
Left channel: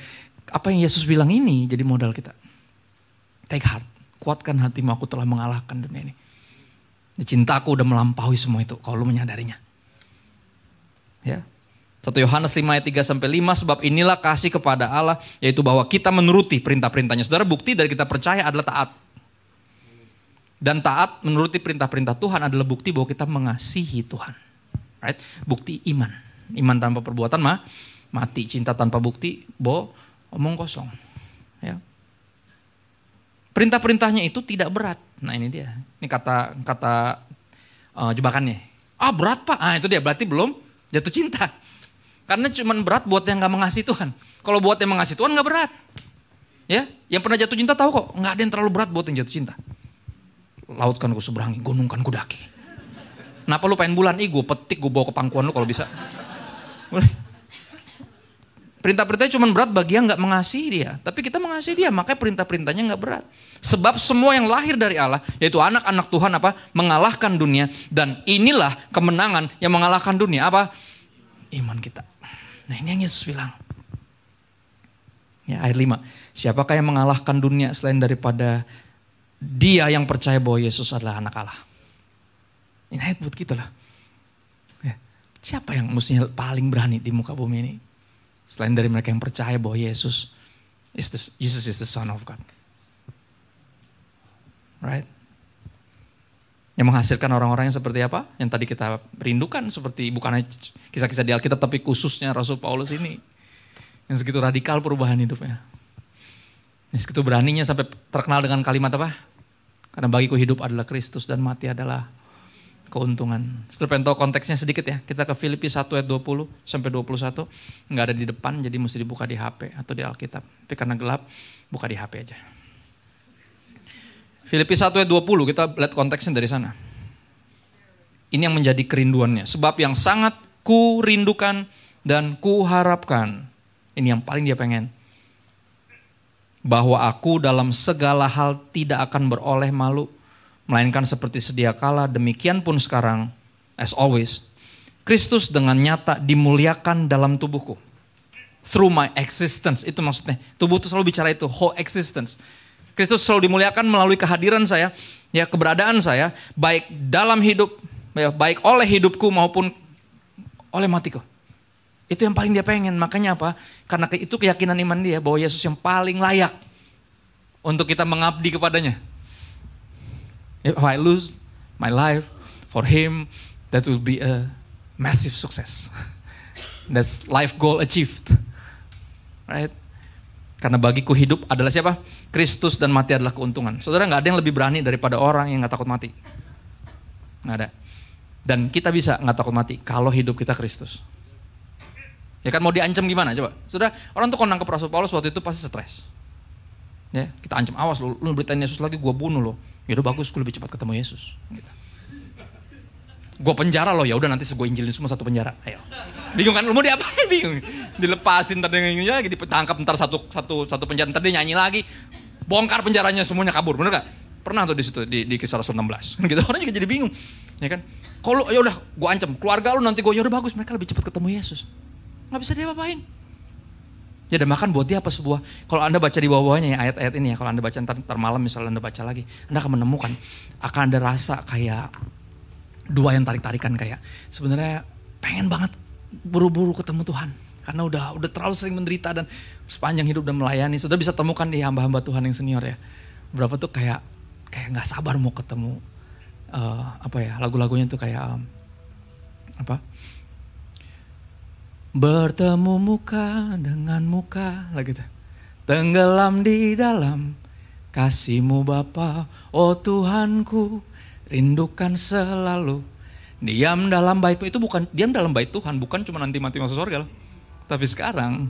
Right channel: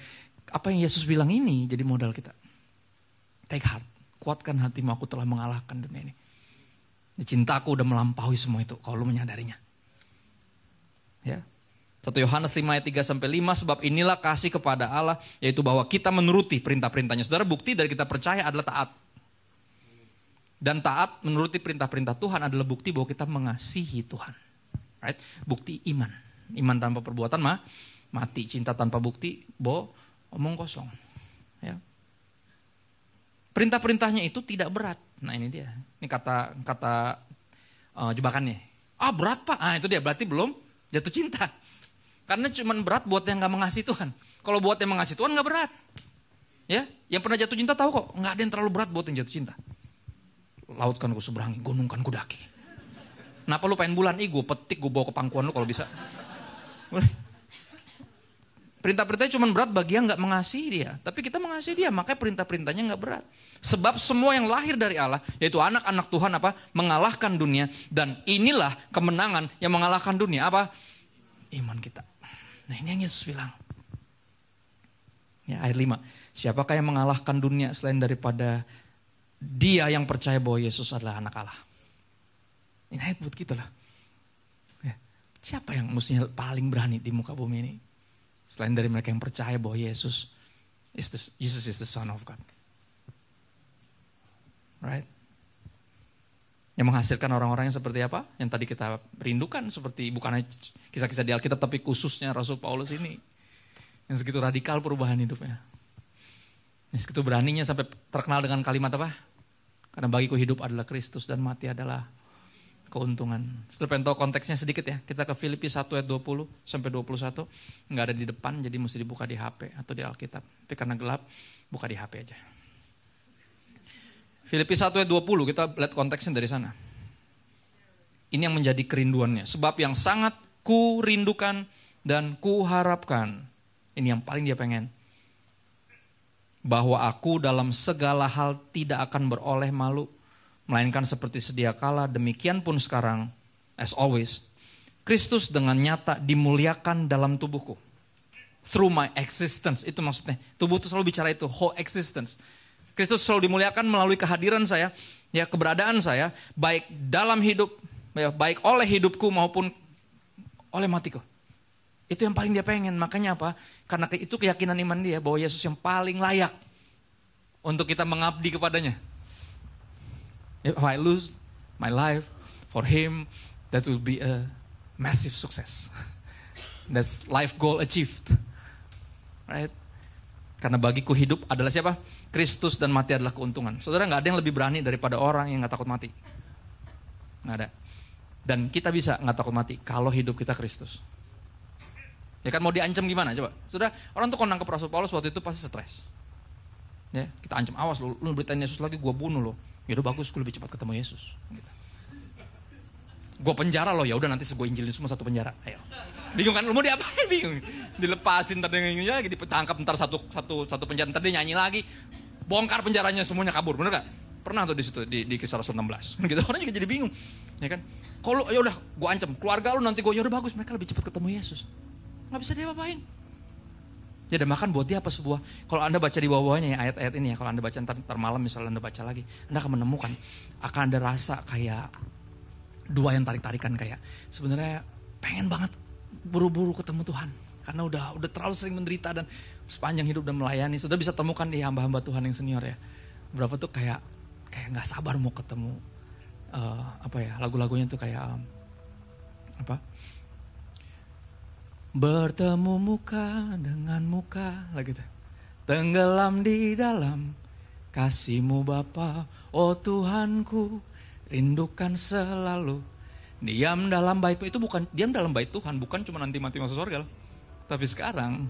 apa yang Yesus bilang ini jadi modal kita. Take heart, kuatkan hatimu, aku telah mengalahkan dunia ini. Cintaku udah melampaui semua itu, kalau lu menyadarinya. Ya. 1 Yohanes 5 ayat 3-5, sebab inilah kasih kepada Allah, yaitu bahwa kita menuruti perintah-perintahnya. Saudara, bukti dari kita percaya adalah taat. Dan taat menuruti perintah-perintah Tuhan adalah bukti bahwa kita mengasihi Tuhan. Right? Bukti iman. Iman tanpa perbuatan mati. Cinta tanpa bukti omong kosong. Ya. Perintah-perintahnya itu tidak berat. Nah ini dia. Ini kata jebakannya. Berat Pak. Itu dia, berarti belum jatuh cinta. Karena cuma berat buat yang gak mengasihi Tuhan. Kalau buat yang mengasihi Tuhan gak berat. Ya, yang pernah jatuh cinta tahu kok, gak ada yang terlalu berat buat yang jatuh cinta. Laut kan ku seberangi, gunung kan ku daki. Kenapa lu pengen bulan? Gue petik, gue bawa ke pangkuan lu kalau bisa. Perintah-perintahnya cuma berat bagi yang gak mengasihi dia. Tapi kita mengasihi dia, makanya perintah-perintahnya gak berat. Sebab semua yang lahir dari Allah, yaitu anak-anak Tuhan mengalahkan dunia. Dan inilah kemenangan yang mengalahkan dunia. Apa? Iman kita. Nah ini yang Yesus bilang. Ya, ayat 5. Siapakah yang mengalahkan dunia selain daripada dia yang percaya bahwa Yesus adalah anak Allah. Ini ayat buat kita lah. Ya. Siapa yang mestinya paling berani di muka bumi ini? Selain dari mereka yang percaya bahwa Yesus is the Son of God. Right? Yang menghasilkan orang-orang yang seperti apa? Yang tadi kita rindukan, seperti bukan hanya kisah-kisah di Alkitab, tapi khususnya Rasul Paulus ini. Yang segitu radikal perubahan hidupnya. Yang segitu beraninya sampai terkenal dengan kalimat apa? Karena bagiku hidup adalah Kristus dan mati adalah keuntungan. Setelah pengen tahu konteksnya sedikit ya. Kita ke Filipi 1 ayat 20 sampai 21. Nggak ada di depan, jadi mesti dibuka di HP atau di Alkitab. Tapi karena gelap, buka di HP aja. Filipi 1 ayat 20, kita lihat konteksnya dari sana. Ini yang menjadi kerinduannya. Sebab yang sangat ku rindukan dan ku harapkan. Ini yang paling dia pengen. Bahwa aku dalam segala hal tidak akan beroleh malu. Melainkan seperti sedia kala, demikian pun sekarang. As always. Kristus dengan nyata dimuliakan dalam tubuhku. Through my existence. Itu maksudnya. Tubuh itu selalu bicara itu. Whole existence. Kristus selalu dimuliakan melalui kehadiran saya, ya keberadaan saya, baik dalam hidup, ya, baik oleh hidupku maupun oleh matiku. Itu yang paling dia pengen. Makanya apa? Karena itu keyakinan iman dia bahwa Yesus yang paling layak untuk kita mengabdi kepadanya. If I lose my life for Him, that will be a massive success. That's life goal achieved, right? Karena bagiku hidup adalah siapa? Kristus dan mati adalah keuntungan. Saudara, gak ada yang lebih berani daripada orang yang gak takut mati. Gak ada. Dan kita bisa gak takut mati kalau hidup kita Kristus. Ya kan, mau diancam gimana coba? Saudara, orang tuh kalau nangkep Rasul Paulus waktu itu pasti stres. Ya, kita ancam, awas lu beritain Yesus lagi gue bunuh lo. Ya udah bagus, gue lebih cepat ketemu Yesus. Gitu. Gue penjara lo, ya udah nanti gue injilin semua satu penjara. Ayo. Bingung kan? Lu mau diapain? Bingung. Dilepasin, ntar dia lagi ditangkap, ntar satu penjara, ntar dia nyanyi lagi. bongkar penjaranya semuanya kabur, bener gak? Pernah tuh di situ di Kisah Rasul 16. Gitu orang juga jadi bingung, ya kan? Kalau ya udah gue ancam keluarga lu nanti gue, ya udah bagus, mereka lebih cepat ketemu Yesus. Nggak bisa dia apain. Ya dan bahkan buat dia apa sebuah, kalau Anda baca di bawah-bawahnya ya ayat-ayat ini ya, kalau Anda baca ntar malam misalnya Anda baca lagi, Anda akan menemukan, akan ada rasa kayak dua yang tarik-tarikan, kayak sebenarnya pengen banget buru-buru ketemu Tuhan. Karena udah terlalu sering menderita dan sepanjang hidup dan melayani. Sudah bisa temukan di hamba-hamba Tuhan yang senior ya. Berapa tuh kayak gak sabar mau ketemu, lagu-lagunya tuh kayak, bertemu muka dengan muka, lah gitu. Tenggelam di dalam kasih-Mu Bapa, oh Tuhanku, rindukan selalu. Diam dalam bait-Mu, itu bukan diam dalam bait Tuhan, bukan cuma nanti mati masuk surga loh. Tapi sekarang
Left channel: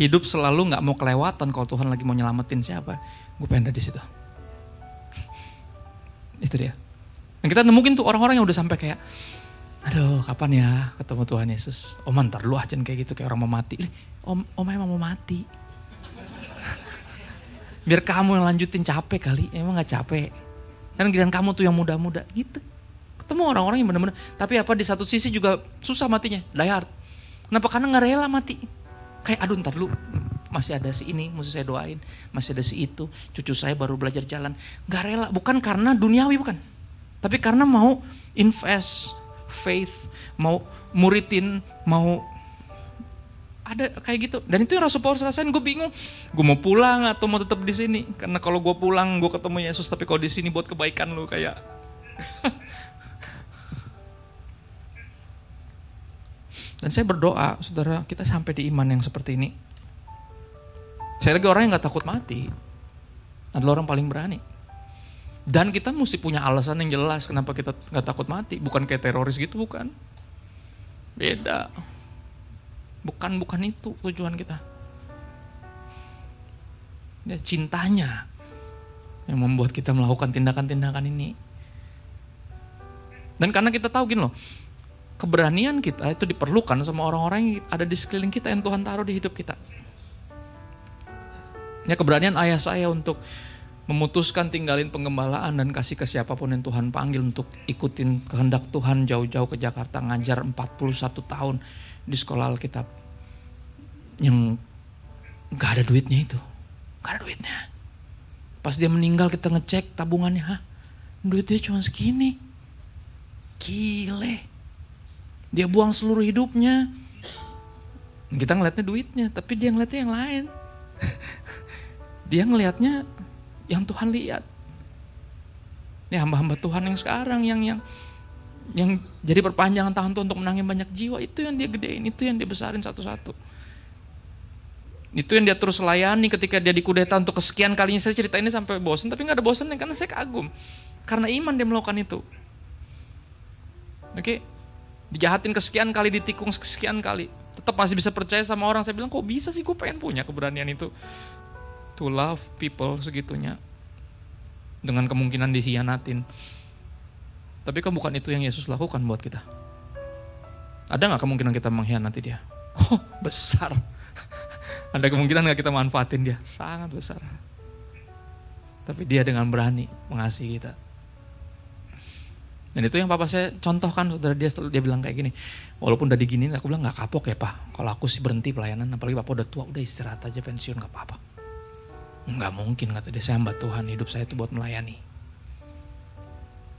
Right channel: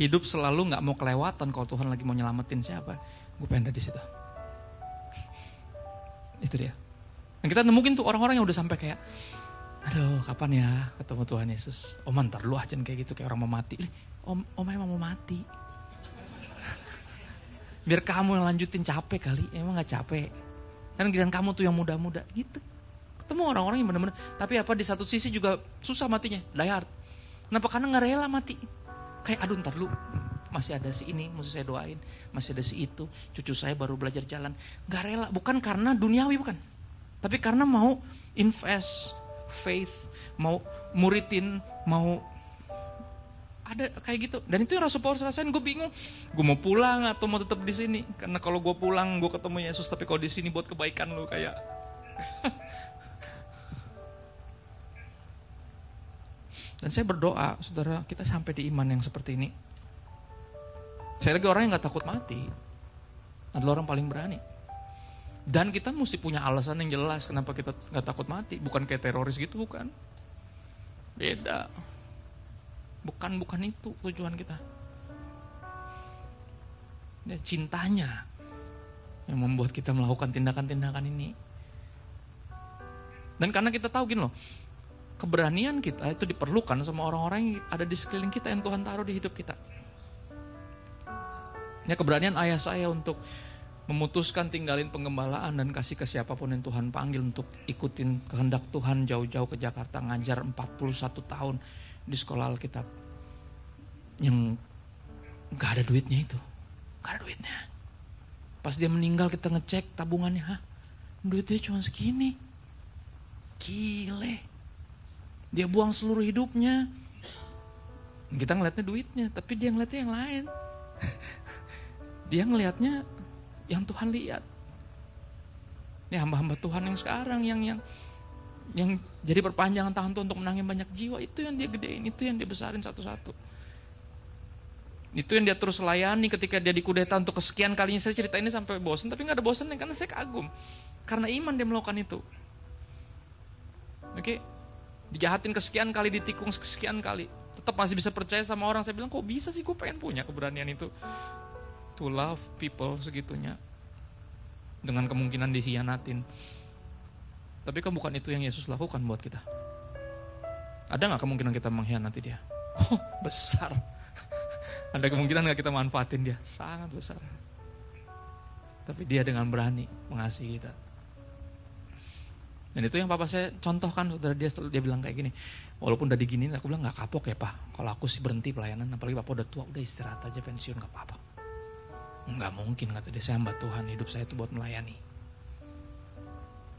hidup selalu nggak mau kelewatan kalau Tuhan lagi mau nyelamatin siapa. Gue pengen ada di situ. Itu dia. Dan kita nemuin tuh orang-orang yang udah sampai kayak, aduh kapan ya ketemu Tuhan Yesus. Om ntar lu aja kayak gitu kayak orang mau mati. Om emang mau mati. Biar kamu yang lanjutin, capek kali. Emang gak capek. Dan giliran kamu tuh yang muda-muda gitu. Ketemu orang-orang yang benar-benar. Tapi apa di satu sisi juga susah matinya. Die hard. Kenapa? Karena gak rela mati. Kayak aduh ntar lu masih ada si ini, mesti saya doain. Masih ada si itu. Cucu saya baru belajar jalan. Gak rela. Bukan karena duniawi, bukan. Tapi karena mau invest faith, mau muridin, mau ada kayak gitu. Dan itu yang Rasul Paulus rasain. Gue bingung, gue mau pulang atau mau tetap di sini. Karena kalau gue pulang gue ketemu Yesus, tapi kalau di sini buat kebaikan lu kayak dan saya berdoa saudara kita sampai di iman yang seperti ini. Saya lagi orang yang gak takut mati adalah orang paling berani. Dan kita mesti punya alasan yang jelas kenapa kita gak takut mati. Bukan kayak teroris gitu, bukan. Beda. Bukan itu tujuan kita. Ya, cintanya yang membuat kita melakukan tindakan-tindakan ini. Dan karena kita tahu gini loh, keberanian kita itu diperlukan sama orang-orang yang ada di sekeliling kita yang Tuhan taruh di hidup kita. Ya, keberanian ayah saya untuk memutuskan tinggalin penggembalaan dan kasih ke siapapun yang Tuhan panggil untuk ikutin kehendak Tuhan jauh-jauh ke Jakarta, ngajar 41 tahun di sekolah Alkitab yang gak ada duitnya itu, gak ada duitnya. Pas dia meninggal kita ngecek tabungannya, duitnya cuma segini. Gile, dia buang seluruh hidupnya. Kita ngeliatnya duitnya, tapi dia ngeliatnya yang lain. Dia ngeliatnya yang Tuhan lihat. Ini hamba-hamba Tuhan yang sekarang yang jadi perpanjangan tangan Tuhan untuk menangin banyak jiwa, itu yang dia gedein, itu yang dia besarin satu-satu. Itu yang dia terus layani ketika dia dikudeta untuk kesekian kalinya. Saya cerita ini sampai bosan, tapi gak ada bosannya karena saya kagum. Karena iman dia melakukan itu. Oke, dijahatin kesekian kali, ditikung kesekian kali, tetap masih bisa percaya sama orang. Saya bilang kok bisa sih, gue pengen punya keberanian itu. To love people segitunya. Dengan kemungkinan dikhianatin. Tapi kan bukan itu yang Yesus lakukan buat kita. Ada gak kemungkinan kita mengkhianati dia? Oh, besar. Ada kemungkinan gak kita manfaatin dia? Sangat besar. Tapi dia dengan berani mengasihi kita. Dan itu yang papa saya contohkan, saudara. Dia bilang kayak gini, walaupun udah diginiin, aku bilang gak kapok ya pak, kalau aku sih berhenti pelayanan, apalagi papa udah tua, udah istirahat aja, pensiun gak apa-apa. Gak mungkin, kata dia, saya hamba Tuhan, hidup saya itu buat melayani.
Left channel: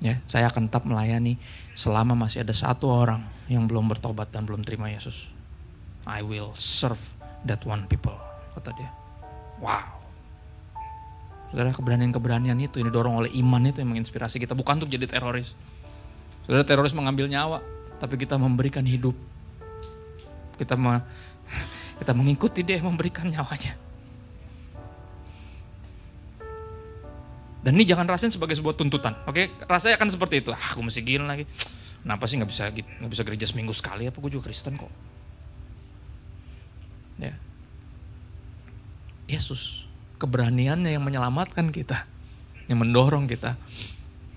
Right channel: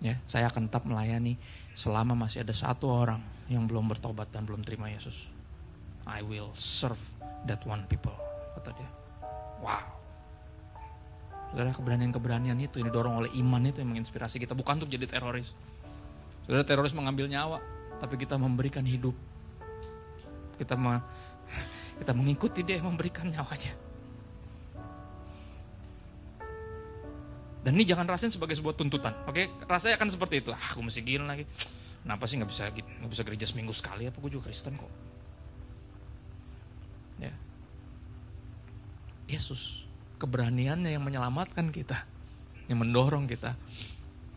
Ya, saya akan tetap melayani selama masih ada satu orang yang belum bertobat dan belum terima Yesus. I will serve that one people, kata dia. Wow. Saudara, keberanian-keberanian itu yang didorong oleh iman itu yang menginspirasi kita, bukan untuk jadi teroris. Saudara, teroris mengambil nyawa, tapi kita memberikan hidup. Kita mengikuti dia yang memberikan nyawanya. Dan ini jangan rasain sebagai sebuah tuntutan, oke? Rasanya akan seperti itu. Aku mesti gini lagi. Kenapa sih nggak bisa gereja seminggu sekali? Apa gue juga Kristen kok? Ya, Yesus, keberaniannya yang menyelamatkan kita, yang mendorong kita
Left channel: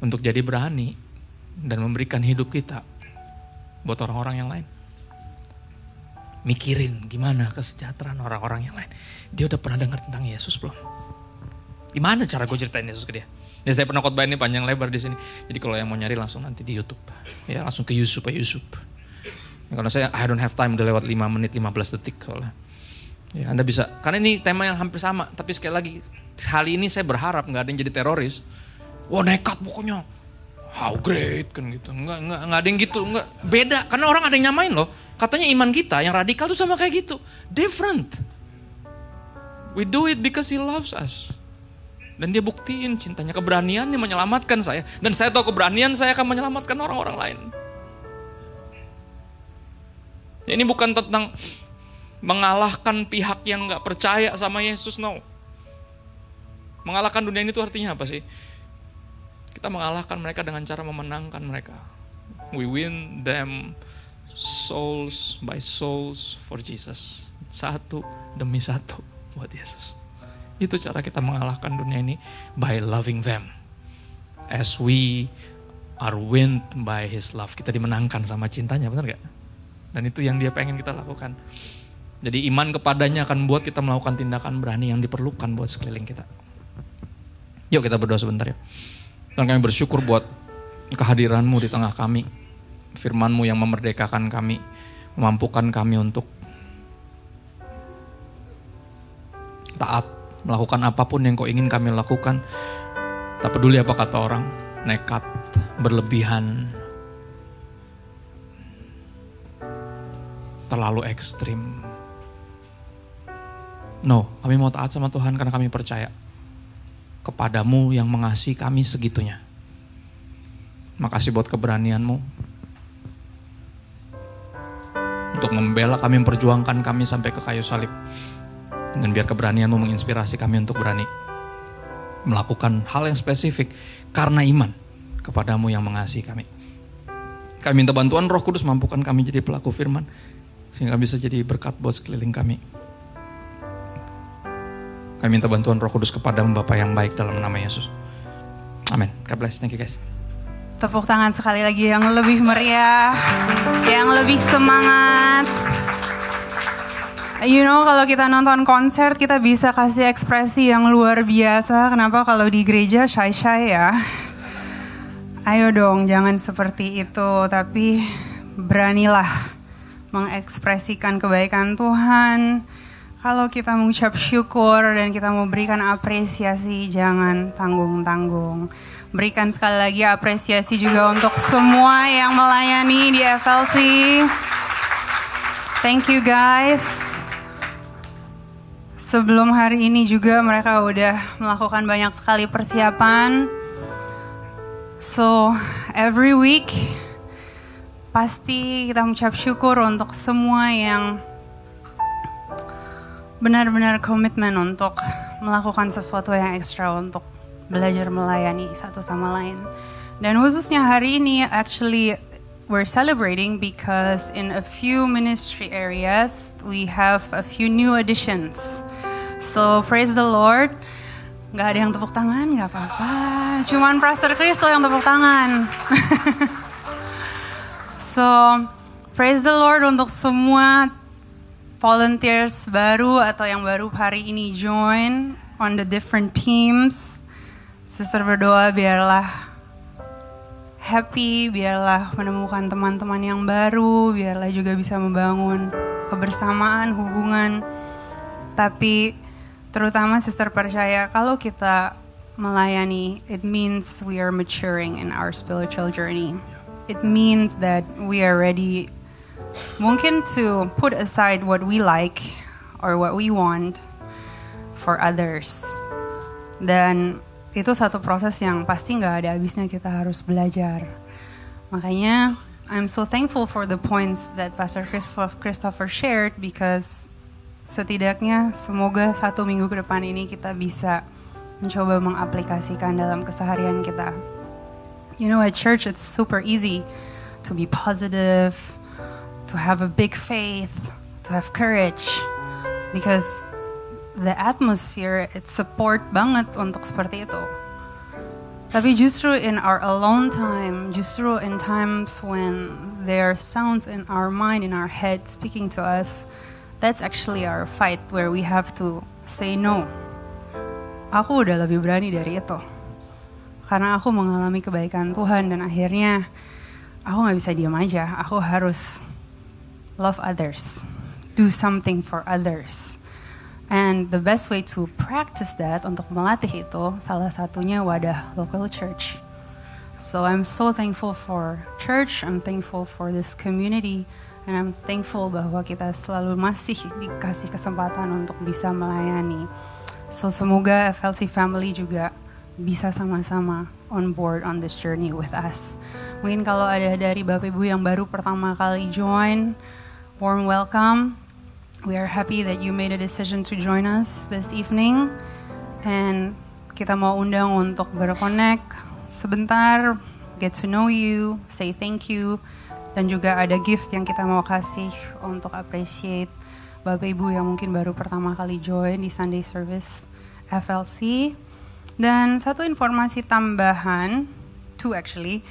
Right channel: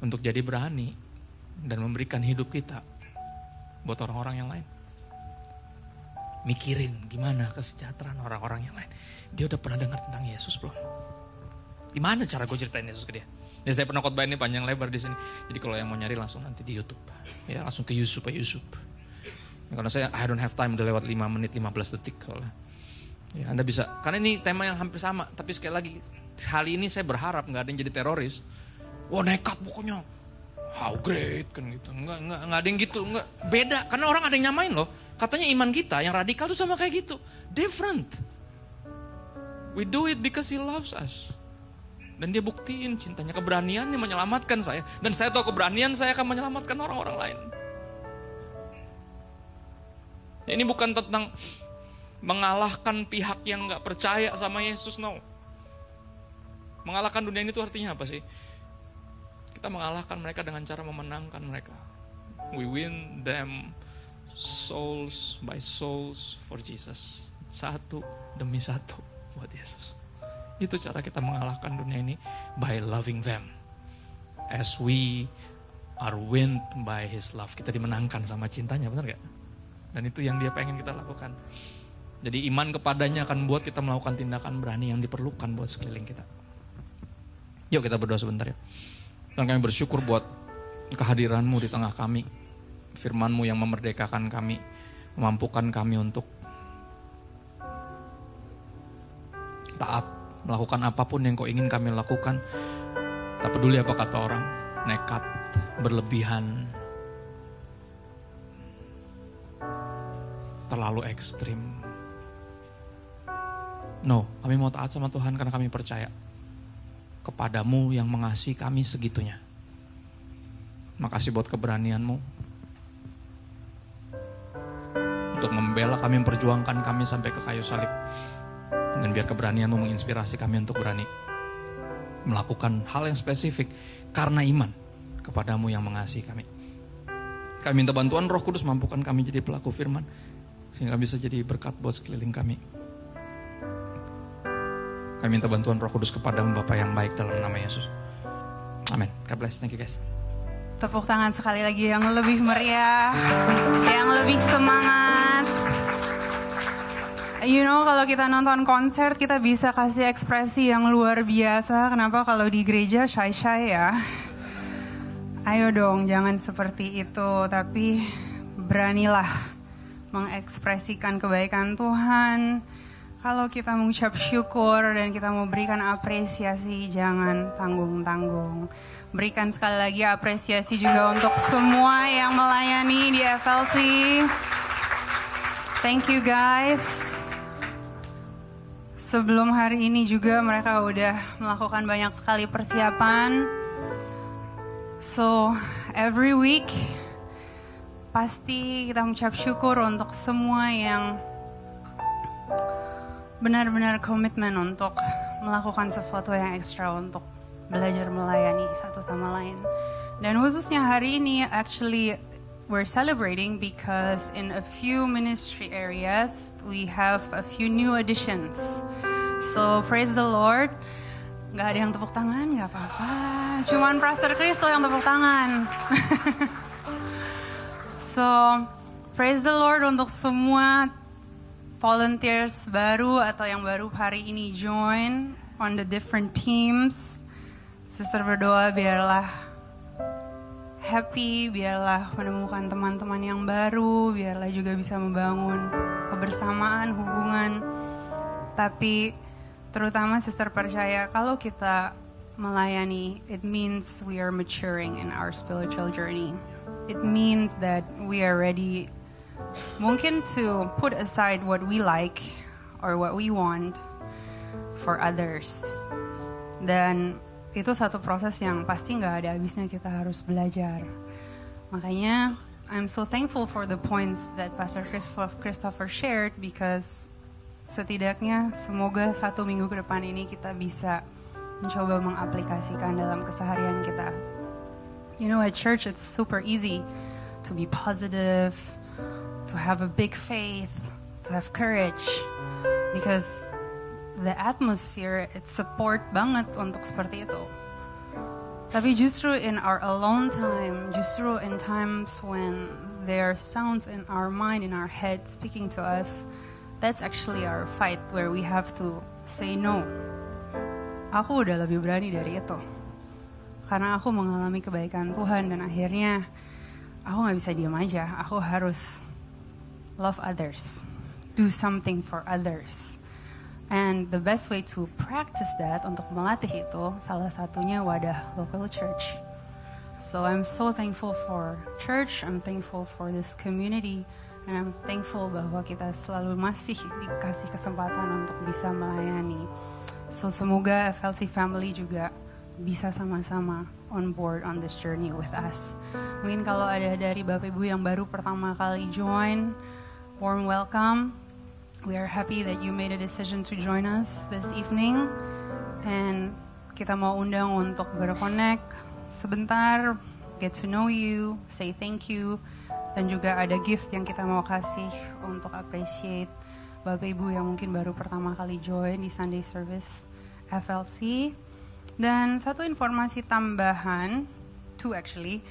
untuk jadi berani dan memberikan hidup kita buat orang-orang yang lain. Mikirin gimana kesejahteraan orang-orang yang lain. Dia udah pernah dengar tentang Yesus belum? Gimana cara gue ceritain Yesus ke dia? Ya saya pernah khotbah ini panjang lebar di sini. Jadi kalau yang mau nyari langsung nanti di YouTube. Ya langsung ke Yusuf. Ya, karena saya I don't have time, udah lewat 5 menit 15 detik soalnya. Ya Anda bisa, karena ini tema yang hampir sama. Tapi sekali lagi, kali ini saya berharap gak ada yang jadi teroris. Wah nekat pokoknya. How great kan gitu. Enggak ada yang gitu. Enggak. Beda, karena orang ada yang nyamain loh. Katanya iman kita yang radikal tuh sama kayak gitu. Different. We do it because he loves us. Dan dia buktiin cintanya, keberaniannya menyelamatkan saya. Dan saya tahu keberanian saya akan menyelamatkan orang-orang lain. Ini bukan tentang mengalahkan pihak yang gak percaya sama Yesus, no. Mengalahkan dunia ini tuh artinya apa sih? Kita mengalahkan mereka dengan cara memenangkan mereka. We win them souls by souls for Jesus. Satu demi satu buat Yesus. Itu cara kita mengalahkan dunia ini, by loving them. As we are won by His love. Kita dimenangkan sama cintanya, benar gak? Dan itu yang dia pengen kita lakukan. Jadi iman kepadanya akan buat kita melakukan tindakan berani yang diperlukan buat sekeliling kita. Yuk kita berdoa sebentar ya. Dan kami bersyukur buat kehadiran-Mu di tengah kami. Firman-Mu yang memerdekakan kami, memampukan kami untuk taat, melakukan apapun yang Kau ingin kami lakukan. Tak peduli apa kata orang, nekat, berlebihan, terlalu ekstrim. No, kami mau taat sama Tuhan karena kami percaya kepada-Mu yang mengasihi kami segitunya. Makasih buat keberanian-Mu untuk membela kami, memperjuangkan kami sampai ke kayu salib. Dan biar keberanian-Mu menginspirasi kami untuk berani melakukan hal yang spesifik karena iman kepada-Mu yang mengasihi kami. Kami minta bantuan Roh Kudus, mampukan kami jadi pelaku firman sehingga bisa jadi berkat buat sekeliling kami. Kami minta bantuan Roh Kudus kepada-Mu Bapa yang baik dalam nama Yesus. Amin. God bless. Thank you guys. Tepuk tangan sekali lagi yang lebih meriah, yang lebih semangat. You know, kalau kita nonton konser kita bisa kasih ekspresi yang luar biasa. Kenapa kalau di gereja shy-shy ya? Ayo dong, jangan seperti itu. Tapi beranilah mengekspresikan kebaikan Tuhan. Kalau kita mengucap syukur dan kita memberikan apresiasi, jangan tanggung-tanggung. Berikan sekali lagi apresiasi juga untuk semua yang melayani di FLC. Thank you guys. Sebelum hari ini juga mereka udah melakukan banyak sekali persiapan. So every week pasti kita mengucap syukur untuk semua yang benar-benar komitmen untuk melakukan sesuatu yang ekstra untuk belajar melayani satu sama lain. Dan khususnya hari ini actually we're celebrating because in a few ministry areas we have a few new additions. So praise the Lord. Gak ada yang tepuk tangan, gak apa-apa. Cuman Pastor Kristo yang tepuk tangan. So praise the Lord untuk semua volunteers baru atau yang baru hari ini join on the different teams. Sister berdoa biarlah happy, biarlah menemukan teman-teman yang baru, biarlah juga bisa membangun kebersamaan, hubungan. Tapi terutama sister percaya kalau kita melayani, it means we are maturing in our spiritual journey. It means that we are ready mungkin to put aside what we like or what we want for others. Dan itu satu proses yang pasti gak ada habisnya, kita harus belajar. Makanya I'm so thankful for the points that Pastor Christopher shared, because setidaknya semoga 1 minggu ke depan ini kita bisa mencoba mengaplikasikan dalam keseharian kita. You know, at church it's super easy to be positive, to have a big faith, to have courage, because the atmosphere, it's support banget untuk seperti itu. Tapi justru in our alone time, justru in times when there are sounds in our mind, in our head speaking to us, that's actually our fight, where we have to say no. aku udah lebih berani dari itu. Karena aku mengalami kebaikan Tuhan dan akhirnya aku gak bisa diam aja. Aku harus love others, do something for others. And the best way to practice that, untuk melatih itu, salah satunya wadah local church. So I'm so thankful for church, I'm thankful for this community, and I'm thankful bahwa kita selalu masih dikasih kesempatan untuk bisa melayani. So semoga FLC family juga bisa sama-sama on board on this journey with us. Mungkin kalau ada dari Bapak Ibu yang baru pertama kali join, warm welcome. We are happy that you made a decision to join us this evening. And kita mau undang untuk berconnect sebentar, get to know you, say thank you. Dan juga ada gift yang kita mau kasih untuk appreciate Bapak Ibu yang mungkin baru pertama kali join di Sunday Service FLC. Dan satu informasi tambahan, two actually.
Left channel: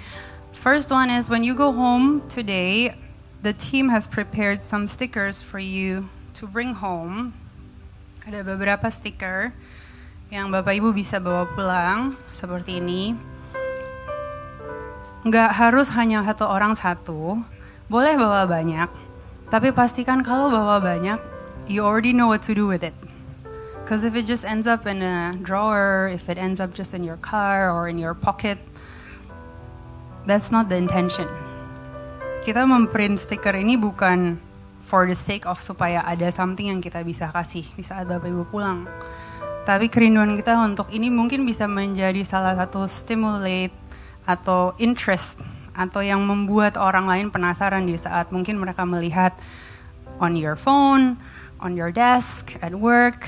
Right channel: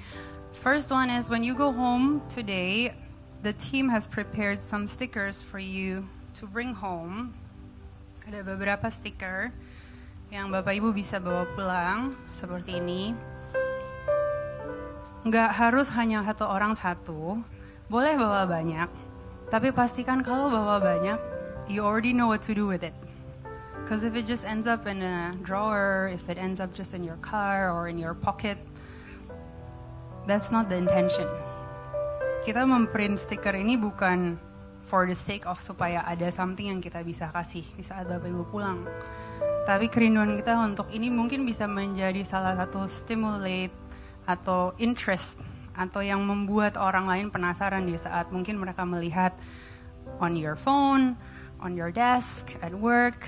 First one is when you go home today, the team has prepared some stickers for you to bring home. Ada beberapa stiker yang Bapak Ibu bisa bawa pulang seperti ini. Nggak harus hanya satu orang satu, boleh bawa banyak. Tapi pastikan kalau bawa banyak, you already know what to do with it. Because if it just ends up in a drawer, if it ends up just in your car or in your pocket, that's not the intention. Kita memprint stiker ini bukan for the sake of supaya ada something yang kita bisa kasih di saat Bapak Ibu pulang. Tapi kerinduan kita untuk ini mungkin bisa menjadi salah satu stimulate atau interest atau yang membuat orang lain penasaran di saat mungkin mereka melihat on your phone, on your desk, at work,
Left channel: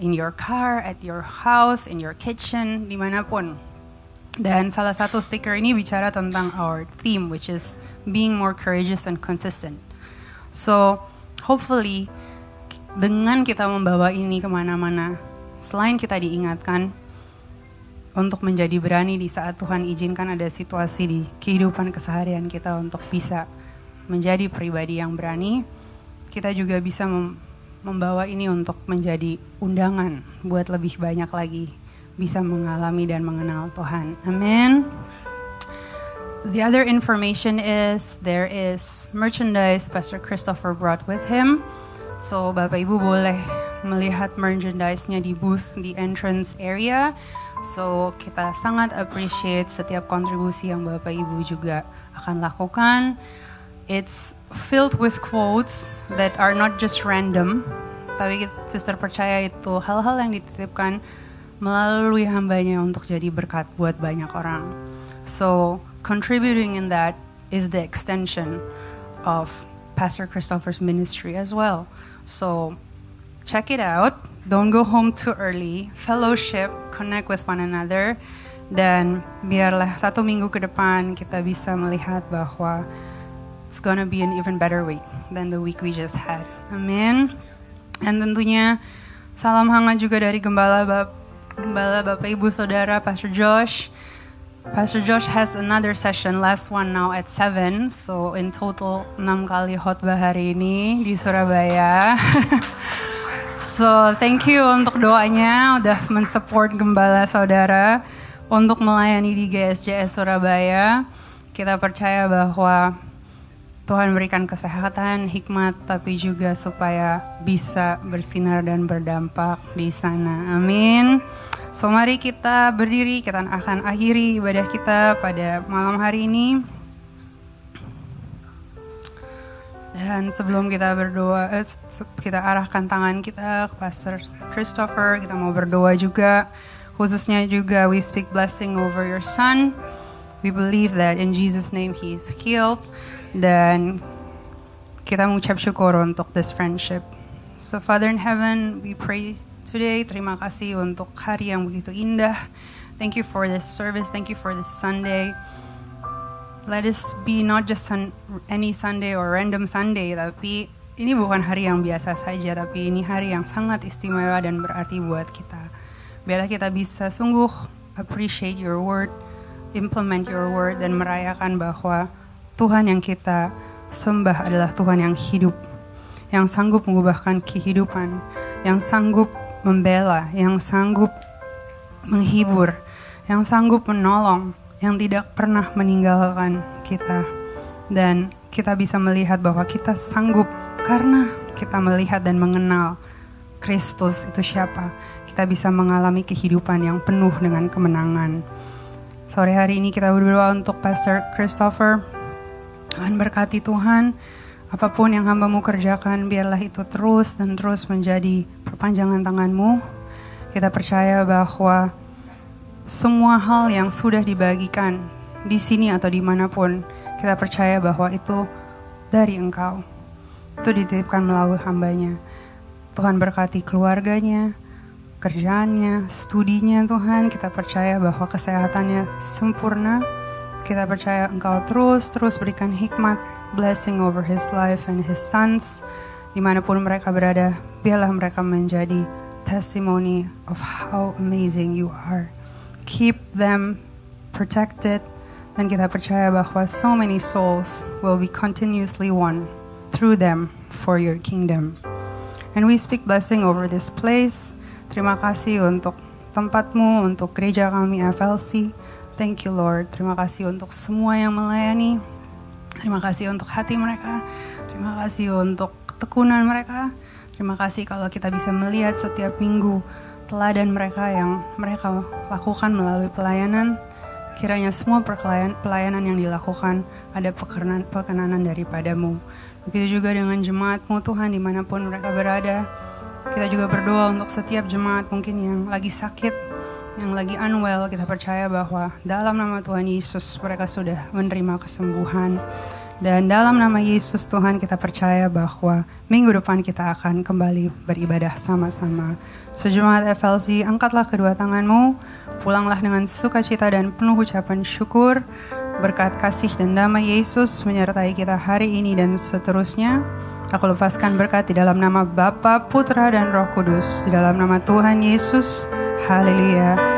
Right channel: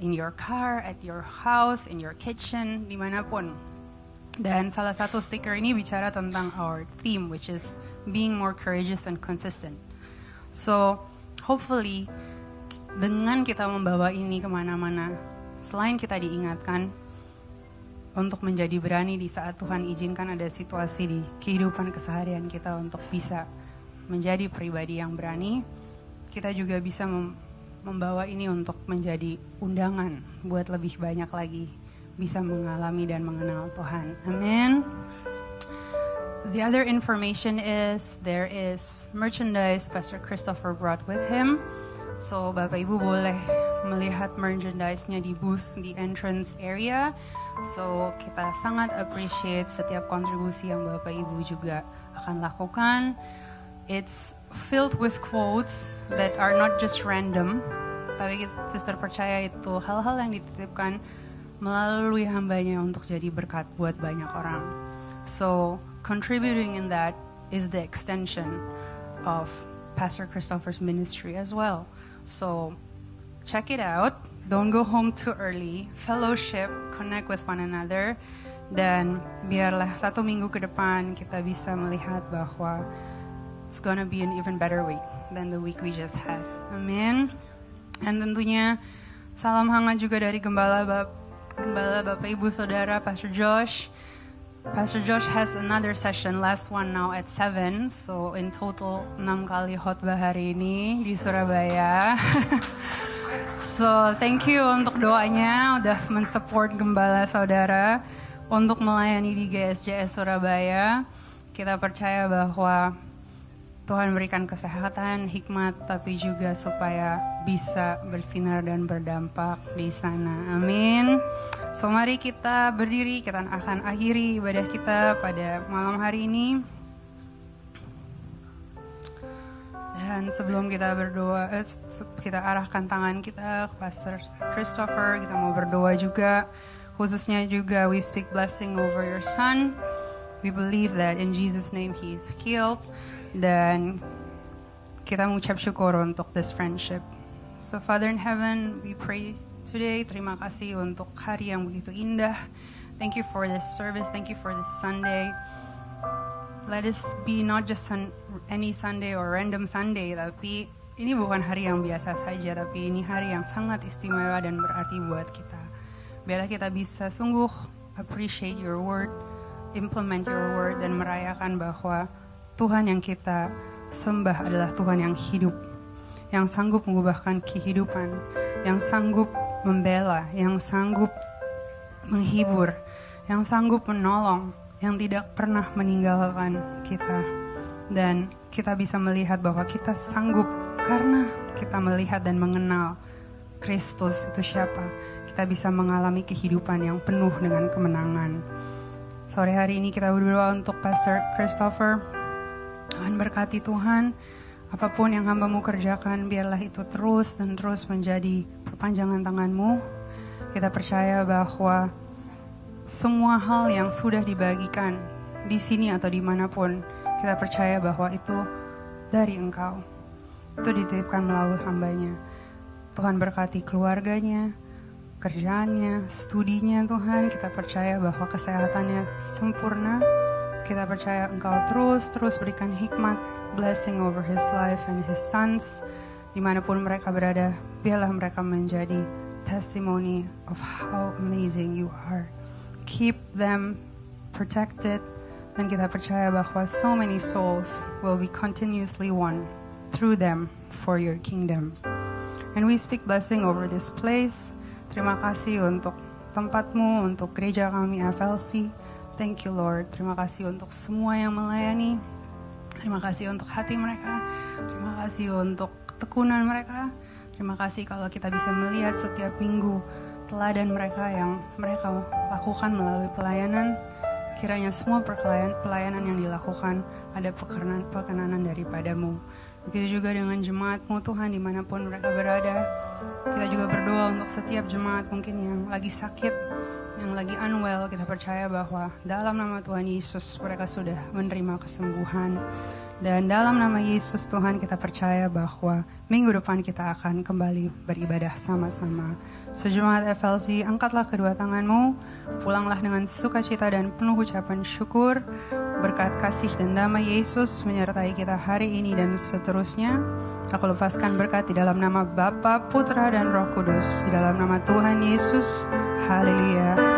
in your car, at your house, in your kitchen, dimanapun. Dan salah satu stiker ini bicara tentang our theme, which is being more courageous and consistent. So, hopefully, dengan kita membawa ini kemana-mana, selain kita diingatkan untuk menjadi berani di saat Tuhan izinkan ada situasi di kehidupan keseharian kita untuk bisa menjadi pribadi yang berani, kita juga bisa membawa ini untuk menjadi undangan buat lebih banyak lagi bisa mengalami dan mengenal Tuhan. Amin. The other information is there is merchandise Pastor Christopher brought with him. So Bapak Ibu boleh melihat merchandise-nya di booth di entrance area. So kita sangat appreciate setiap kontribusi yang Bapak Ibu juga akan lakukan. It's filled with quotes that are not just random, tapi sister percaya itu hal-hal yang dititipkan melalui hambanya untuk jadi berkat buat banyak orang. So contributing in that is the extension of Pastor Christopher's ministry as well. So check it out. Don't go home too early. Fellowship, connect with one another. Dan biarlah 1 minggu ke depan kita bisa melihat bahwa it's gonna be an even better week than the week we just had. Amin. Dan tentunya salam hangat juga dari Gembala Bapak Ibu Saudara Pastor Josh. Pastor Josh has another session, last one now at 7. So in total 6 kali khotbah hari ini di Surabaya. So thank you untuk doanya udah mensupport Gembala Saudara untuk melayani di GSJS Surabaya. Kita percaya bahwa Tuhan berikan kesehatan, hikmat, tapi juga supaya bisa bersinar dan berdampak di sana. Amin. So mari kita berdiri, kita akan akhiri ibadah kita pada malam hari ini. Dan sebelum kita berdoa, kita arahkan tangan kita ke Pastor Christopher. Kita mau berdoa juga, khususnya juga we speak blessing over your son. We believe that in Jesus' name he is healed. Dan kita mengucap syukur untuk this friendship. So Father in heaven, we pray today, terima kasih untuk hari yang begitu indah. Thank you for this service, thank you for this Sunday. Let us be not just any Sunday or random Sunday, tapi ini bukan hari yang biasa saja, tapi ini hari yang sangat istimewa dan berarti buat kita. Biarlah kita bisa sungguh appreciate your word, implement your word, dan merayakan bahwa Tuhan yang kita sembah adalah Tuhan yang hidup, yang sanggup mengubahkan kehidupan, yang sanggup membela, yang sanggup menghibur, yang sanggup menolong, yang tidak pernah meninggalkan kita. Dan kita bisa melihat bahwa kita sanggup karena kita melihat dan mengenal Kristus itu siapa. Kita bisa mengalami kehidupan yang penuh dengan kemenangan. Sore hari ini kita berdoa untuk Pastor Christopher. Tuhan berkati Tuhan, apapun yang hamba-Mu kerjakan, biarlah itu terus dan terus menjadi perpanjangan tangan-Mu. Kita percaya bahwa semua hal yang sudah dibagikan di sini atau dimanapun, kita percaya bahwa itu dari Engkau. Itu dititipkan melalui hamba-Nya. Tuhan berkati keluarganya, kerjaannya, studinya Tuhan. Kita percaya bahwa kesehatannya sempurna. Kita percaya Engkau terus berikan hikmat, blessing over his life and his sons. Dimanapun mereka berada, biarlah mereka menjadi testimony of how amazing you are. Keep them protected. Dan kita percaya bahwa so many souls will be continuously won through them for your kingdom. And we speak blessing over this place. Terima kasih untuk tempat-Mu, untuk gereja kami FLC. Thank you Lord. Terima kasih untuk semua yang melayani. Terima kasih untuk hati mereka. Terima kasih untuk ketekunan mereka. Terima kasih kalau kita bisa melihat setiap minggu teladan mereka yang mereka lakukan melalui pelayanan. Kiranya semua pelayanan yang dilakukan ada perkenanan daripada-Mu. Begitu juga dengan jemaat-Mu Tuhan dimanapun mereka berada. Kita juga berdoa untuk setiap jemaat mungkin yang lagi sakit, yang lagi unwell. Kita percaya bahwa dalam nama Tuhan Yesus mereka sudah menerima kesembuhan. Dan dalam nama Yesus Tuhan kita percaya bahwa minggu depan kita akan kembali beribadah sama-sama. Sejemaat FLC, angkatlah kedua tangan-Mu, pulanglah dengan sukacita dan penuh ucapan syukur. Berkat kasih dan damai Yesus menyertai kita hari ini dan seterusnya. Aku lepaskan berkat di dalam nama Bapa, Putra, dan Roh Kudus. Di dalam nama Tuhan Yesus. Haleluya.